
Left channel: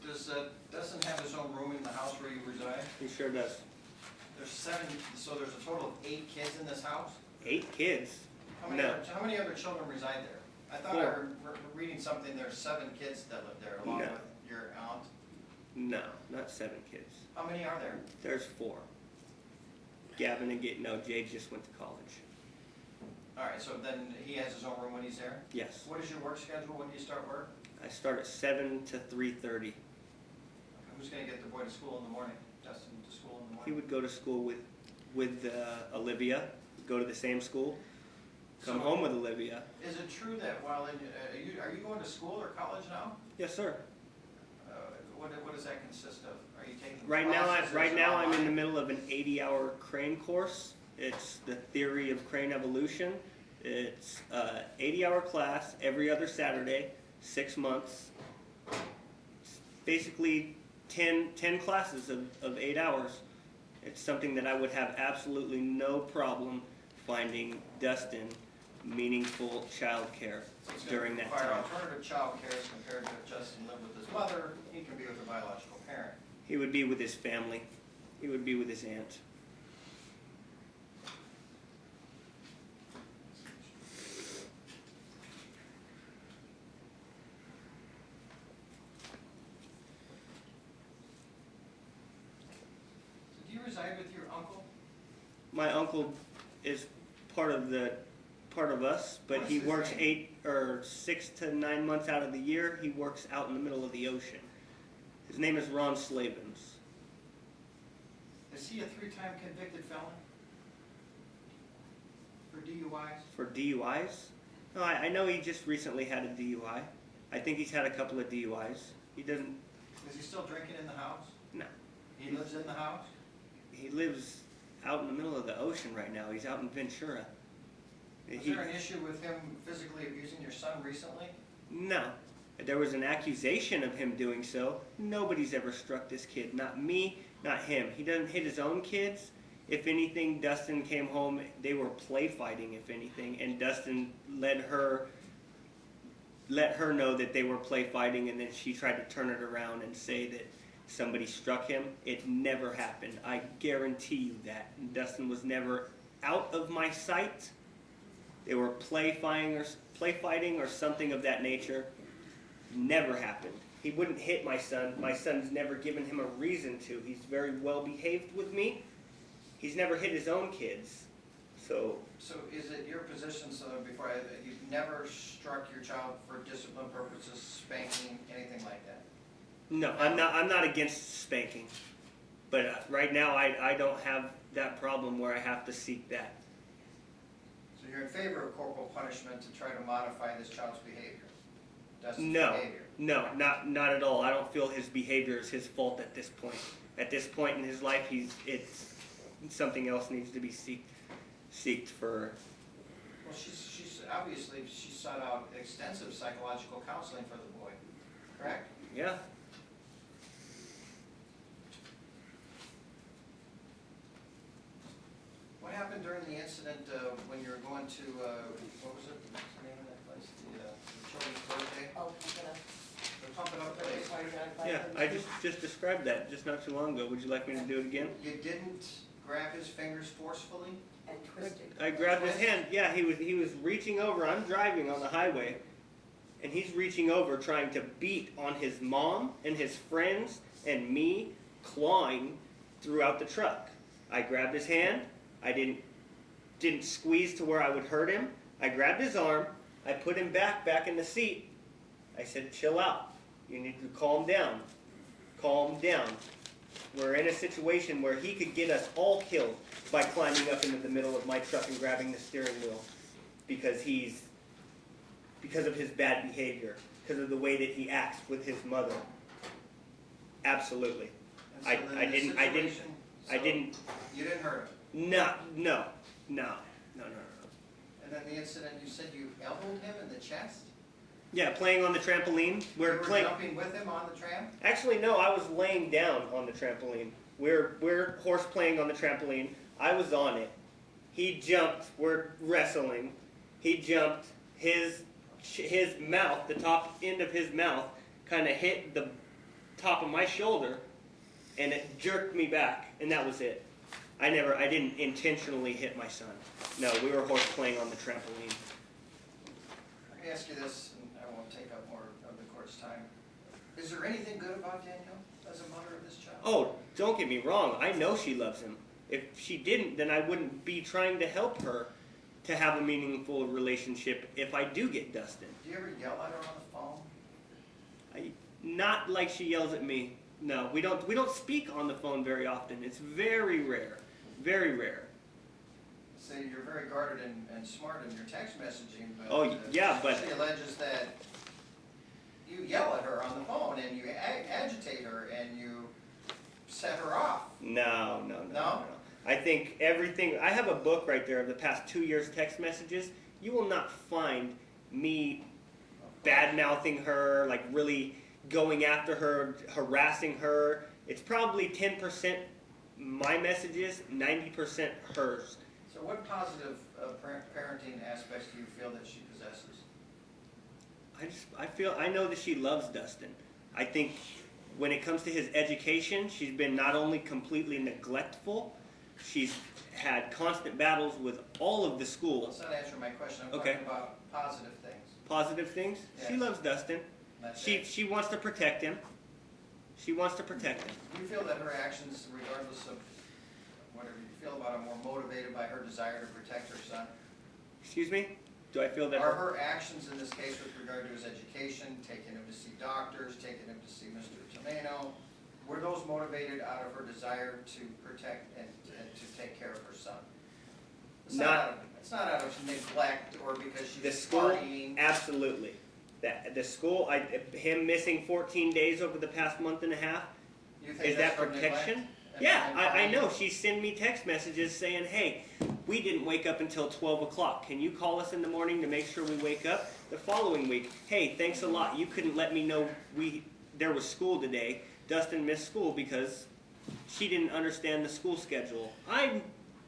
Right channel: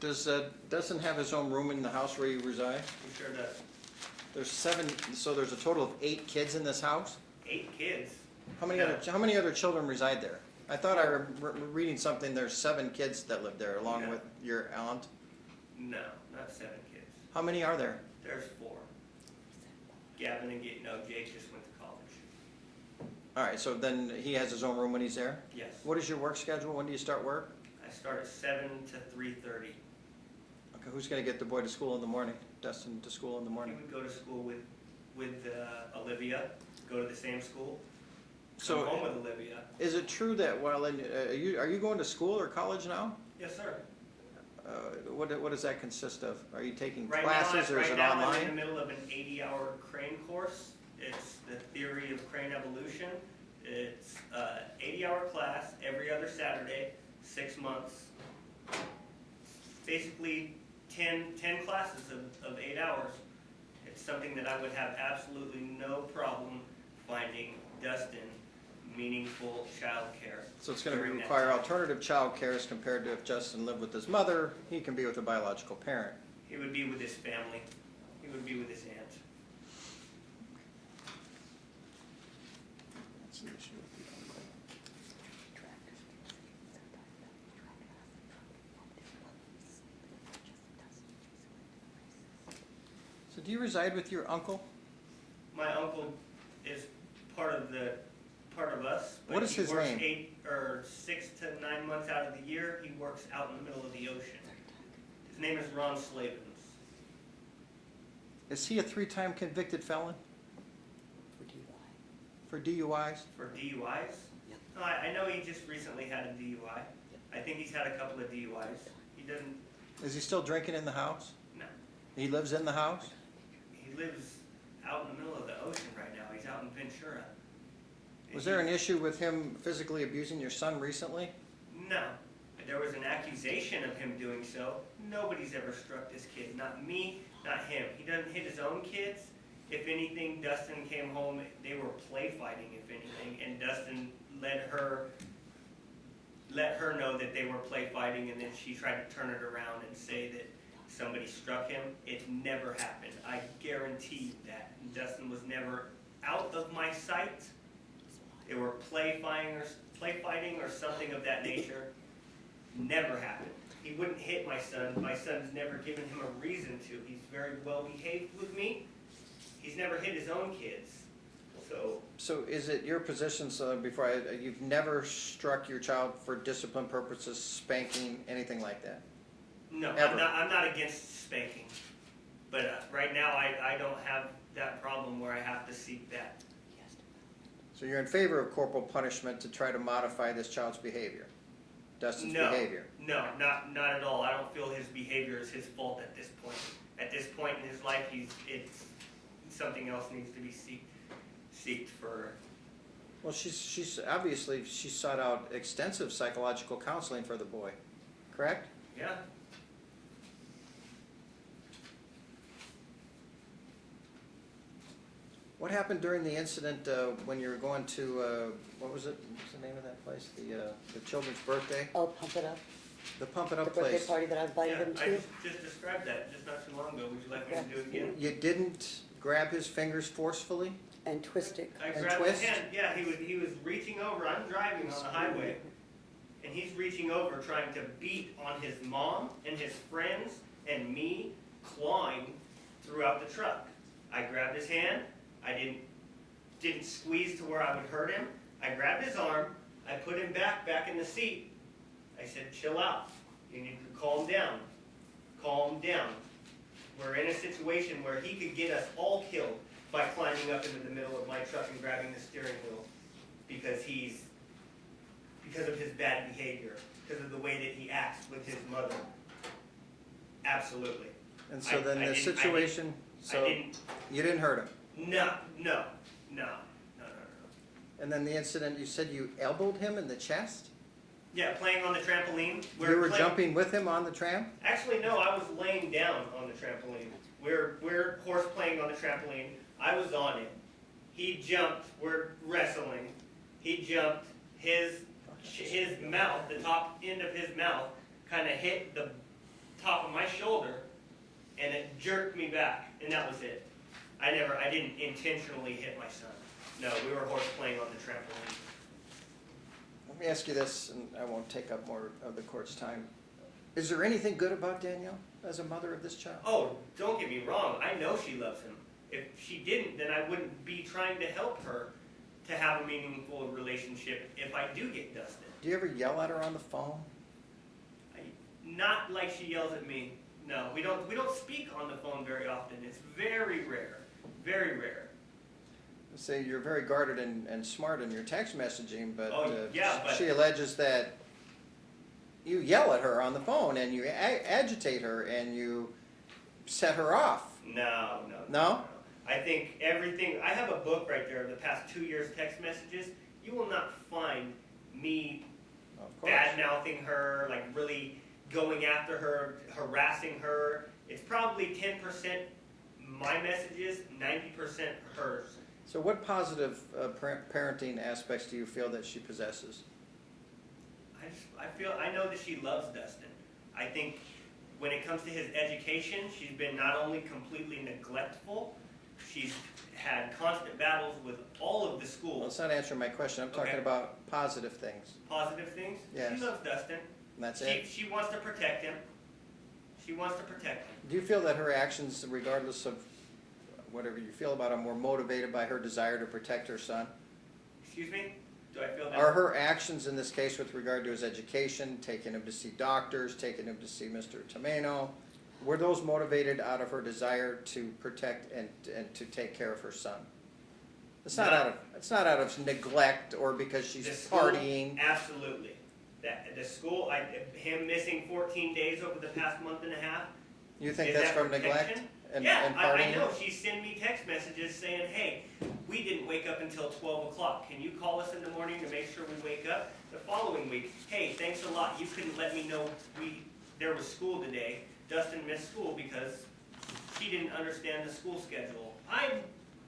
Does Dustin have his own room in the house where you reside? He sure does. There's 7, so there's a total of 8 kids in this house? 8 kids. How many, No. how many other children reside there? I thought I heard reading something, there's 7 kids that live there along No. with your aunt. No, not 7 kids. How many are there? There's 4. Gavin and Jade just went to college. All right, so then he has his own room when he's there? Yes. What is your work schedule? When do you start work? I start at 7 to 3:30. Okay, who's going to get the boy to school in the morning? Dustin to school in the He morning? would go to school with Olivia, go to the same school, come So- home with Olivia. Is it true that while in, are you going to school or college now? Yes, sir. What does that consist of? Are you taking Right classes or is it now I'm in online? the middle of an 80-hour crane course. It's the theory of crane evolution. It's an 80-hour class every other Saturday, 6 months. Basically 10 classes of 8 hours. It's something that I would have absolutely no problem finding Dustin meaningful child care So it's going to during that require time. alternative child care as compared to if Justin lived with his mother, he can be with a biological parent. He would be with his family. He would be with his aunt. So do you reside with your uncle? My uncle is part of us, What but is he his works name? 8 or 6 to 9 months out of the year. He works out in the middle of the ocean. His name is Ron Slavens. Is he a 3-time convicted felon? For DUIs? For DUIs? No, I know he just recently had a DUI. I think he's had a couple of DUIs. He doesn't. Is he still drinking in the house? No. He lives in the house? He lives out in the middle of the ocean right now. He's out in Ventura. Was there an issue with him physically abusing your son recently? No. There was an accusation of him doing so. Nobody's ever struck this kid. Not me, not him. He doesn't hit his own kids. If anything, Dustin came home, they were play fighting, if anything, and Dustin let her know that they were play fighting, and then she tried to turn it around and say that somebody struck him. It never happened. I guarantee you that. Dustin was never out of my sight. They were play fighting or something of that nature. Never happened. He wouldn't hit my son. My son's never given him a reason to. He's very well behaved with me. He's never hit his own kids. So is it your position, so before you've never struck your child for discipline purposes, spanking, anything like that? no, Ever. I'm not against spanking. But right now I don't have that problem where I have to seek that. So you're in favor of corporal punishment to try to modify this child's behavior? Dustin's No, behavior? no, not at all. I don't feel his behavior is his fault at this point. At this point in his life, it's something else needs to be seeked for. Well, she's obviously, she sought out extensive psychological counseling for the boy, correct? Yeah. What happened during the incident when you were going to, what was it? What's the name of that place? The children's birthday? Oh, pump it up. The Pump It The Up birthday place. party that I invited Yeah, him I to. just described that just not too long ago. Would you like me to do it again? You didn't grab his fingers forcefully? And twisted. I grabbed his twist? hand. Yeah, he was reaching over. I'm driving on the highway. and he's reaching over trying to beat on his mom and his friends and me, clawing throughout the truck. I grabbed his hand. I didn't squeeze to where I would hurt him. I grabbed his arm. I put him back in the seat. I said, chill out. You need to calm down. Calm down. We're in a situation where he could get us all killed by climbing up into the middle of my truck and grabbing the steering wheel because of his bad behavior, because of the way that he acts with his mother. Absolutely. And so then the situation, you didn't hurt him? No. And then the incident, you said you elbowed him in the chest? Yeah, playing on the trampoline. You were jumping with him on the tram? Actually, no, I was laying down on the trampoline. We're horse playing on the trampoline. I was on it. He jumped. We're wrestling. He jumped. His mouth, the top end of his mouth, kind of hit the top of my shoulder, and it jerked me back, and that was it. I didn't intentionally hit my son. No, we were horse playing on the trampoline. Let me ask you this, and I won't take up more of the court's time. Is there anything good about Danielle as a mother of this child? Oh, don't get me wrong. I know she loves him. If she didn't, then I wouldn't be trying to help her to have a meaningful relationship if I do get Dustin. Do you ever yell at her on the phone? Not like she yells at me. No, we don't speak on the phone very often. It's very rare. Very rare. Say you're very guarded and smart in your text messaging, but, yeah, but she alleges that you yell at her on the phone and you agitate her and you set her off. No. No? I think everything. I have a book right there of the past 2 years text messages. You will not find me bad-mouthing her, like really going after her, harassing her. It's probably 10% my messages, 90% hers. So what positive parenting aspects do you feel that she possesses? I know that she loves Dustin. I think when it comes to his education, she's been not only completely neglectful, she's had constant battles with all of the schools. That's not answering my question. I'm talking about positive things. Positive things? Yes. She loves Dustin. That's it. She wants to protect him. She wants to protect him. Do you feel that her actions, regardless of whatever you feel about them, were motivated by her desire to protect her son? Excuse me? Do I feel that? Are her actions in this case with regard to his education, taking him to see doctors, taking him to see Mr. Tomeno, were those motivated out of her desire to protect and to take care of her son? It's not out of neglect or because she's partying. Absolutely. The school, him missing 14 days over the past month and a half. You think is that's that from protection? neglect? I know. She sent me text messages saying, hey, we didn't wake up until 12 o'clock. Can you call us in the morning to make sure we wake up? The following week, hey, thanks a lot. You couldn't let me know there was school today. Dustin missed school because she didn't understand the school schedule. I'm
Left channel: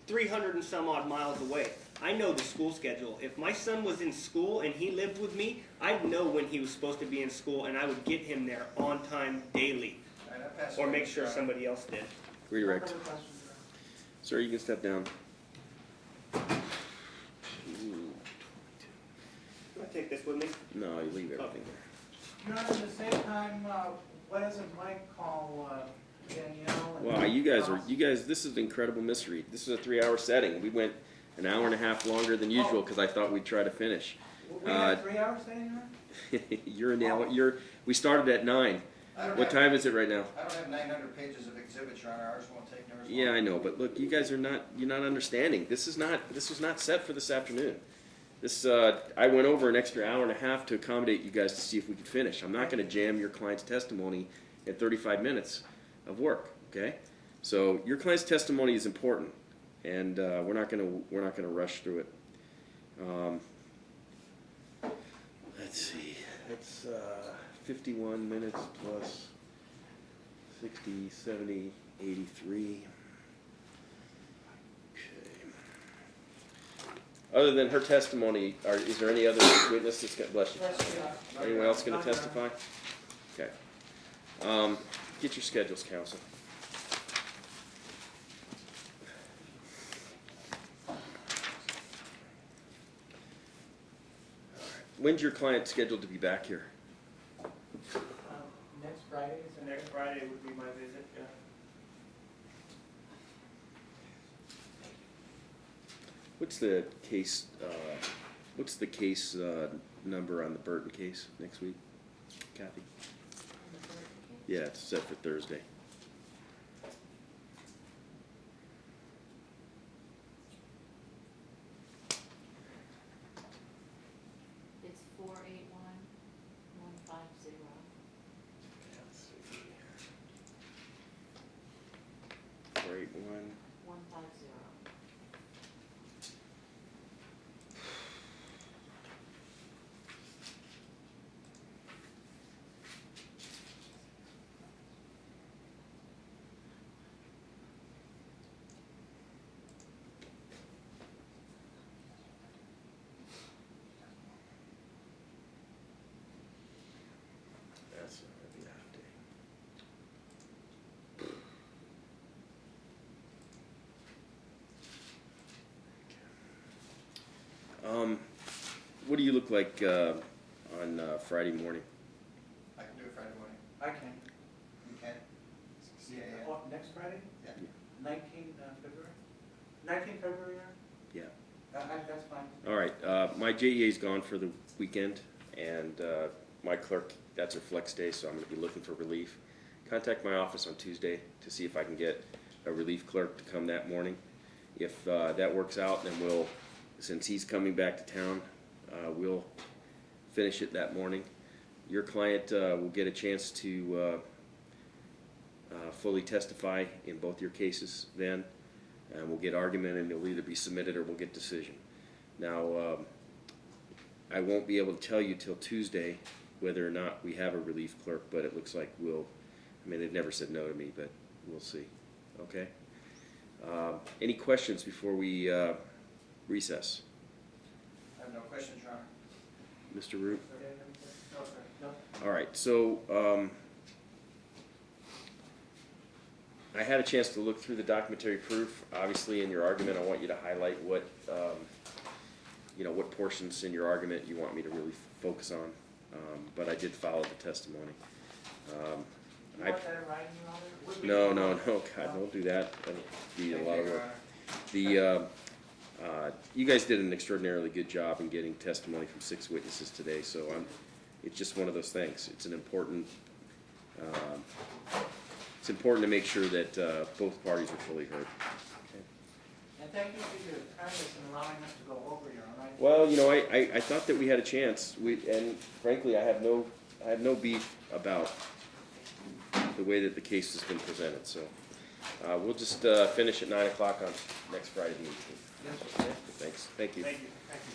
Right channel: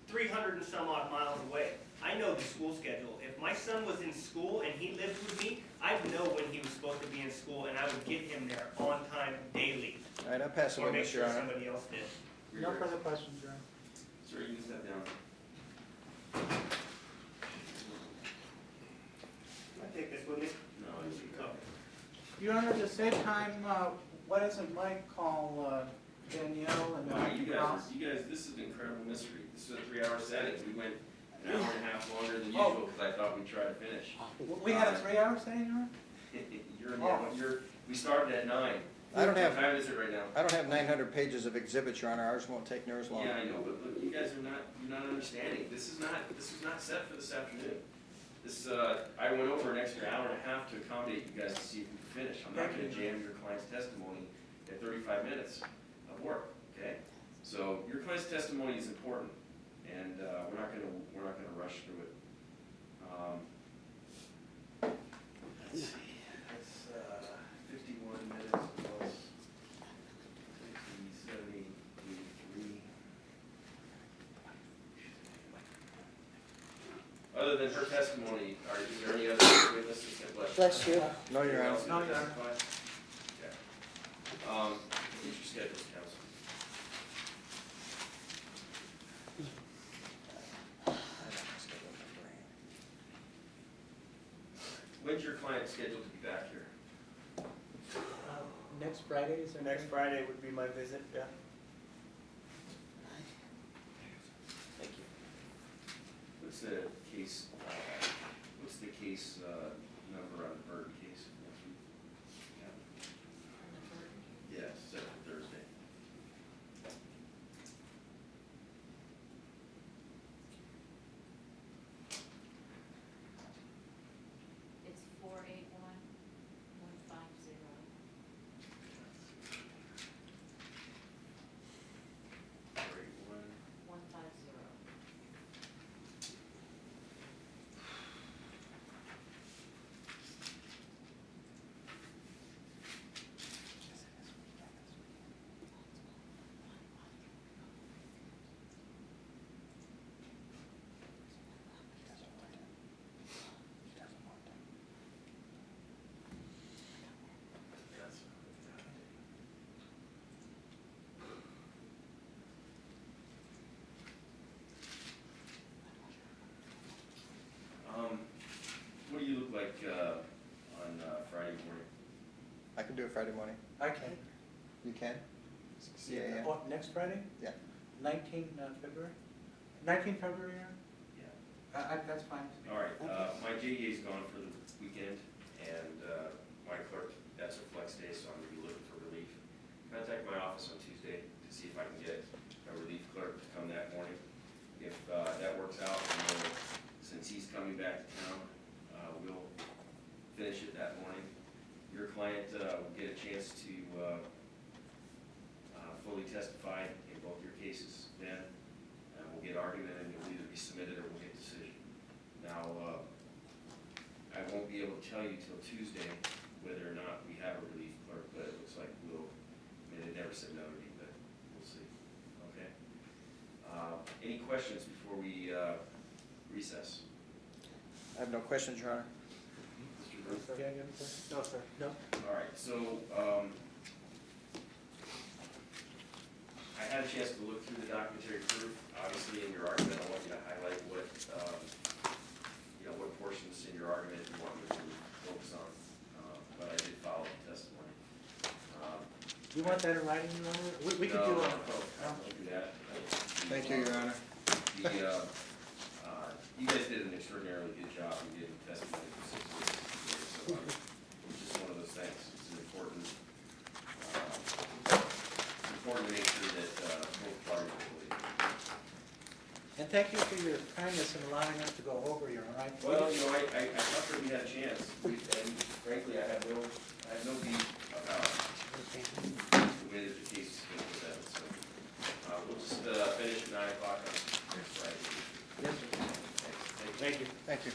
300 and some odd miles away. I know the school schedule. If my son was in school and he lived with me, I'd know when he was supposed to be in school and I would get him there on time daily. All right, I'll pass it Or over make to sure Sharon. somebody else did. Redirect. No further questions, Your Honor. Sir, you can step down. Can I take this with me? No, you leave it. Okay. Your Honor, to save time, why doesn't Mike call Danielle and Wow, you Ross? guys, this is an incredible mystery. This is a 3-hour setting. We went an hour and a half longer than usual because I thought we'd try to finish. We have 3 hours today, Your Honor? We started at 9. What time is it right now? I don't have 900 pages of exhibits, Your Honor. Ours won't take near as long. Yeah, I know, but look, you guys you're not understanding. This was not set for this afternoon. I went over an extra hour and a half to accommodate you guys to see if we could finish. I'm not gonna jam your client's testimony at 35 minutes of work, okay? So your client's testimony is important, and we're not gonna rush through it. Let's see, that's 51 minutes plus 60, 70, 83. Other than her testimony, is there any other witnesses that bless you? Bless you. No, Anyone Your else Honor. going to testify? Okay. Get your schedules, counsel. When's your client scheduled to be back here? Next Friday, is So next Friday would be my visit, yeah. What's the case, number on the Burton case next week? Kathy? Yeah, it's set for Thursday. It's 481-150. 481. 150. That's not gonna be out of date. What do you look like on Friday morning? I can do it Friday morning. I can. You can? Yeah. Oh, next Friday? Yeah. 19 February? 19 February, Yeah. that's fine. All right, my JEA's gone for the weekend, and my clerk, that's her flex day, so I'm gonna be looking for relief. Contact my office on Tuesday to see if I can get a relief clerk to come that morning. If that works out, then we'll, since he's coming back to town, we'll finish it that morning. Your client will get a chance to fully testify in both your cases then, and we'll get argument, and it'll either be submitted or we'll get decision. Now, I won't be able to tell you till Tuesday whether or not we have a relief clerk, but it looks like we'll, I mean, they've never said no to me, but we'll see, okay? Any questions before we recess? I have no questions, Your Honor. Mr. Root? No, sir. No? All right, so I had a chance to look through the documentary proof. Obviously, in your argument, I want you to highlight what, what portions in your argument you want me to really focus on. But I did follow the testimony. Do you want that in writing, Your Honor? We No, can do no, it. no, God, don't do that. That'll be a Thank lot you, of Your work. Honor. You guys did an extraordinarily good job in getting testimony from 6 witnesses today, so it's just one of those things. It's an important, it's important to make sure that both parties are fully heard. And thank you for your kindness in allowing us to go over, Your Honor. Well, I thought that we had a chance, and frankly, I have no beef about the way that the case has been presented, so we'll just finish at 9 o'clock on next Friday meeting. Yes, sir. Thanks, thank you. Thank you. Thank you.